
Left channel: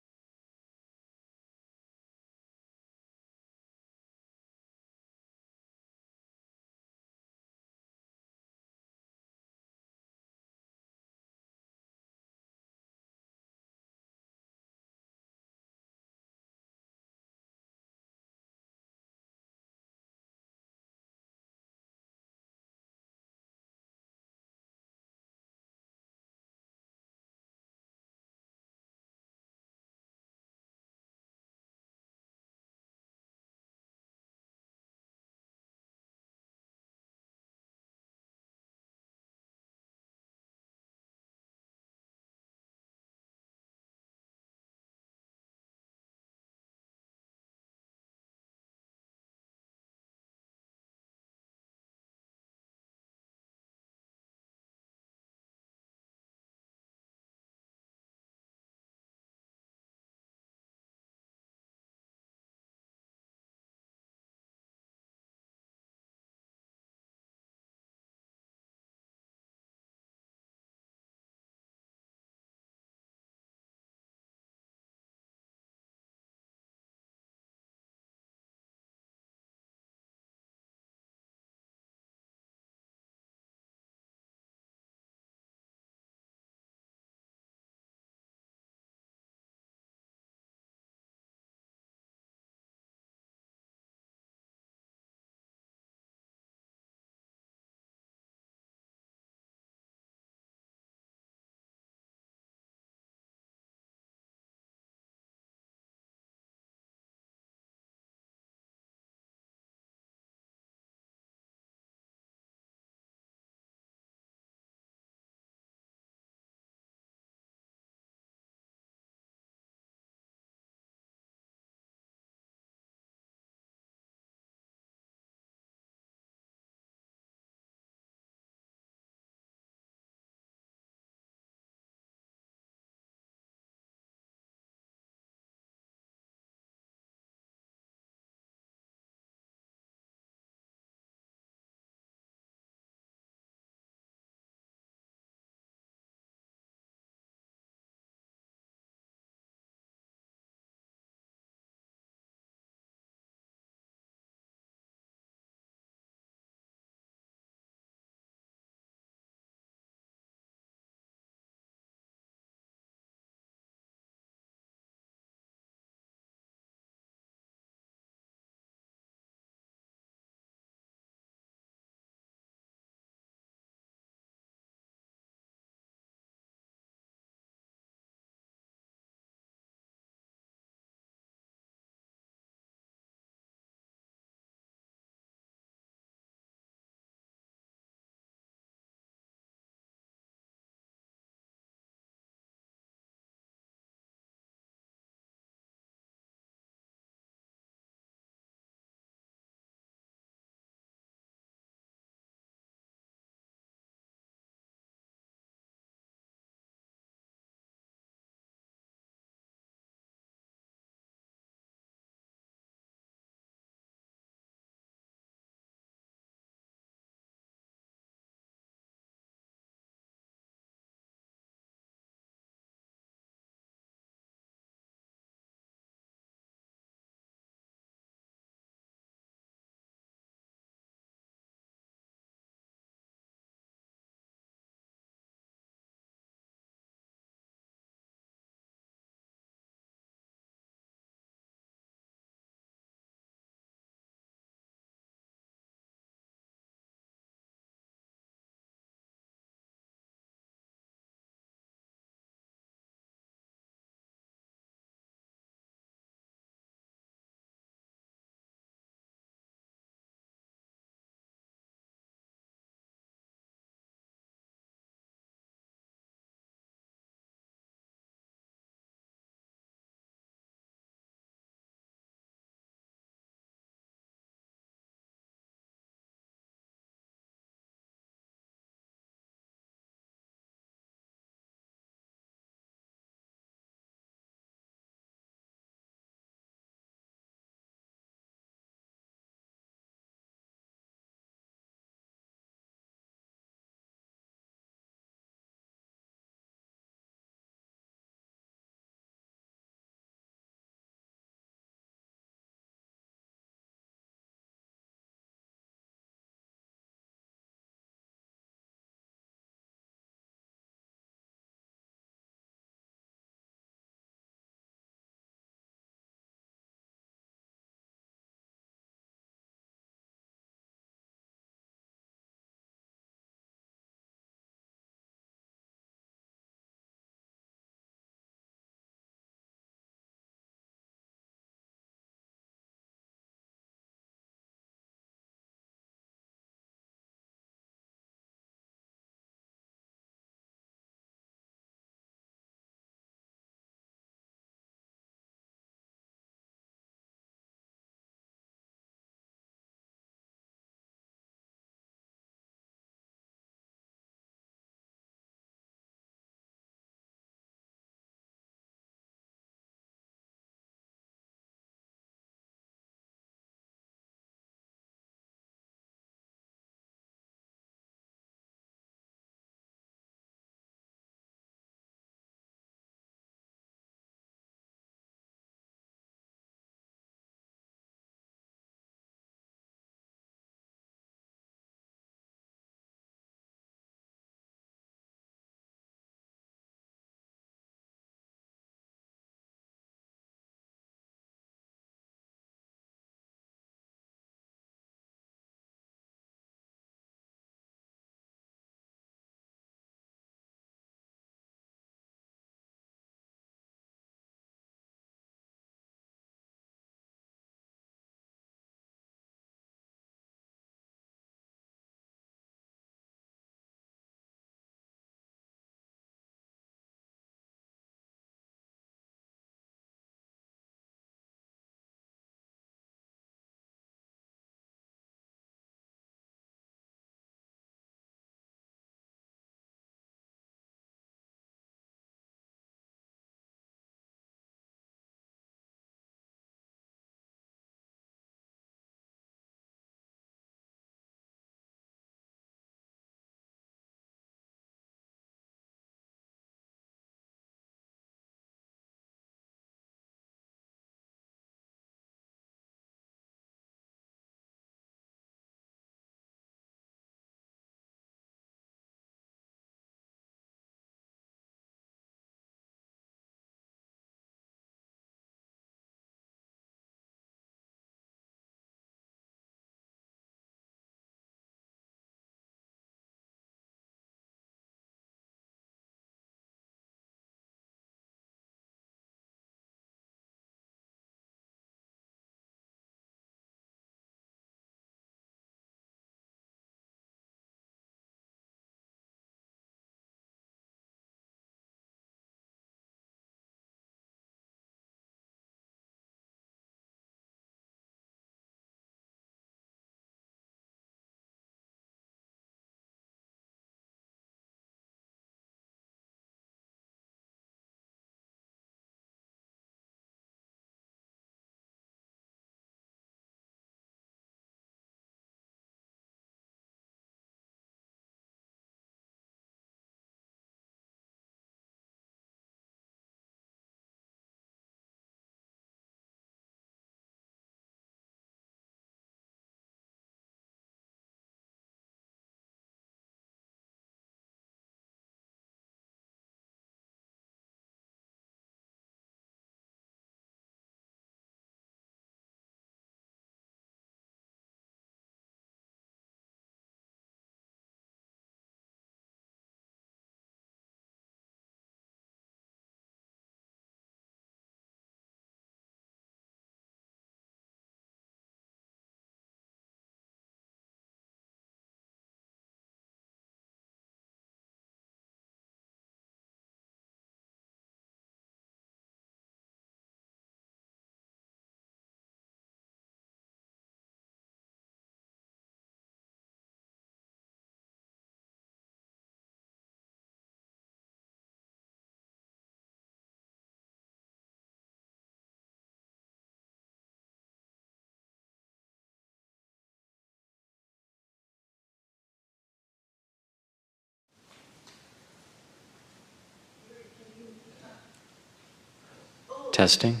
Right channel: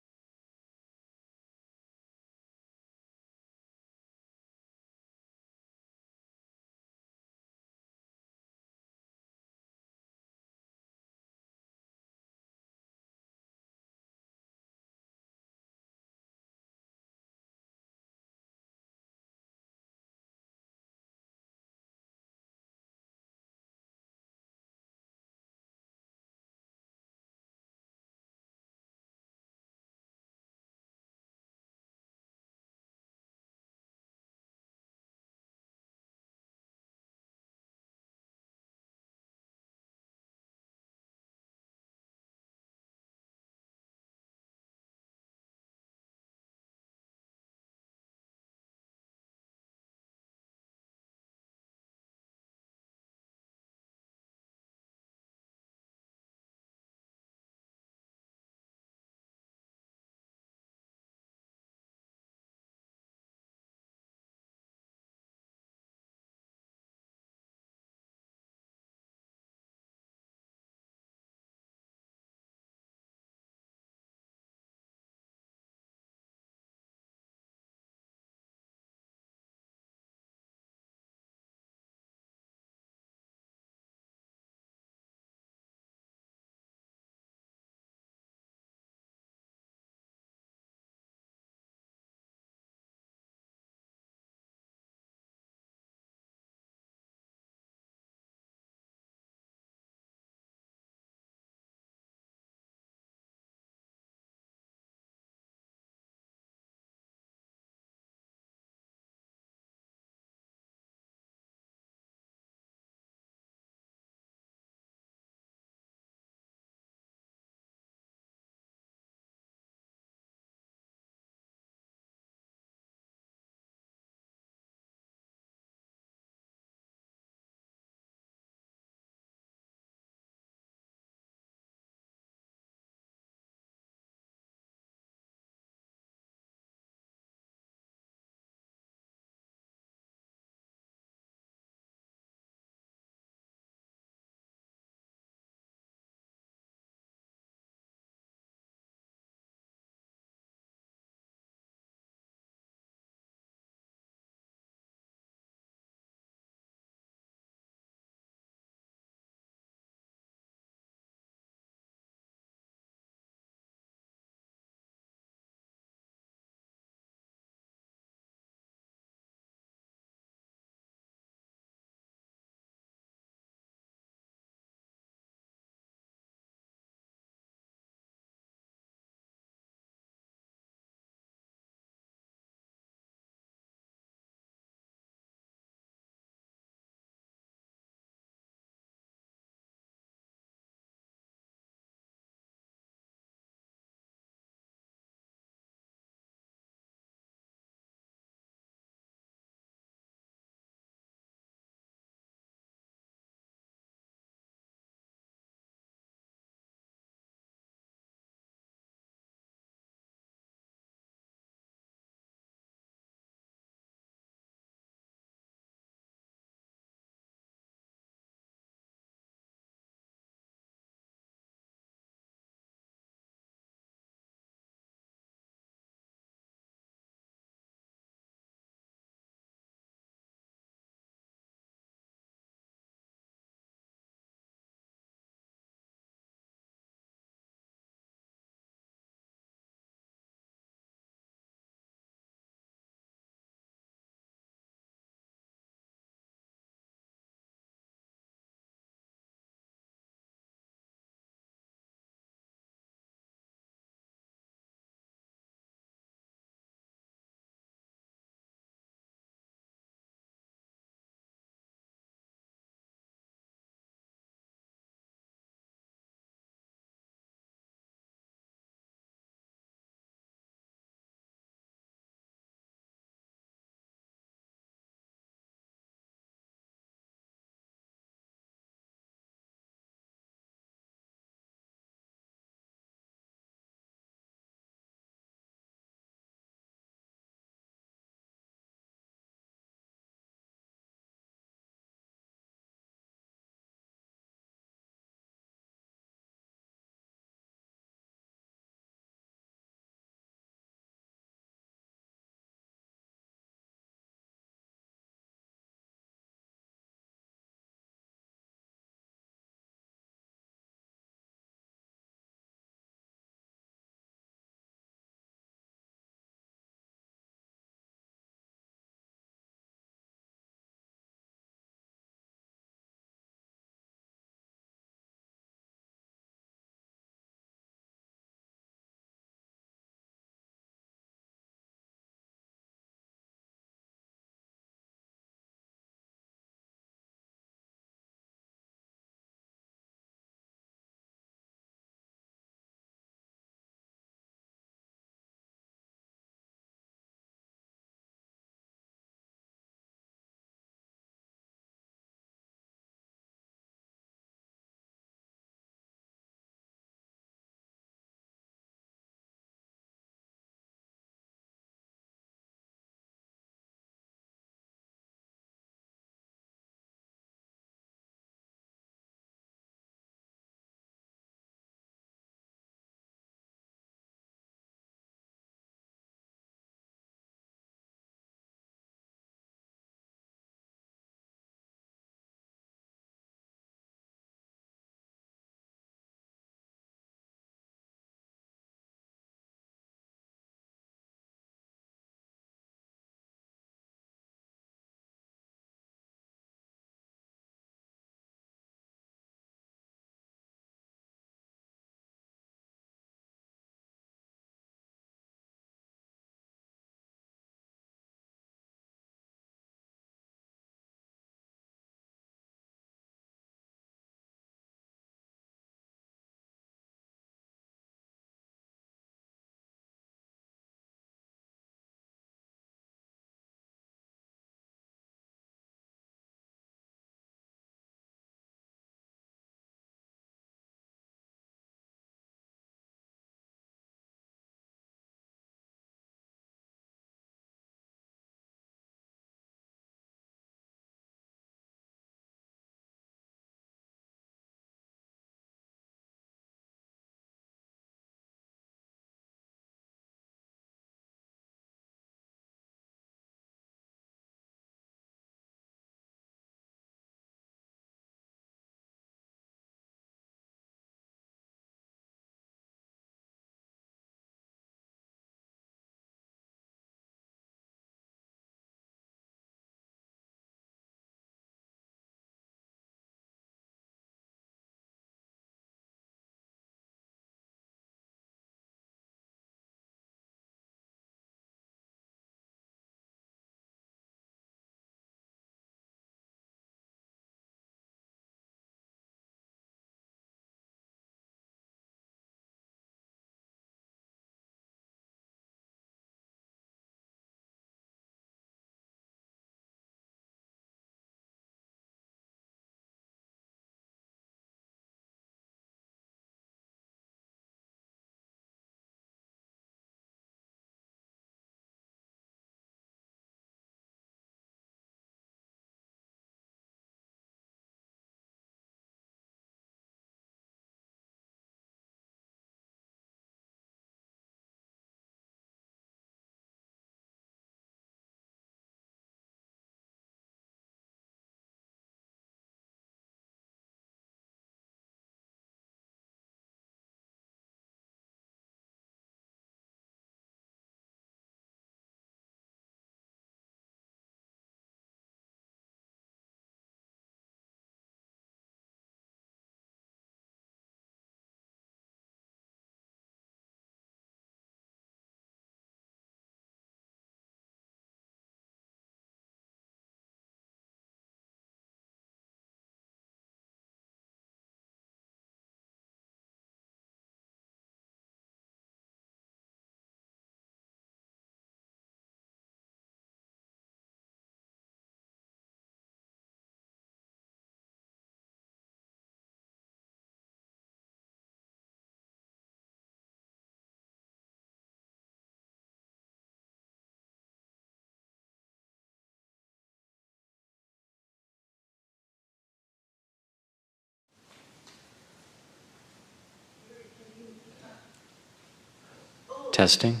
Testing.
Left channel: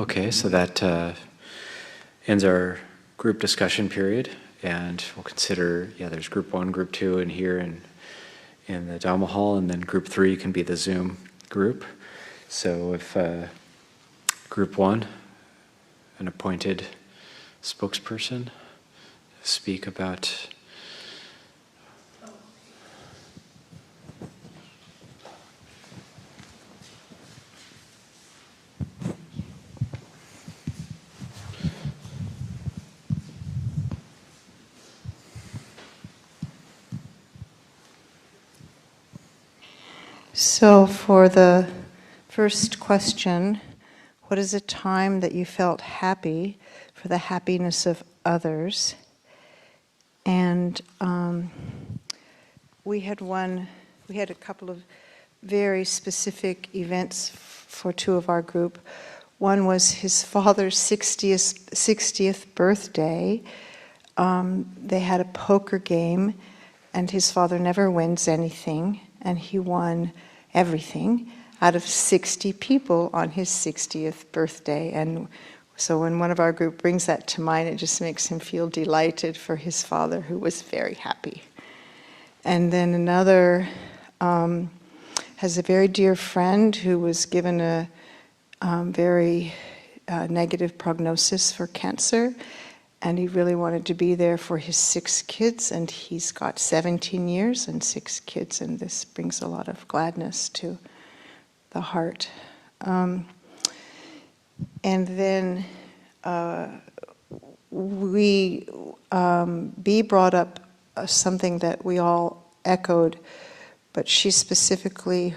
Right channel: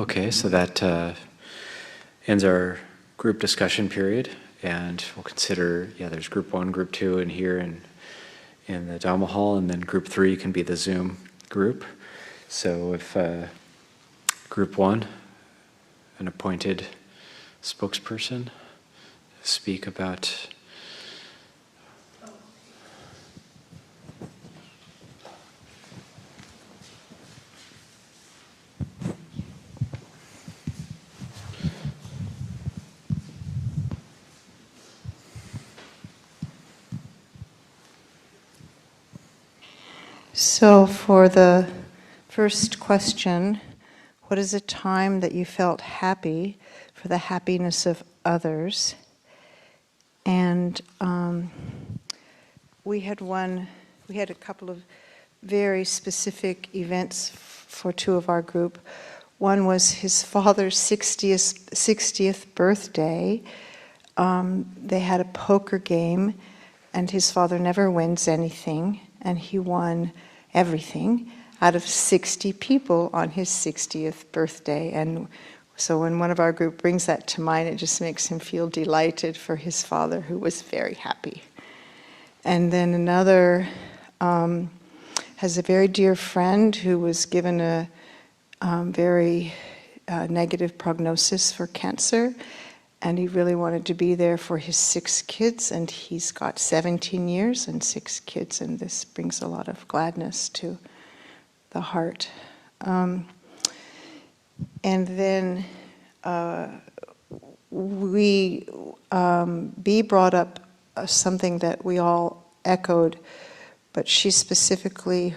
Okay, so that ends our group discussion period, and we'll consider, there's group 1, group 2 in here and in the Dhamma hall, and then group 3 can be the Zoom group. So if group 1, an appointed spokesperson, speak about So for the first question, what is a time that you felt happy for the happiness of others? And we had a couple of very specific events for two of our group. One was his father's 60th birthday. They had a poker game, and his father never wins anything, and he won everything out of 60 people on his 60th birthday. And so when one of our group brings that to mind, it just makes him feel delighted for his father, who was very happy. And then another has a very dear friend who was given a very negative prognosis for cancer, and he really wanted to be there for his 6 kids, and he's got 17 years and 6 kids, and this brings a lot of gladness to the heart. And then Bea brought up something that we all echoed, but she specifically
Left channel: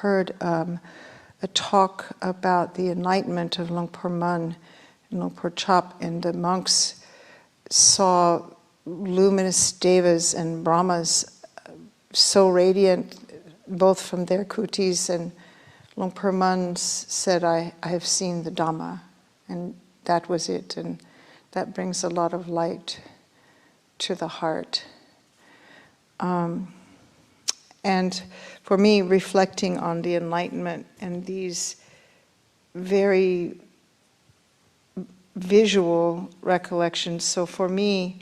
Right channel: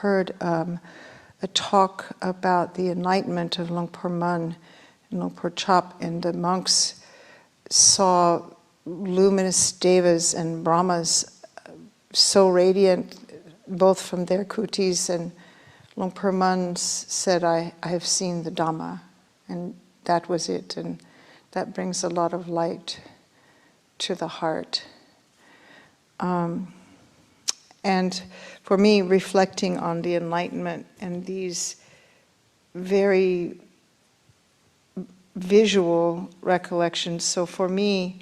heard a talk about the enlightenment of Luang Por Mun and Luang Por Chop, and the monks saw luminous devas and brahmas so radiant, both from their kutis, and Luang Por Mun said, I have seen the Dhamma, and that was it, and that brings a lot of light to the heart. And for me, reflecting on the enlightenment and these very visual recollections. So for me,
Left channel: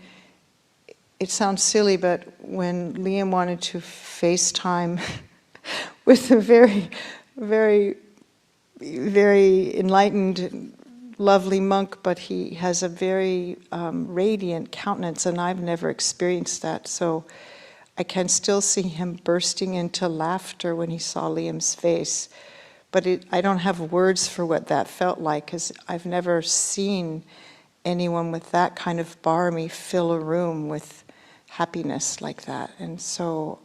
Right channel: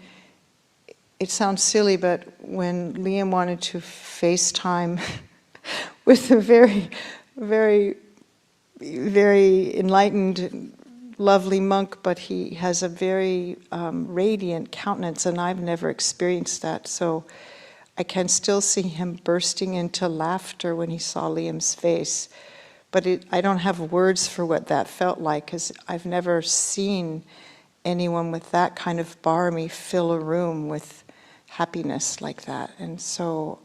it sounds silly, but when Liam wanted to FaceTime with a very, very, very enlightened, lovely monk, but he has a very radiant countenance, and I've never experienced that. So I can still see him bursting into laughter when he saw Liam's face. But I don't have words for what that felt like, because I've never seen anyone with that kind of barmi fill a room with happiness like that. And so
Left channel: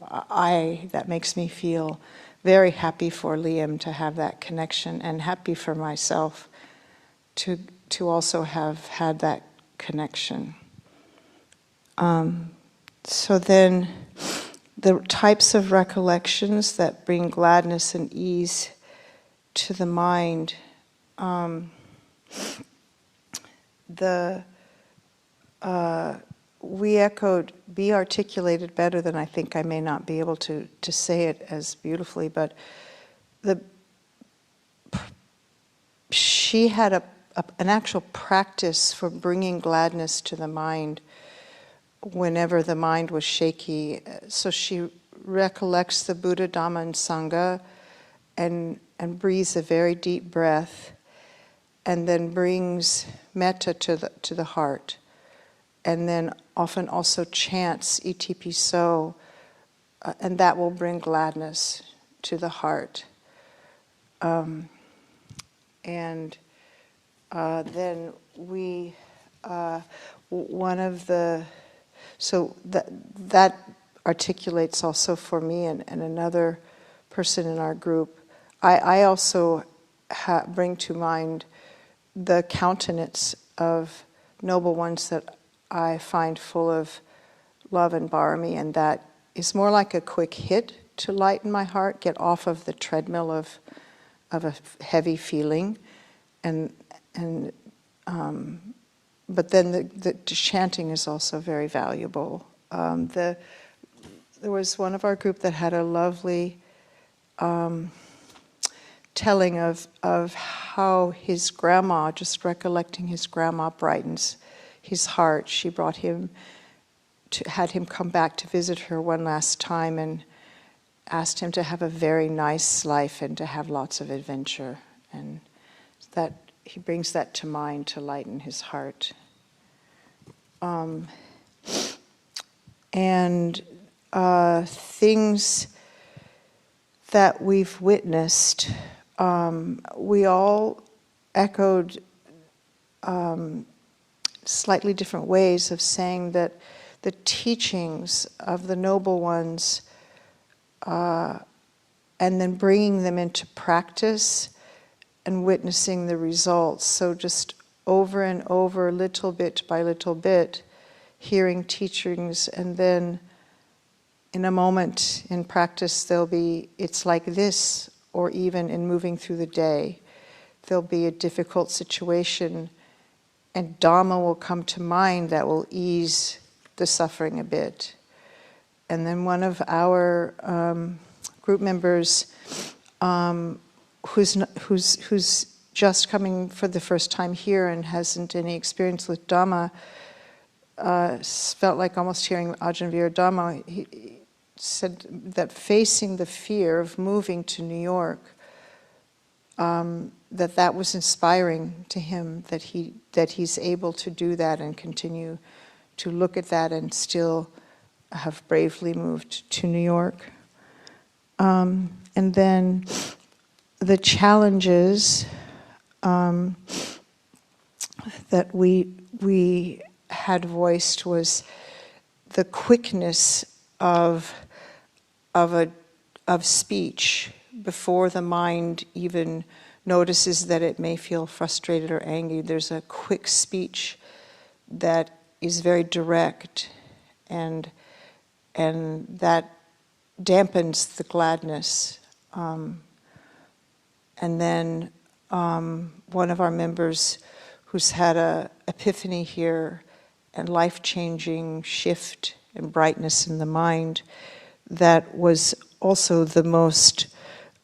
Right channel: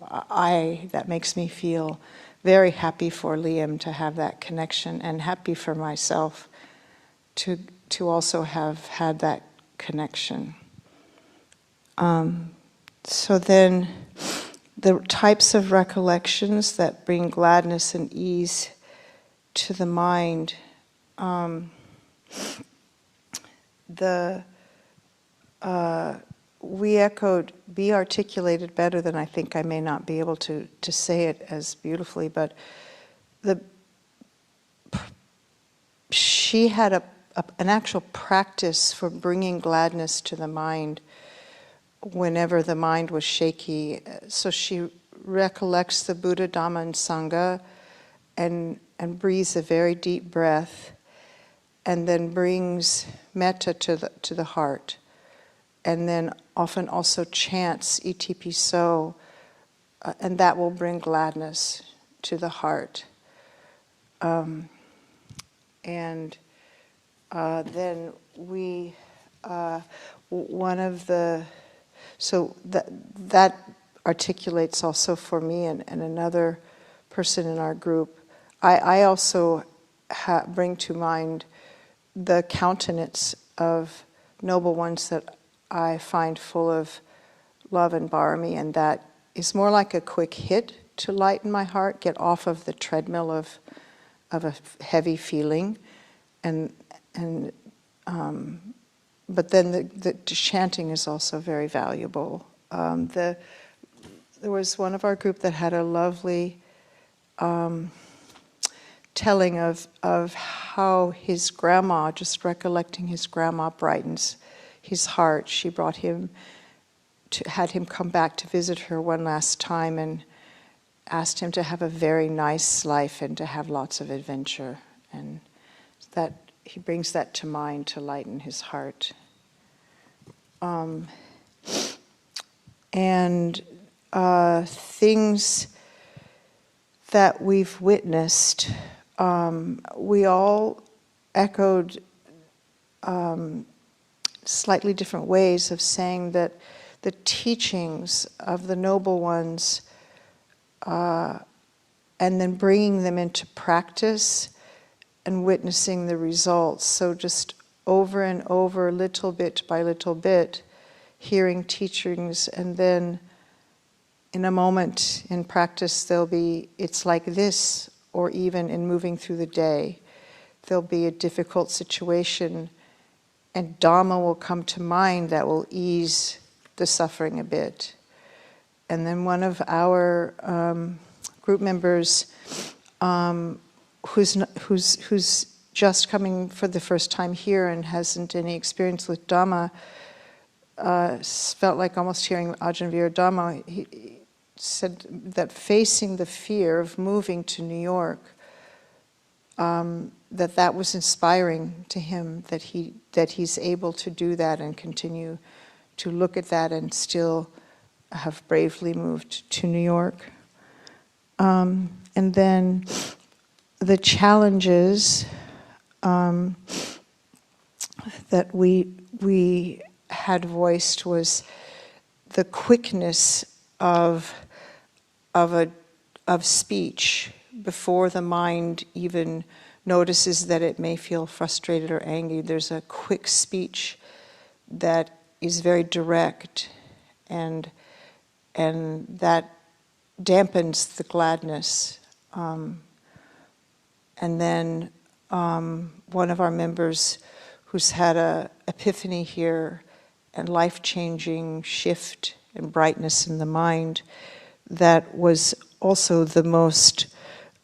that makes me feel very happy for Liam to have that connection, and happy for myself to also have had that connection. So then, the types of recollections that bring gladness and ease to the mind, we echoed, Bea articulated better than I think. I may not be able to say it as beautifully, but she had an actual practice for bringing gladness to the mind whenever the mind was shaky. So she recollects the Buddha, Dhamma, and Sangha, and breathes a very deep breath, and then brings metta to the heart, and then often also chants ETP So, and that will bring gladness to the heart. And then we, one of the, so that articulates also for me and another person in our group. I also bring to mind the countenance of noble ones that I find full of love and barmi, and that is more like a quick hit to lighten my heart, get off of the treadmill of a heavy feeling, and but then the chanting is also very valuable. There was one of our group that had a lovely telling of how his grandma, just recollecting his grandma, brightens his heart. She brought him had him come back to visit her one last time and asked him to have a very nice life and to have lots of adventure. And that he brings that to mind to lighten his heart. And things that we've witnessed, we all echoed slightly different ways of saying that the teachings of the noble ones and then bringing them into practice and witnessing the results. So just over and over, little bit by little bit, hearing teachings, and then in a moment in practice there'll be, it's like this, or even in moving through the day, there'll be a difficult situation and Dhamma will come to mind that will ease the suffering a bit. And then one of our group members who's just coming for the first time here and hasn't any experience with Dhamma, felt like almost hearing Ajahn Veera Dhamma. He said that facing the fear of moving to New York, that was inspiring to him, that he's able to do that and continue to look at that and still have bravely moved to New York. And then the challenges that we had voiced was the quickness of speech before the mind even notices that it may feel frustrated or angry. There's a quick speech that is very direct, and that dampens the gladness. And then one of our members who's had a epiphany here and life-changing shift and brightness in the mind, that was also the most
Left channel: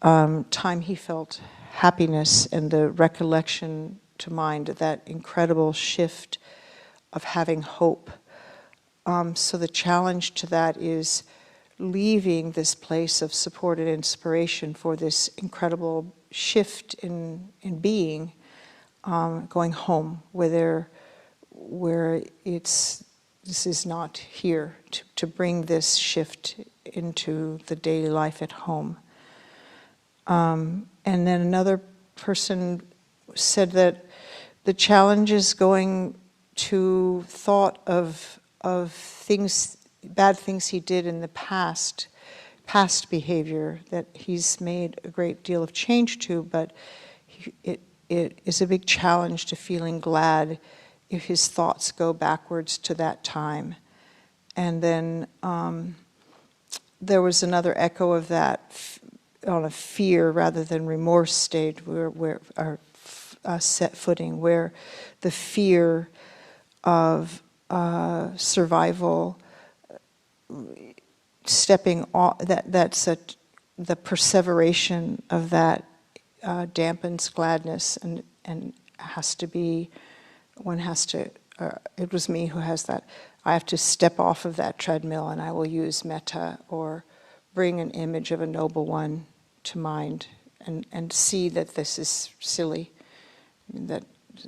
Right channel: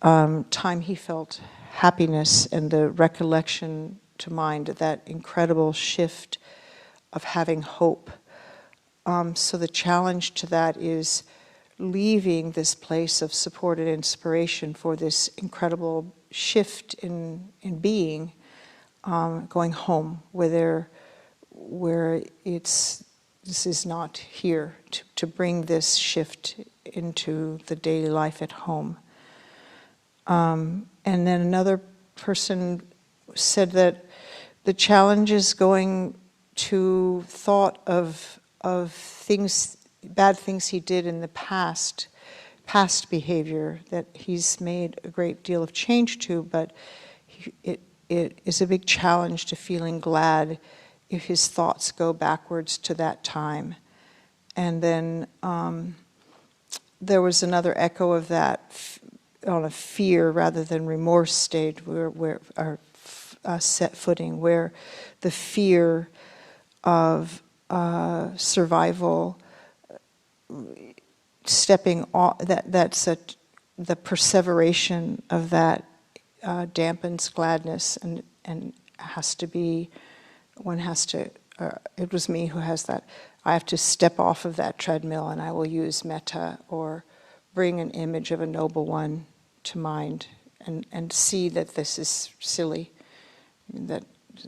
time he felt happiness and the recollection to mind, that incredible shift of having hope. So the challenge to that is leaving this place of support and inspiration for this incredible shift in being, going home where this is not here, to bring this shift into the daily life at home. And then another person said that the challenge is going to thought of things, bad things he did in the past behavior that he's made a great deal of change to, but it is a big challenge to feeling glad if his thoughts go backwards to that time. And then there was another echo of that on a fear rather than remorse state, where our set footing, where the fear of survival, stepping off, that's the perseveration of that dampens gladness, and has to be, one has to, it was me who has that, I have to step off of that treadmill and I will use metta or bring an image of a noble one to mind and see that this is silly, that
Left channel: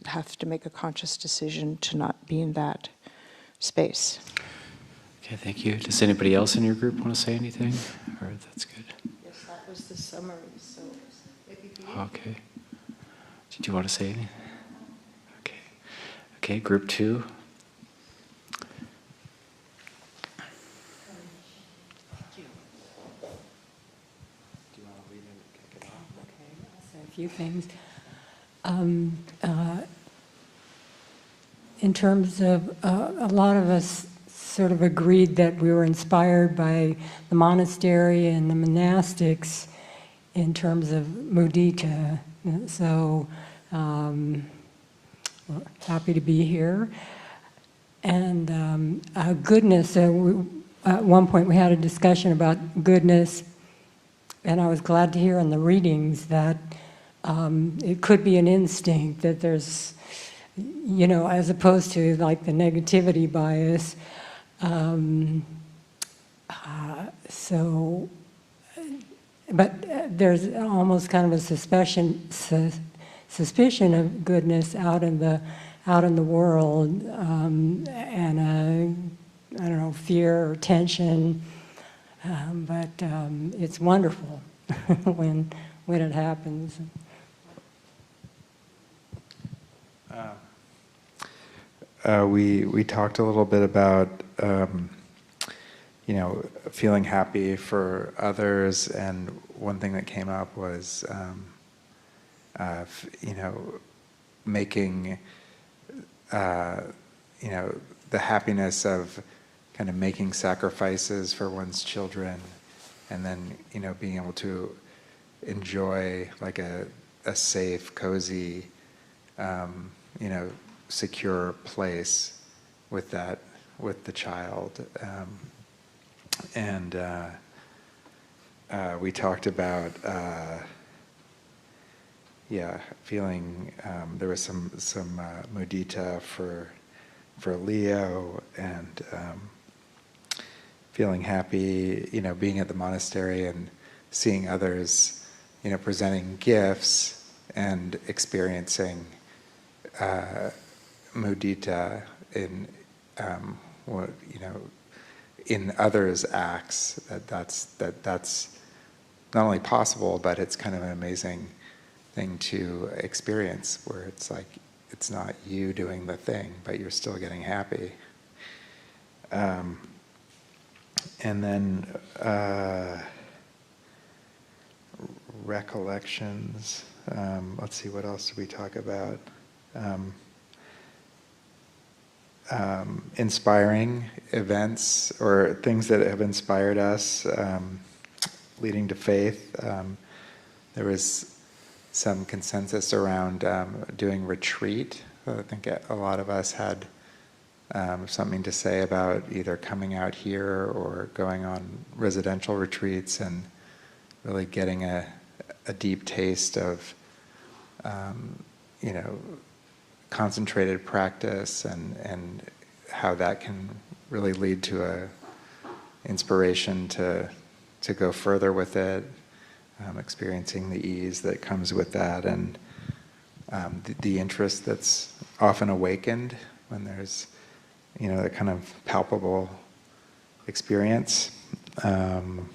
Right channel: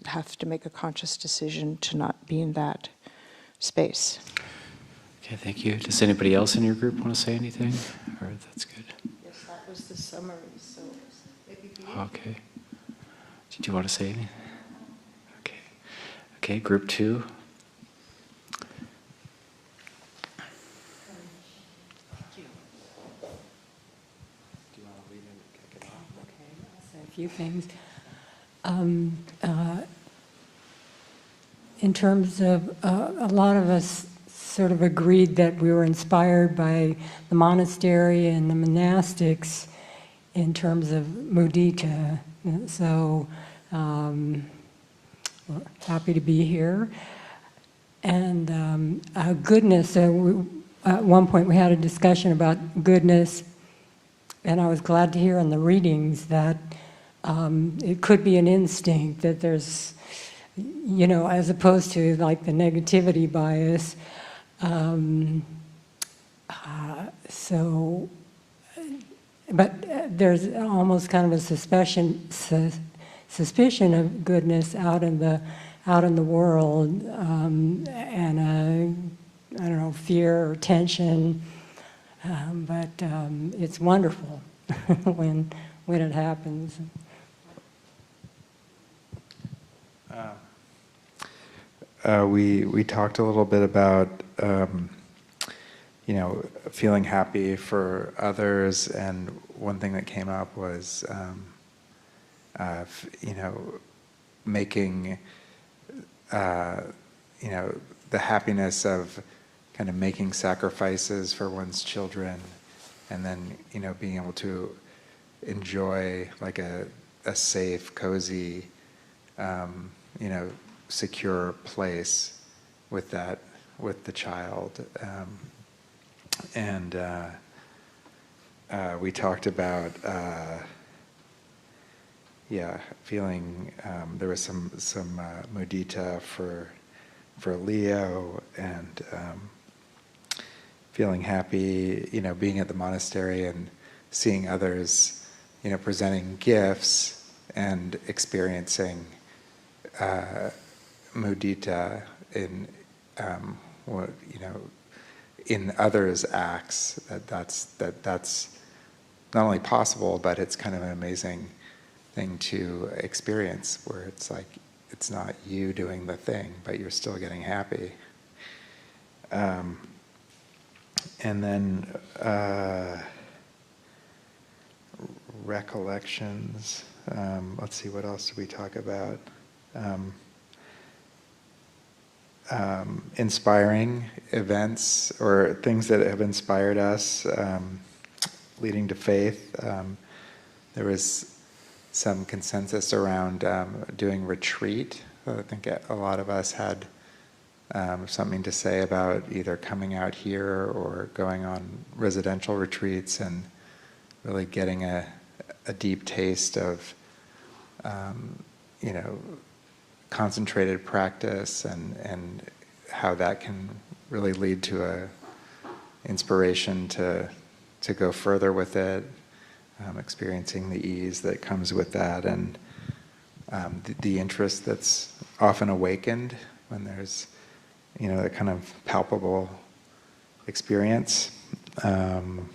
have to make a conscious decision to not be in that space. Okay, thank you. Does anybody else in your group want to say anything? Or that's good. Yes, that was the summary. So, okay. Did you want to say anything? Okay. Okay, group 2. A few things. In terms of, a lot of us sort of agreed that we were inspired by the monastery and the monastics in terms of mudita. So We're happy to be here. And goodness, at one point we had a discussion about goodness, and I was glad to hear in the readings that it could be an instinct, that there's, as opposed to like the negativity bias. But there's almost kind of a suspicion of goodness out in the world, and I don't know, fear or tension. But it's wonderful when it happens. We talked a little bit about feeling happy for others, and one thing that came up was making the happiness of kind of making sacrifices for one's children, and then being able to enjoy like a safe, cozy, secure place with the child, and we talked about feeling there was some mudita for Leo, and feeling happy, being at the monastery and seeing others, presenting gifts and experiencing mudita in in others' acts. That's not only possible, but it's kind of an amazing thing to experience, where it's like it's not you doing the thing, but you're still getting happy. And then recollections. Let's see, what else did we talk about? Inspiring events or things that have inspired us, leading to faith. There was some consensus around doing retreat. I think a lot of us had something to say about either coming out here or going on residential retreats and really getting a deep taste of concentrated practice, and how that can really lead to a inspiration to go further with it, experiencing the ease that comes with that, and the interest that's often awakened when there's a kind of palpable experience. And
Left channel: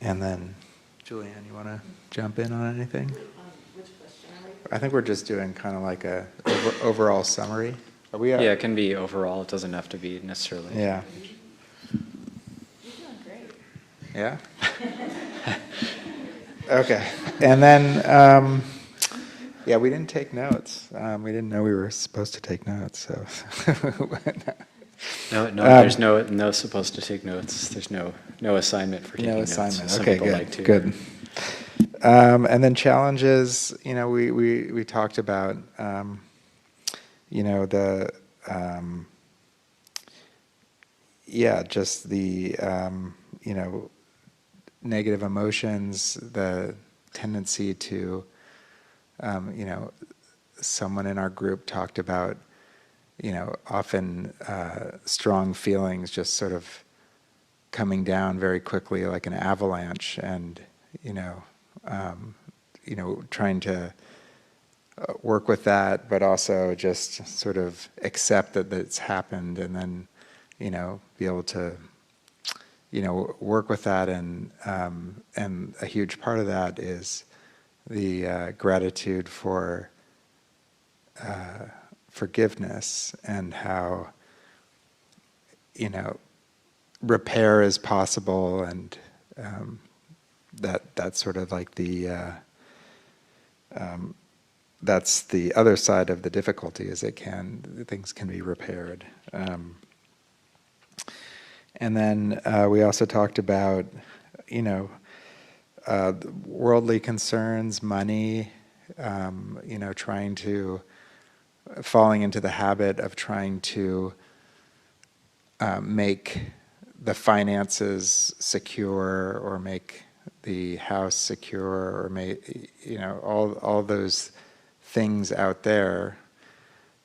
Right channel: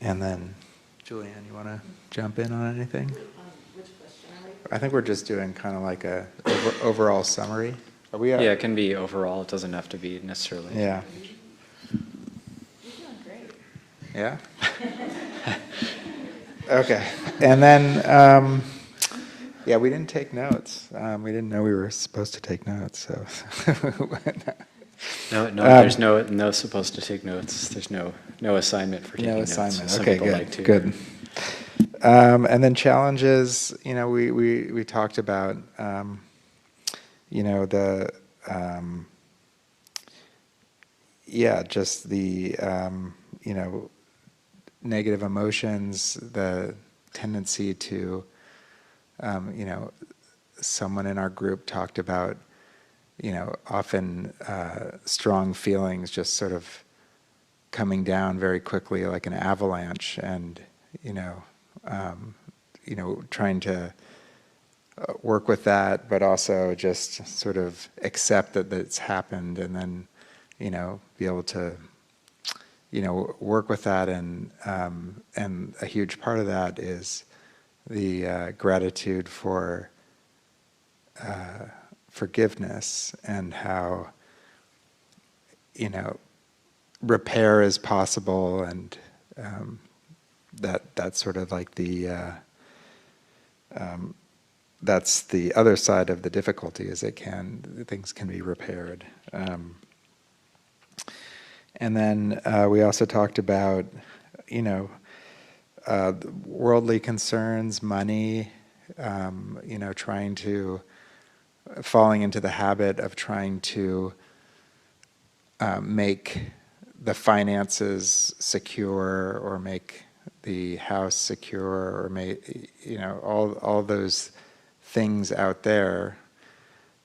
then, Julianne, you want to jump in on anything? I think we're just doing kind of like a overall summary. Are we? Yeah, it can be overall. It doesn't have to be necessarily. Yeah. You're doing great. Yeah? Okay. And then, we didn't take notes. We didn't know we were supposed to take notes, so. No, there's no supposed to take notes. There's no assignment for taking No notes. assignment. Some Okay, people good. like to. Good. And then challenges. We talked about. Just the negative emotions, the tendency to, someone in our group talked about, often strong feelings just sort of coming down very quickly like an avalanche, and, trying to work with that, but also just sort of accept that it's happened, and then, be able to, work with that, and a huge part of that is the gratitude for forgiveness, and how, repair is possible, and that's sort of like the that's the other side of the difficulty, is things can be repaired. And then we also talked about, worldly concerns, money, falling into the habit of trying to make the finances secure, or make the house secure, or make, all those things out there,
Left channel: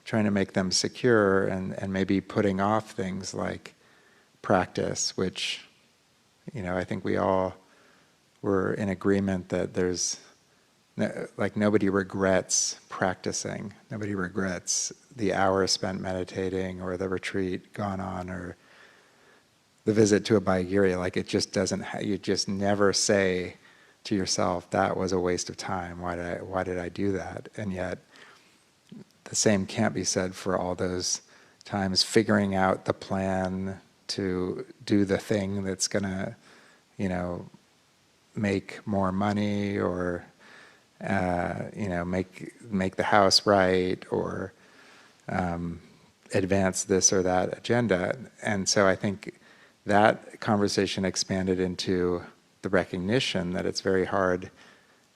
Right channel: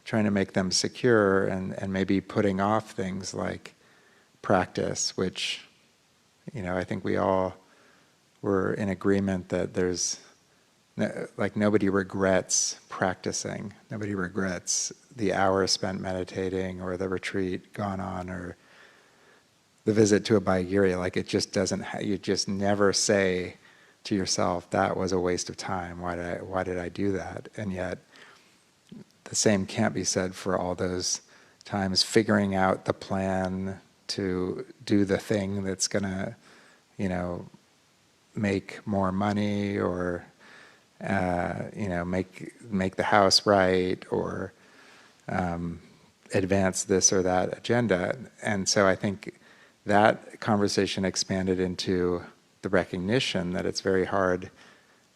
trying to make them secure, and maybe putting off things like practice, which, I think we all were in agreement that there's, nobody regrets practicing. Nobody regrets the hour spent meditating, or the retreat gone on, or the visit to Abhayagiri. It just doesn't. You just never say to yourself, "That was a waste of time. Why did I do that?" And yet, the same can't be said for all those times figuring out the plan to do the thing that's gonna, make more money, or make the house right, or advance this or that agenda. And so I think that conversation expanded into the recognition that it's very hard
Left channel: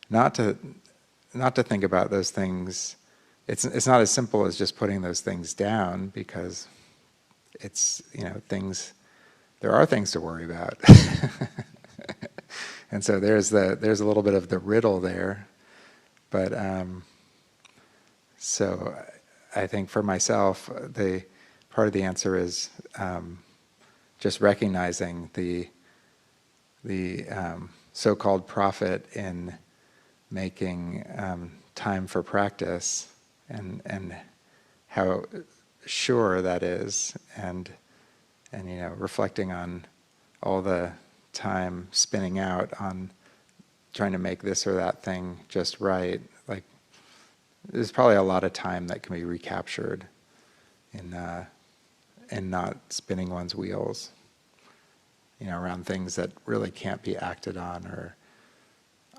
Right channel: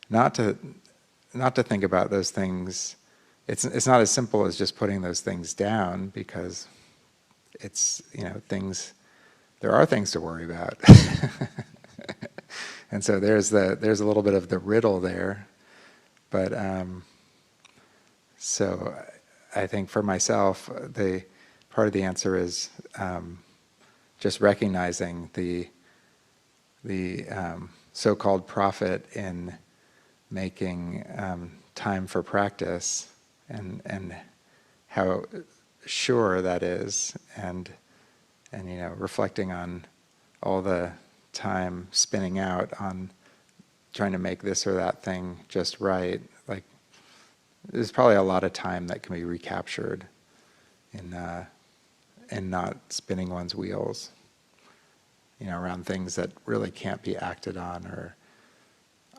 not to think about those things. It's not as simple as just putting those things down, because it's, things, there are things to worry about. And so there's a little bit of the riddle there. But so I think for myself, the part of the answer is just recognizing the so-called profit in making time for practice, and how sure that is, and reflecting on all the time spinning out on trying to make this or that thing just right. There's probably a lot of time that can be recaptured in not spinning one's wheels, around things that really can't be acted on, or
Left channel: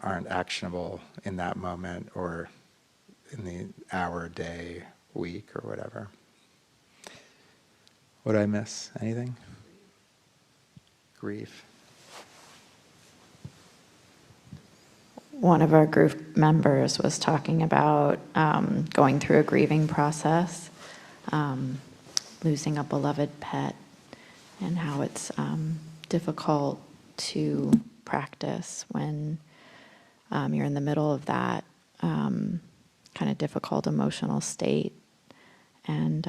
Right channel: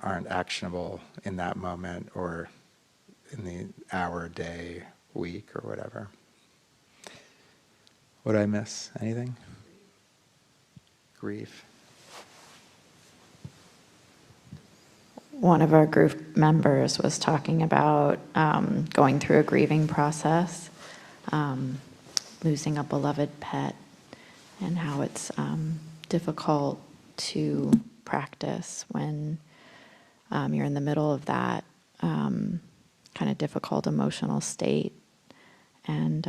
aren't actionable in that moment, or in the hour, day, week, or whatever. Would I miss anything? Grief. One of our group members was talking about going through a grieving process, losing a beloved pet, and how it's difficult to practice when you're in the middle of that kind of difficult emotional state. And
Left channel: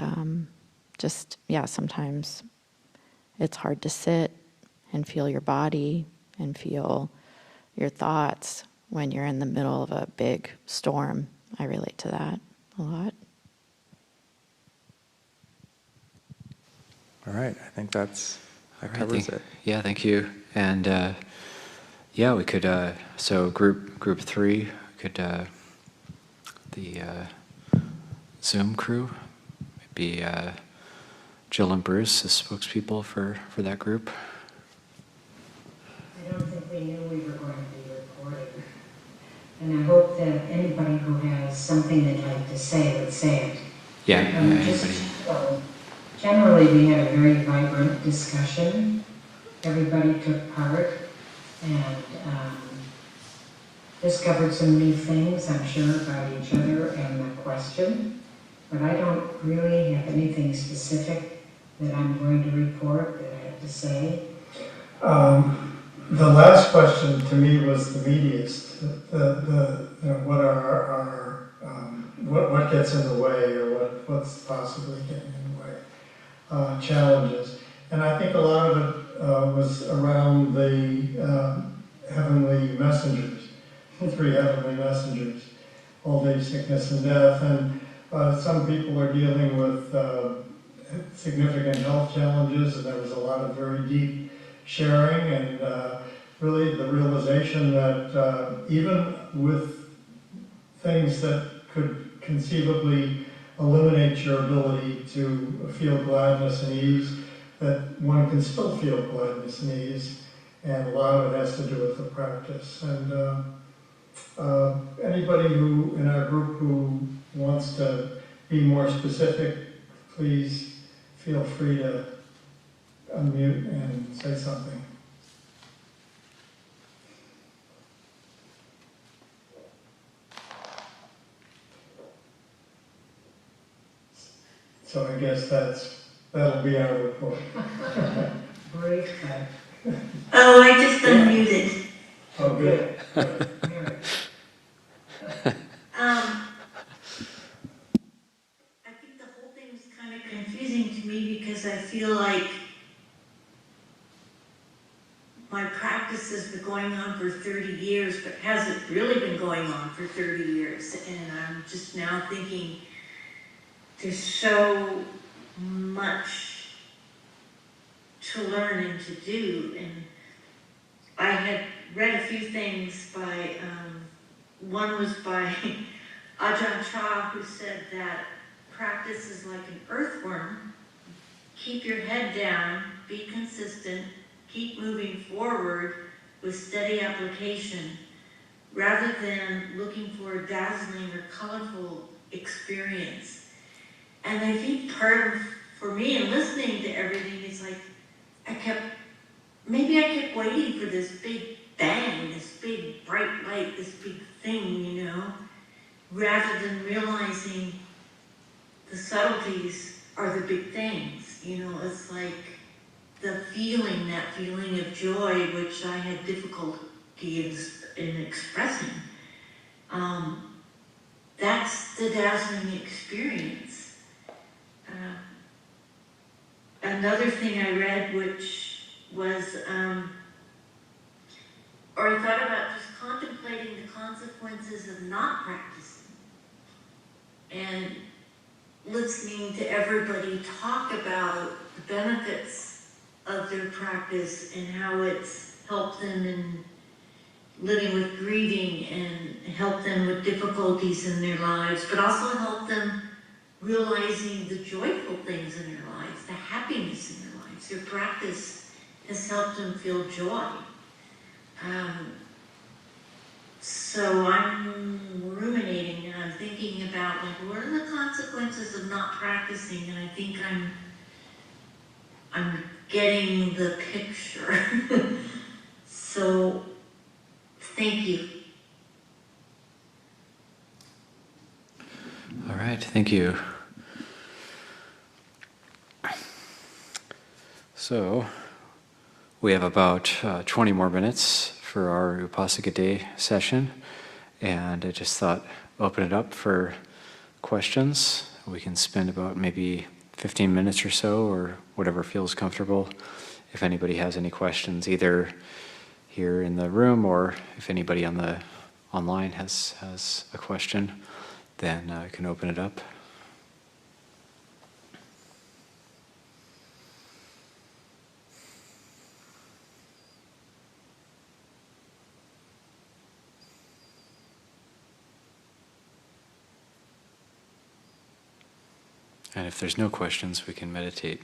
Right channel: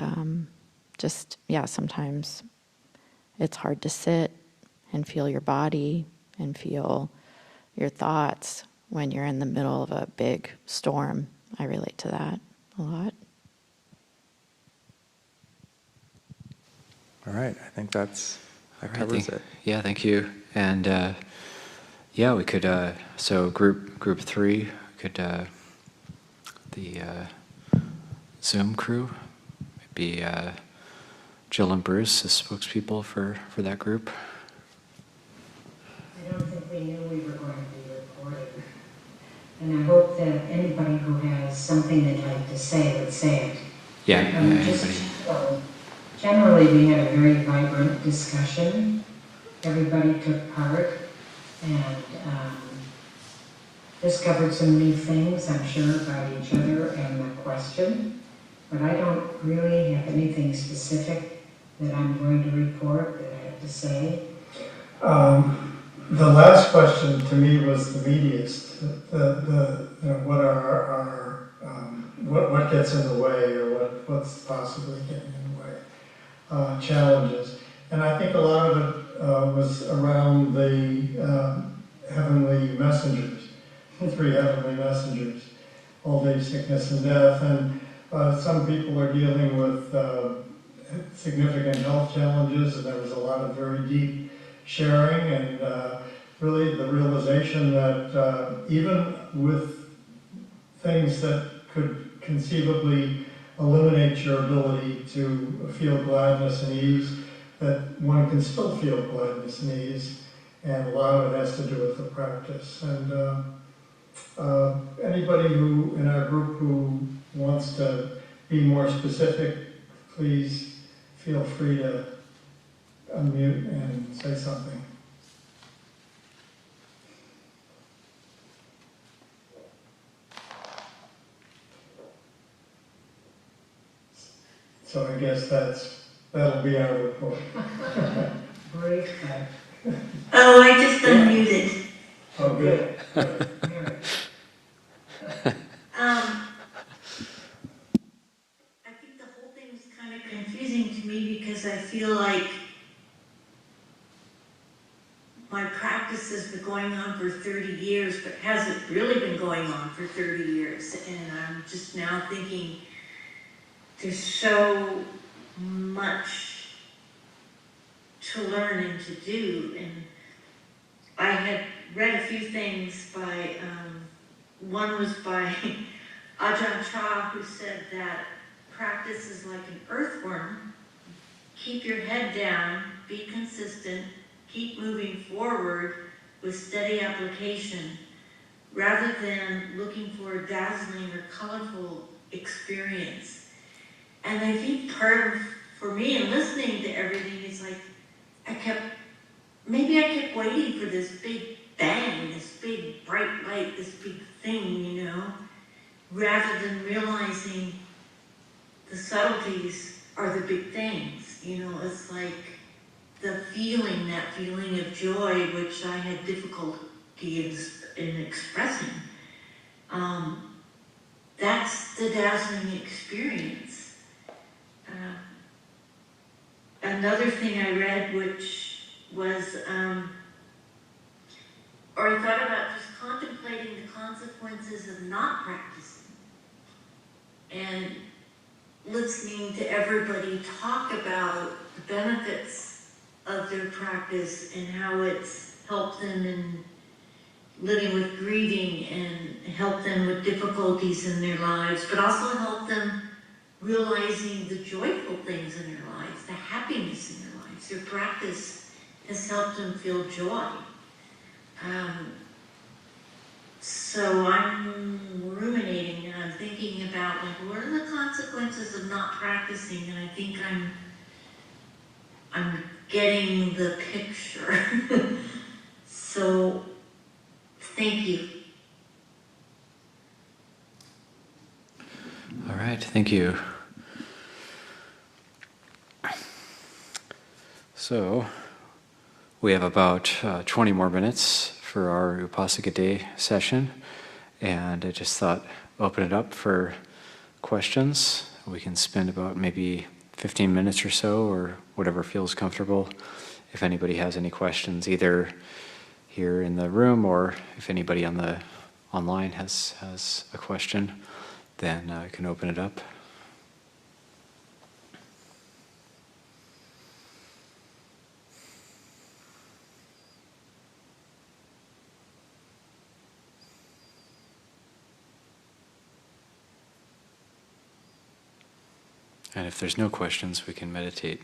sometimes it's hard to sit and feel your body and feel your thoughts when you're in the middle of a big storm. I relate to that a lot. All right, I think that covers it. Yeah, thank you. And we could, so group 3, could, the Zoom crew, be Jill and Bruce as spokespeople for that group. I don't think we knew we were going to be recorded. And I hope that anybody who has something they'd like to say would say it. Yeah, anybody. Generally, we had a very vibrant discussion. Everybody took part and discovered some new things, I'm sure, about each other and the question. But I don't really have anything specific that I'm going to report that I have to say. The last question to me was the meatiest. What are what gets in the way, or what's possibly getting in the way, challenges. And I think a lot of it was around the heavenly messengers, the 3 heavenly messengers, old age, sickness, and death. And some people are dealing with significant health challenges, and there was a lot of very deep sharing, and really the realization that even with things that could conceivably eliminate your ability to feel gladness and ease, that one can still feel gladness and ease, and a lot of it has to do with the practice. And anybody who in our group who wants to be more specific, please feel free to unmute and say something. So I guess that'll be our report. Breakout. Oh, I just unmuted. Oh, good. I think the whole thing is kind of confusing to me because I feel like my practice has been going on for 30 years, but hasn't really been going on for 30 years. And I'm just now thinking there's so much to learn and to do. And I had read a few things by, one was by Ajahn Chah, who said that practice is like an earthworm. Keep your head down, be consistent, keep moving forward with steady application, rather than looking for a dazzling or colorful experience. And I think part of, for me, in listening to everything, is like, I kept waiting for this big bang, this big bright light, this big thing, you know, rather than realizing the subtleties are the big things. You know, it's like that feeling of joy, which I had difficulty in expressing. That's the dazzling experience. Another thing I read, which was, or I thought about just contemplating the consequences of not practicing and listening to everybody talk about the benefits of their practice and how it's helped them in living with grieving and helped them with difficulties in their lives, but also helped them realizing the joyful things in their lives, the happiness in their lives. Their practice has helped them feel joy. So I'm ruminating and I'm thinking about, like, what are the consequences of not practicing? And I think I'm getting the picture. So thank you. All right, thank you. So, we have about 20 more minutes for our Upāsika Day session, and I just thought open it up for questions. We can spend about maybe 15 minutes or so, or whatever feels comfortable. If anybody has any questions, either here in the room or if anybody on the online has a question, then I can open it up. And if there's no questions, we can meditate.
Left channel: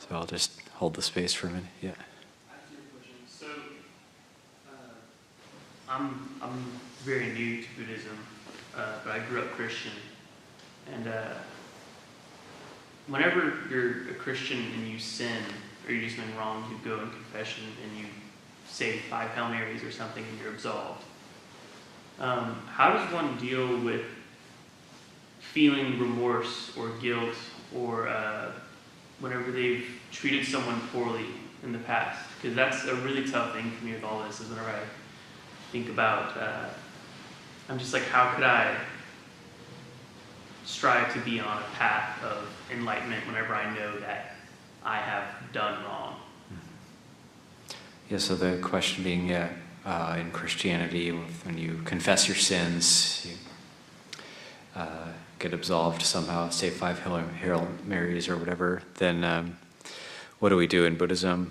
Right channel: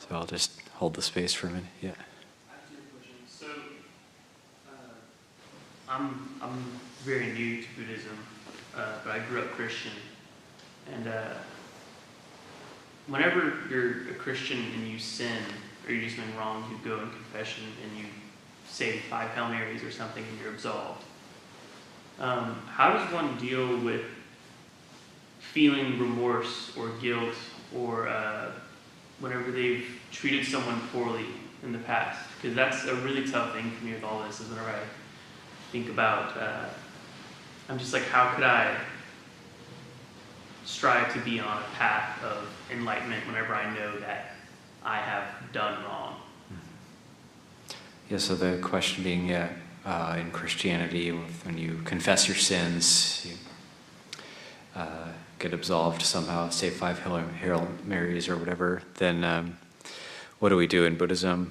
So I'll just hold the space for a minute. Yeah. So, I'm very new to Buddhism, but I grew up Christian. And whenever you're a Christian and you sin, or you do something wrong, you go in confession and you say 5 Hail Marys or something and you're absolved. How does one deal with feeling remorse or guilt or whenever they've treated someone poorly in the past? Because that's a really tough thing for me with all this, is whenever I think about, I'm just like, how could I strive to be on a path of enlightenment whenever I know that I have done wrong? Yeah, so the question being, in Christianity, when you confess your sins, you get absolved somehow, say 5 Hail Marys or whatever, then what do we do in Buddhism?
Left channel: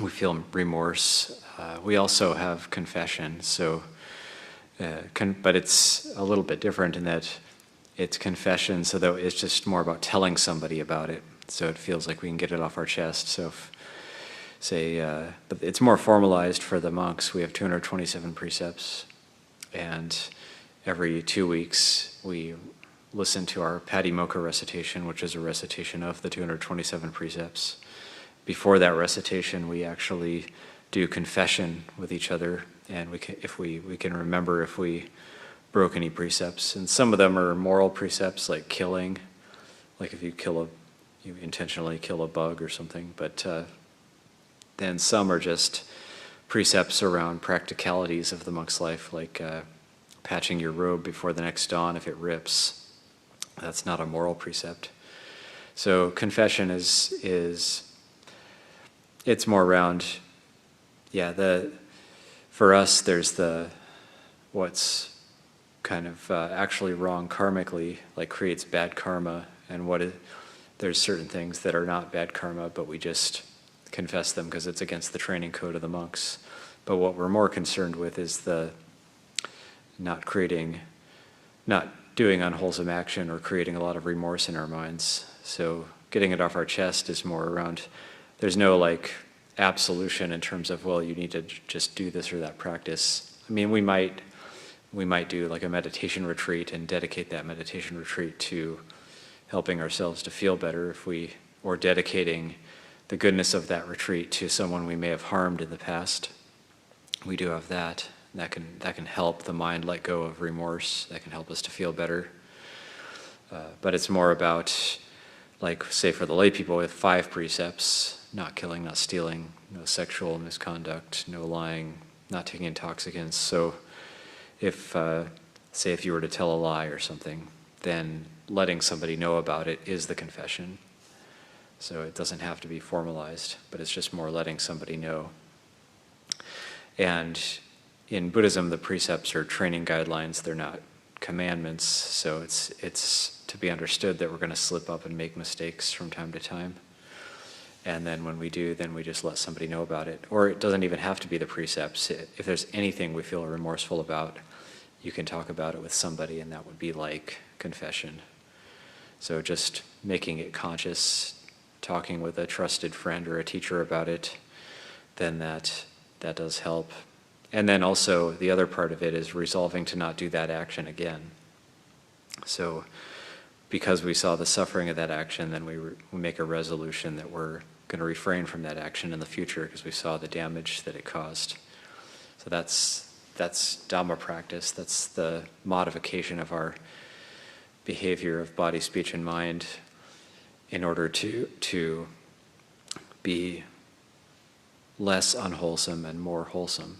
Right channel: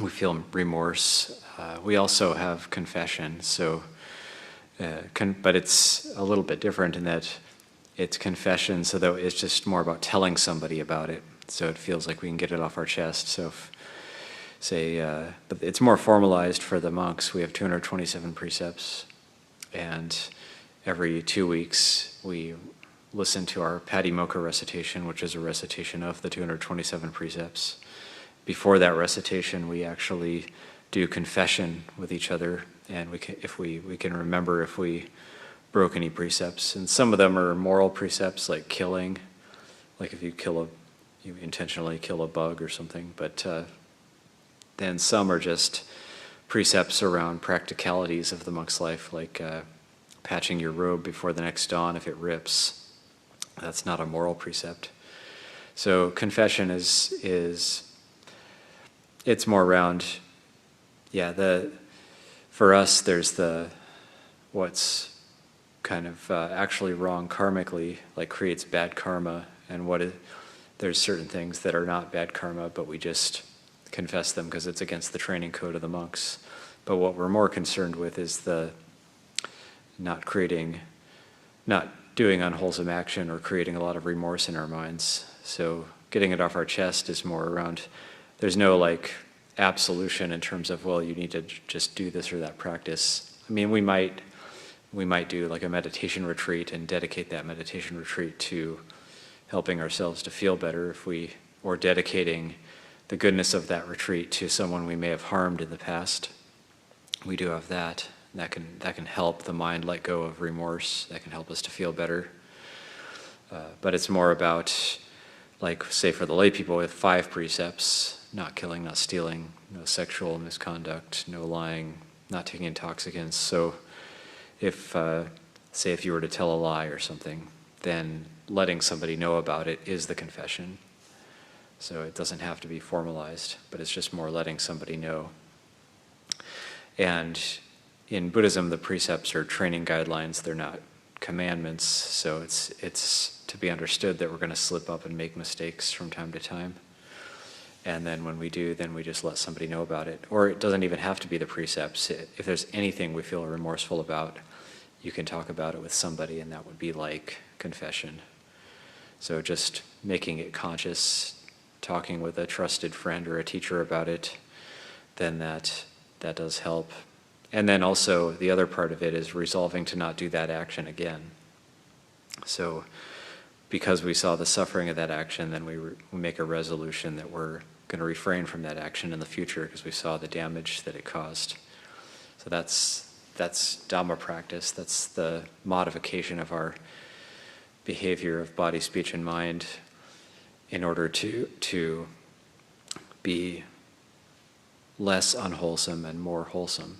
We feel remorse. We also have confession, so, but it's a little bit different in that it's confession, so that it's just more about telling somebody about it, so it feels like we can get it off our chest. So if, say, but it's more formalized for the monks. We have 227 precepts, and every 2 weeks we listen to our Patimokkha recitation, which is a recitation of the 227 precepts. Before that recitation, we actually do confession with each other, and we can remember if we broke any precepts. And some of them are moral precepts, like killing, like if you intentionally kill a bug or something. But then some are just precepts around practicalities of the monk's life, like patching your robe before the next dawn if it rips. That's not a moral precept. So confession is it's more around, for us there's what's kind of actually wrong karmically, like creates bad karma, and there's certain things that are not bad karma, but we just confess them because it's against the training code of the monks. But what we're more concerned with is the not doing unwholesome action or creating a lot of remorse in our minds. So getting it off our chest is more around, there's no like absolution in terms of, well, you need to just do this or that practice. I mean, we might do like a meditation retreat and dedicate that meditation retreat to helping ourselves to feel better, or dedicating the goodness of that retreat to someone we may have harmed in the past. We do have that. That can help the mind let go of remorse. That can help us to feel better. But it's more about, like, say for the lay people with 5 precepts: not killing, not stealing, no sexual misconduct, no lying, not taking intoxicants. So if you were to tell a lie or something, then letting somebody know about it is the confession. So it doesn't have to be formalized, but it's just more letting somebody know. And in Buddhism, the precepts are training guidelines. They're not commandments. So it's to be understood that we're going to slip up and make mistakes from time to time. And then when we do, then we just let somebody know about it. Or it doesn't even have to be the precepts. If there's anything we feel remorseful about, you can talk about it with somebody, and that would be like confession. So just making it conscious, talking with a trusted friend or a teacher about it, then that does help. And then also the other part of it is resolving to not do that action again. So because we saw the suffering of that action, then we make a resolution that we're going to refrain from that action in the future because we saw the damage that it caused. So that's Dhamma practice. That's the modification of our behavior of body, speech, and mind in order to be less unwholesome and more wholesome.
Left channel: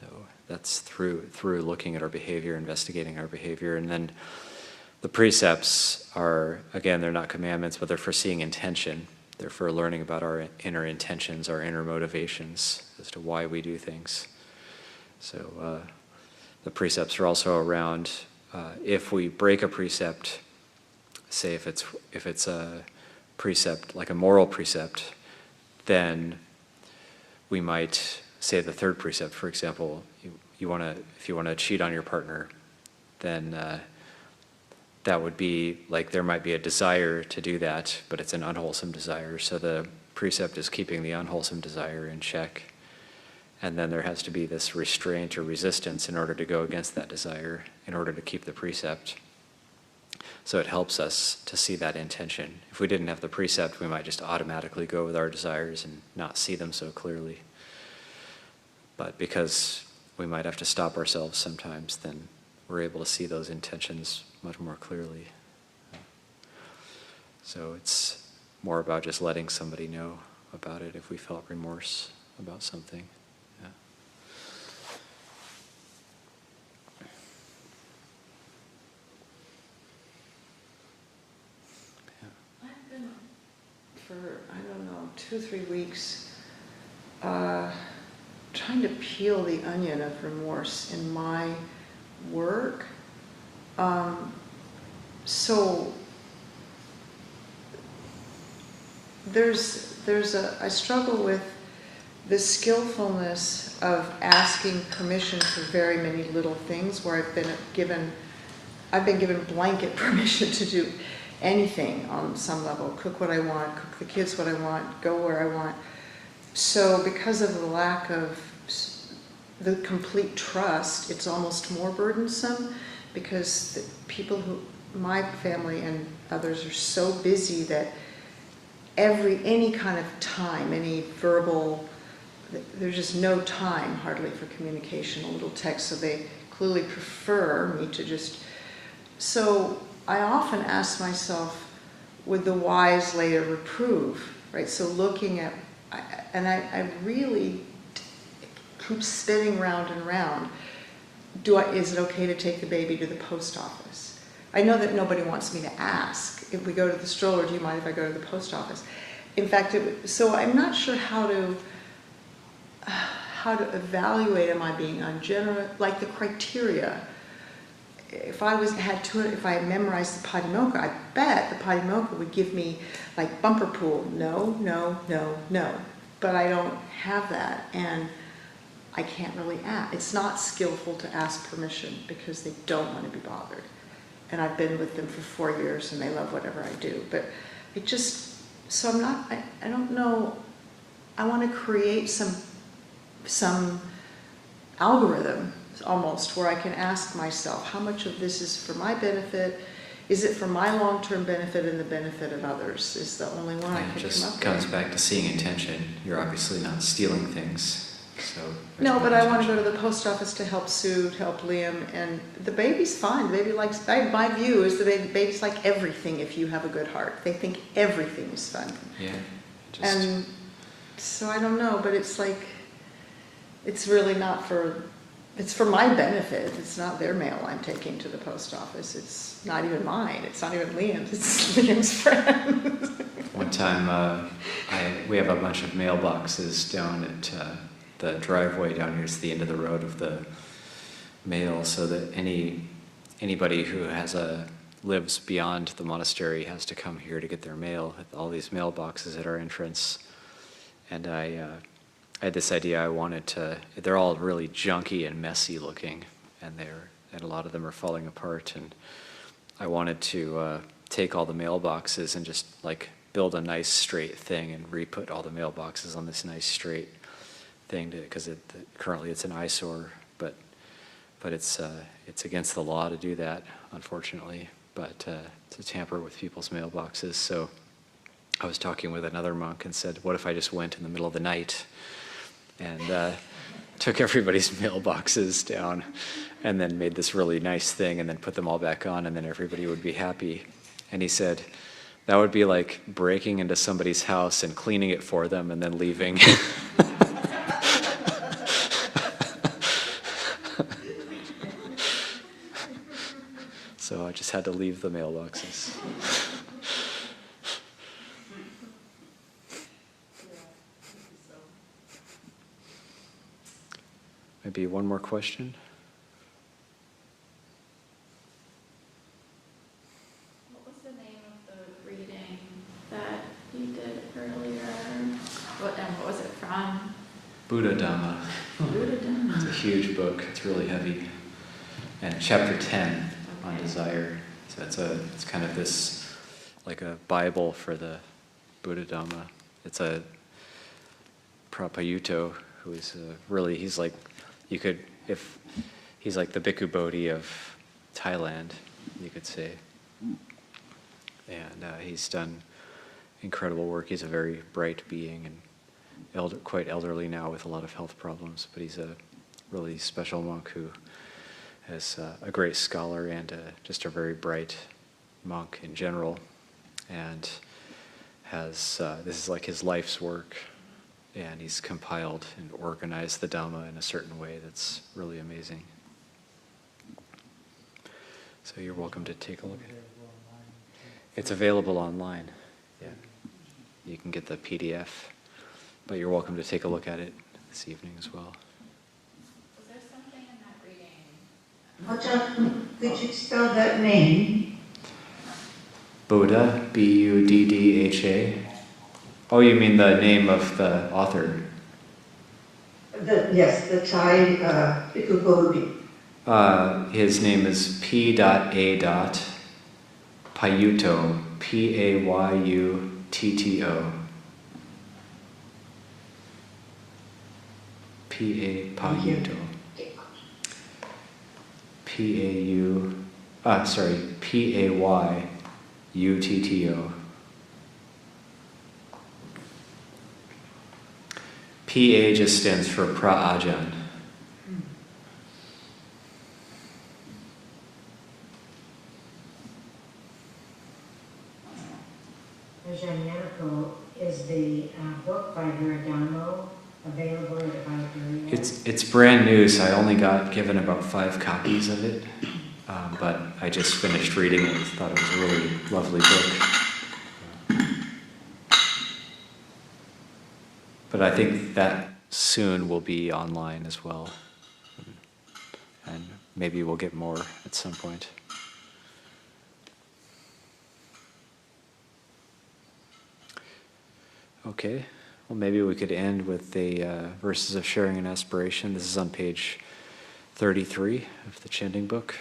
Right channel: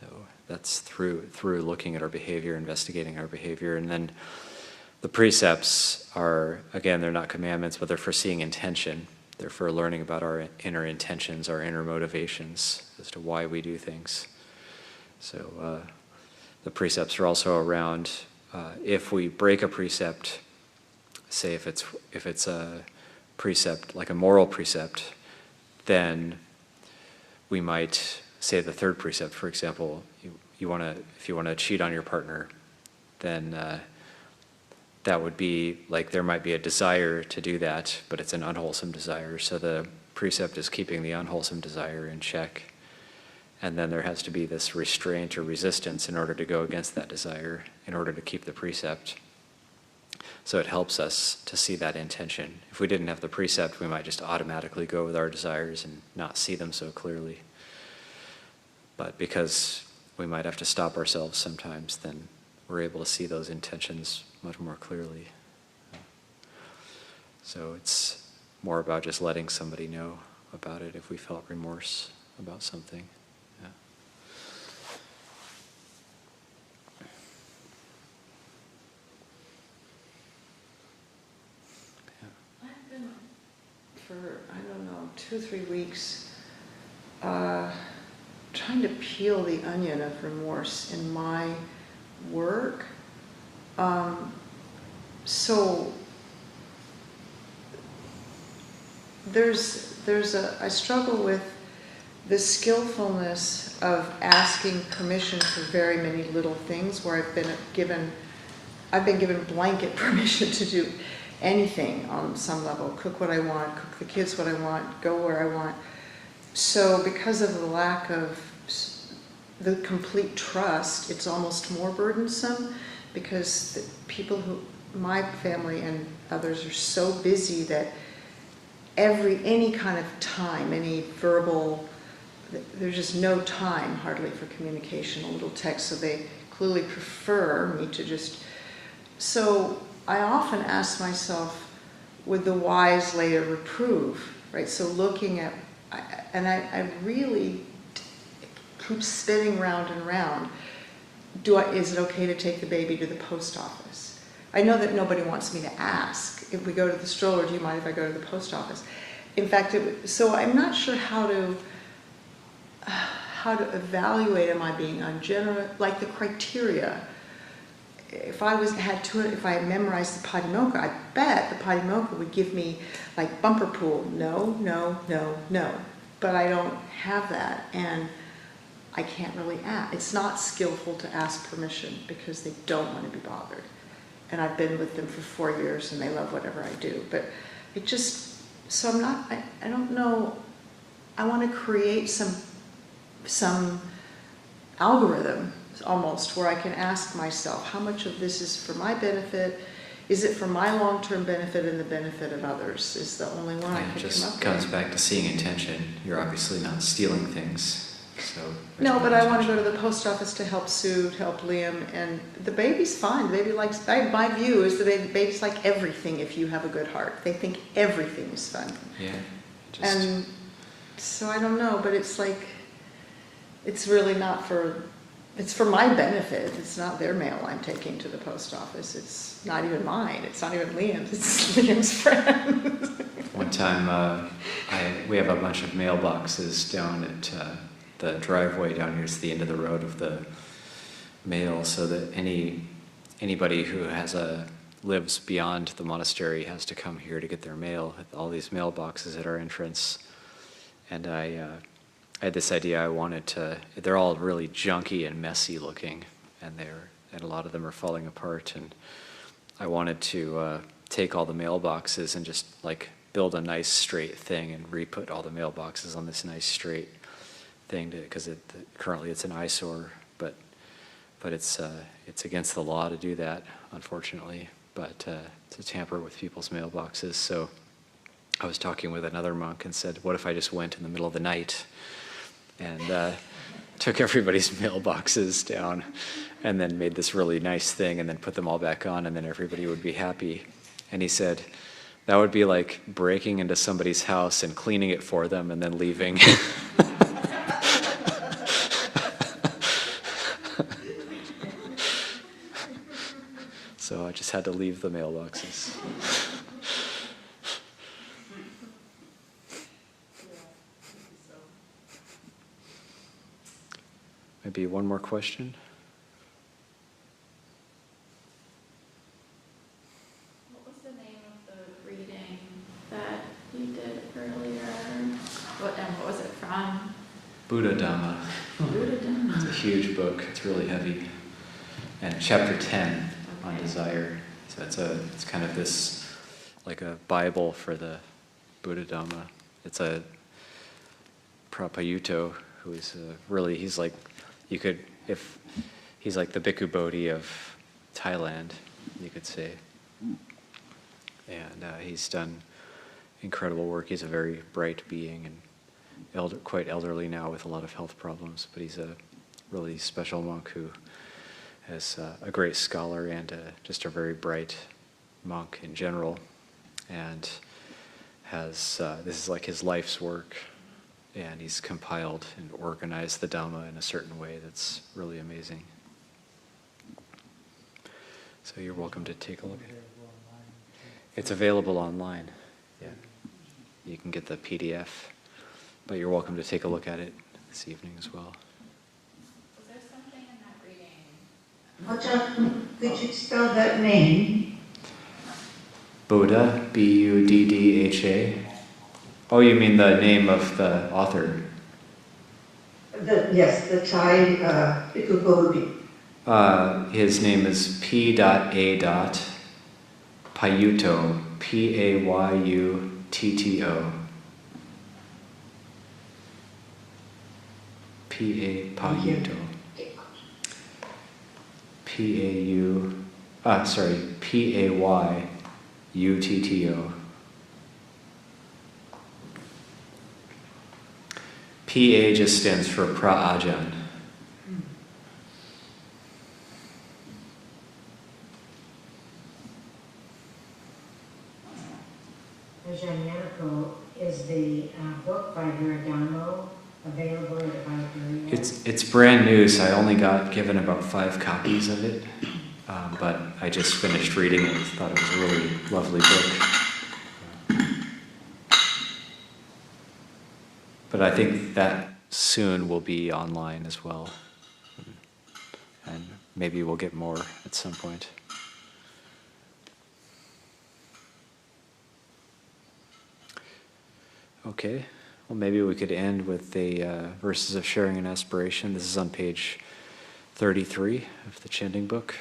So that's through looking at our behavior, investigating our behavior. And then the precepts are, again, they're not commandments, but they're for seeing intention. They're for learning about our inner intentions, our inner motivations as to why we do things. So the precepts are also around if we break a precept, say if it's a precept like a moral precept, then we might say the third precept, for example, if you want to cheat on your partner, then that would be like there might be a desire to do that, but it's an unwholesome desire. So the precept is keeping the unwholesome desire in check. And then there has to be this restraint or resistance in order to go against that desire, in order to keep the precept. So it helps us to see that intention. If we didn't have the precept, we might just automatically go with our desires and not see them so clearly. But because we might have to stop ourselves sometimes, then we're able to see those intentions much more clearly. So it's more about just letting somebody know about it if we felt remorse about something. I've been for, 2 or 3 weeks trying to peel the onion of remorse in my work. So I struggle with the skillfulness of asking permission for very many little things where I've been given blanket permission to do anything on some level, cook what I want, cook the kids what I want, go where I want. So because of the lack of the complete trust, it's almost more burdensome because the people my family and others are so busy that any kind of time, any verbal, there's just no time hardly for communication, a little text, so they clearly prefer me to just... So I often ask myself, would the wise later reprove, right? So looking at, I really keep spinning round and round. Is it okay to take the baby to the post office? I know that nobody wants me to ask. If we go to the stroller, do you mind if I go to the post office? In fact, so I'm not sure how to evaluate, am I being ungenerous? Like the criteria. If I had memorized the Patimokkha, I bet the Patimokkha would give me like bumper pool. No, no, no, no. But I don't have that, and I can't really ask. It's not skillful to ask permission because they don't want to be bothered. And I've been with them for 4 years, and they love whatever I do. But it just, so I'm not, I don't know, I want to create some algorithm almost where I can ask myself, how much of this is for my benefit? Is it for my long-term benefit and the benefit of others? Is the only one I can come up with. It just comes back to seeing intention. You're obviously not stealing things. So no, but I want to go to the post office to help Sue, to help Liam, and the baby's fine. The baby likes, my view is the babies like everything if you have a good heart. They think everything is fun. Yeah. And so I don't know, but it's like, it's really not it's for my benefit. It's not their mail I'm taking to the post office. It's not even mine. It's not even Liam's. It's Liam's friend. One time, we have a bunch of mailboxes down at the driveway down here. It's the end of the road of the mail, so that anybody who lives beyond the monastery has to come here to get their mail. All these mailboxes at our entrance, and I had this idea. I wanted to. They're all really junky and messy looking, and a lot of them are falling apart. And I wanted to take all the mailboxes and just like build a nice straight thing and re-put all the mailboxes on this nice straight thing, because currently it's an eyesore. But it's against the law to do that, unfortunately. But to tamper with people's mailboxes. So I was talking with another monk and said, what if I just went in the middle of the night and took everybody's mailboxes down and then made this really nice thing and then put them all back on, and then everybody would be happy. And he said, that would be like breaking into somebody's house and cleaning it for them and then leaving. So I just had to leave the mailboxes. Maybe one more question? What was the name of the reading that you did earlier? What was it from? Buddha Dhamma. Buddha Dhamma. It's a huge book. It's really heavy. And chapter 10 on desire. So it's kind of this, like a Bible for the Buddha Dhamma. It's a Prapayuto who is he's like, he's like the Bhikkhu Bodhi of Thailand, you could say. And he's done incredible work. He's a very bright being and quite elderly now with a lot of health problems, but he's a really special monk who is a great scholar and just a very bright monk in general, and has this is like his life's work, and he's compiled and organized the Dhamma in a certain way that's really amazing. So you're welcome to take a look at it. It's available online. Yeah, you can get the PDF, but you're welcome to take a look at it this evening as well. Was there something in that reading? Could you spell that name? Buddha, Buddha. Oh, you mean the name of the author? Yes, the Thai Bhikkhu Bodhi. His name is P.A. Payutto, Payutto. P.A. Payutto. Payutto. PA just stands for Pra-Ajahn. book by Dhamma available at Abhayagiri? It's brand new, so I only got given about 5 copies of it. But I just finished reading it and thought it was a really lovely book. But I think that soon will be online as well. And maybe we'll get more at some point. Okay, well maybe we could end with the verses of sharing and aspiration. This is on page 33 of the Chanting book.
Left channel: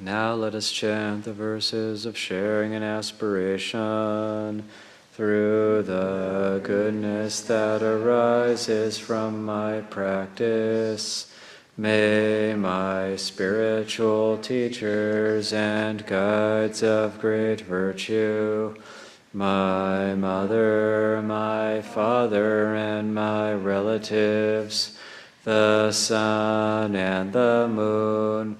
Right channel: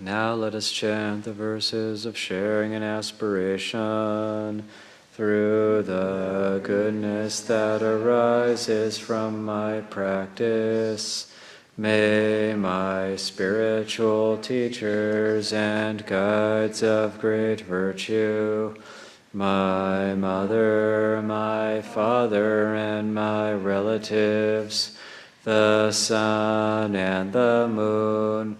Now let us chant the verses of sharing and aspiration through the goodness that arises from my practice. May my spiritual teachers and guides of great virtue, my mother, my father, and my relatives, the sun and the moon,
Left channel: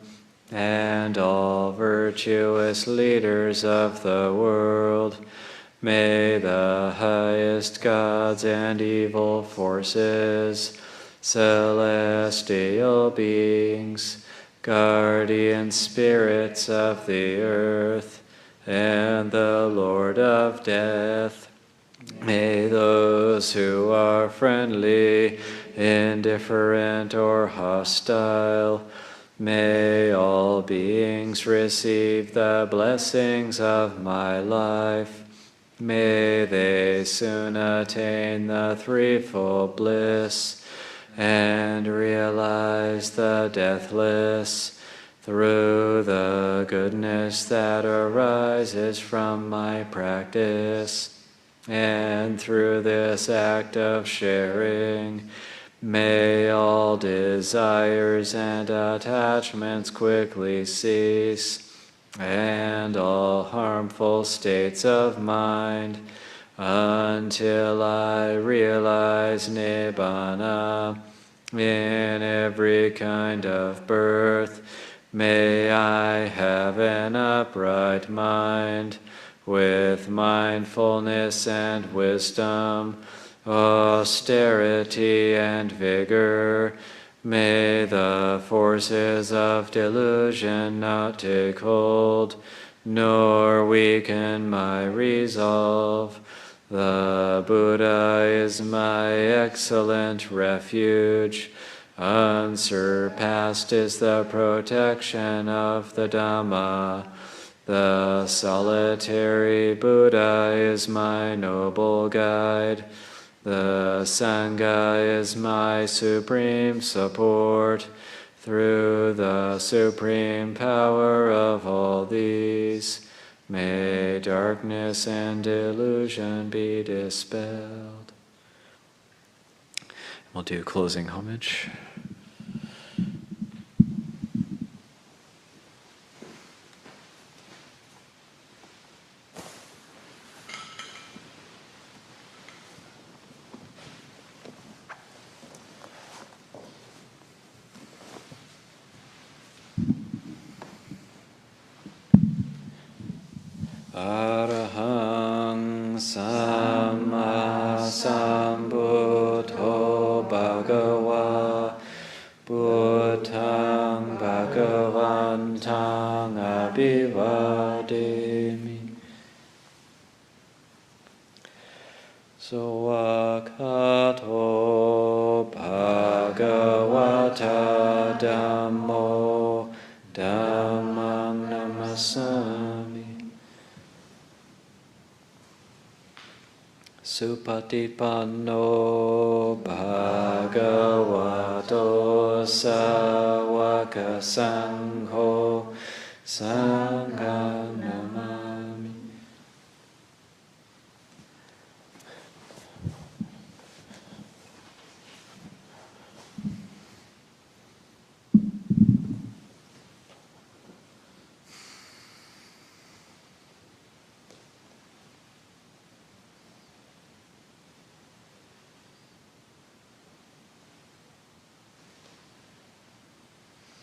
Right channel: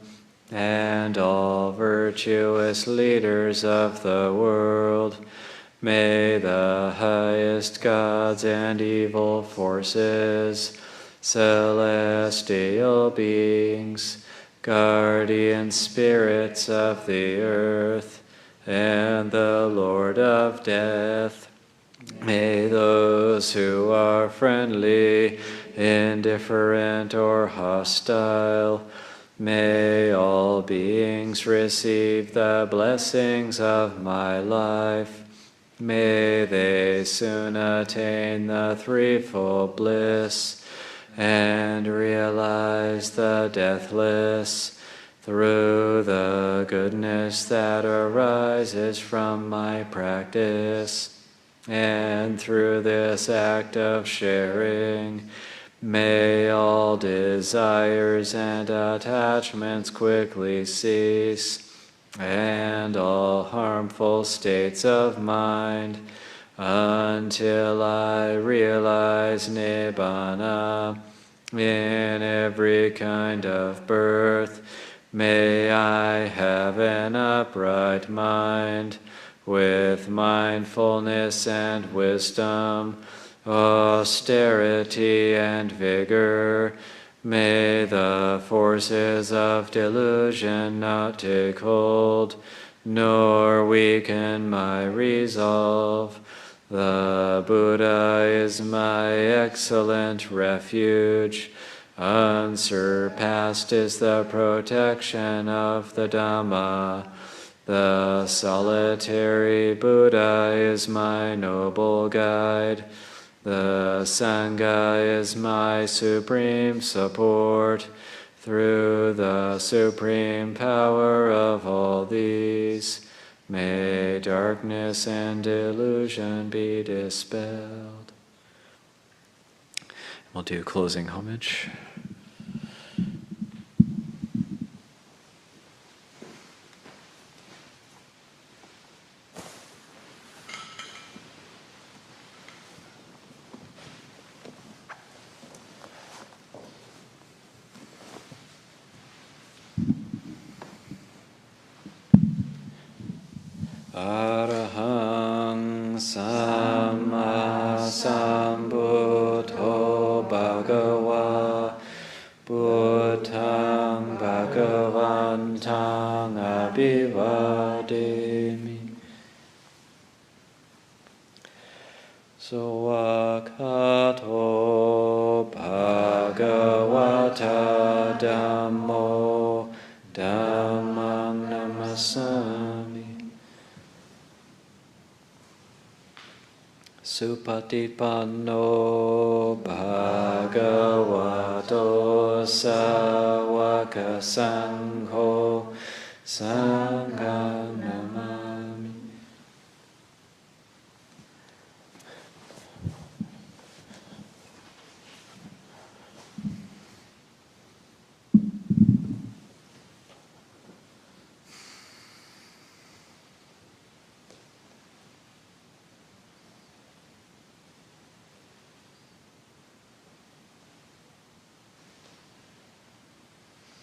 and all virtuous leaders of the world, may the highest gods and evil forces, celestial beings, guardian spirits of the earth, and the Lord of death, may those who are friendly, indifferent, or hostile, may all beings receive the blessings of my life. May they soon attain the threefold bliss and realize the deathless through the goodness that arises from my practice. And through this act of sharing, may all desires and attachments quickly cease, and all harmful states of mind, until I realize Nibbana in every kind of birth. May I have an upright mind, with mindfulness and wisdom, austerity and vigor. May the forces of delusion not take hold, nor weaken my resolve. The Buddha is my excellent refuge. Unsurpassed is the protection of the Dhamma. The solitary Buddha is my noble guide. The Sangha is my supreme support. Through the supreme power of all these, may darkness and delusion be dispelled. We'll do closing homage. Arahang Samma Sambuddho Bhagava Buddhang Bhagavantang Abhivademi. Sawakato Bhagavata Dhammo Dhammang Namasami. Supatipanno Bhagavato Sāvaka Sangho Sangha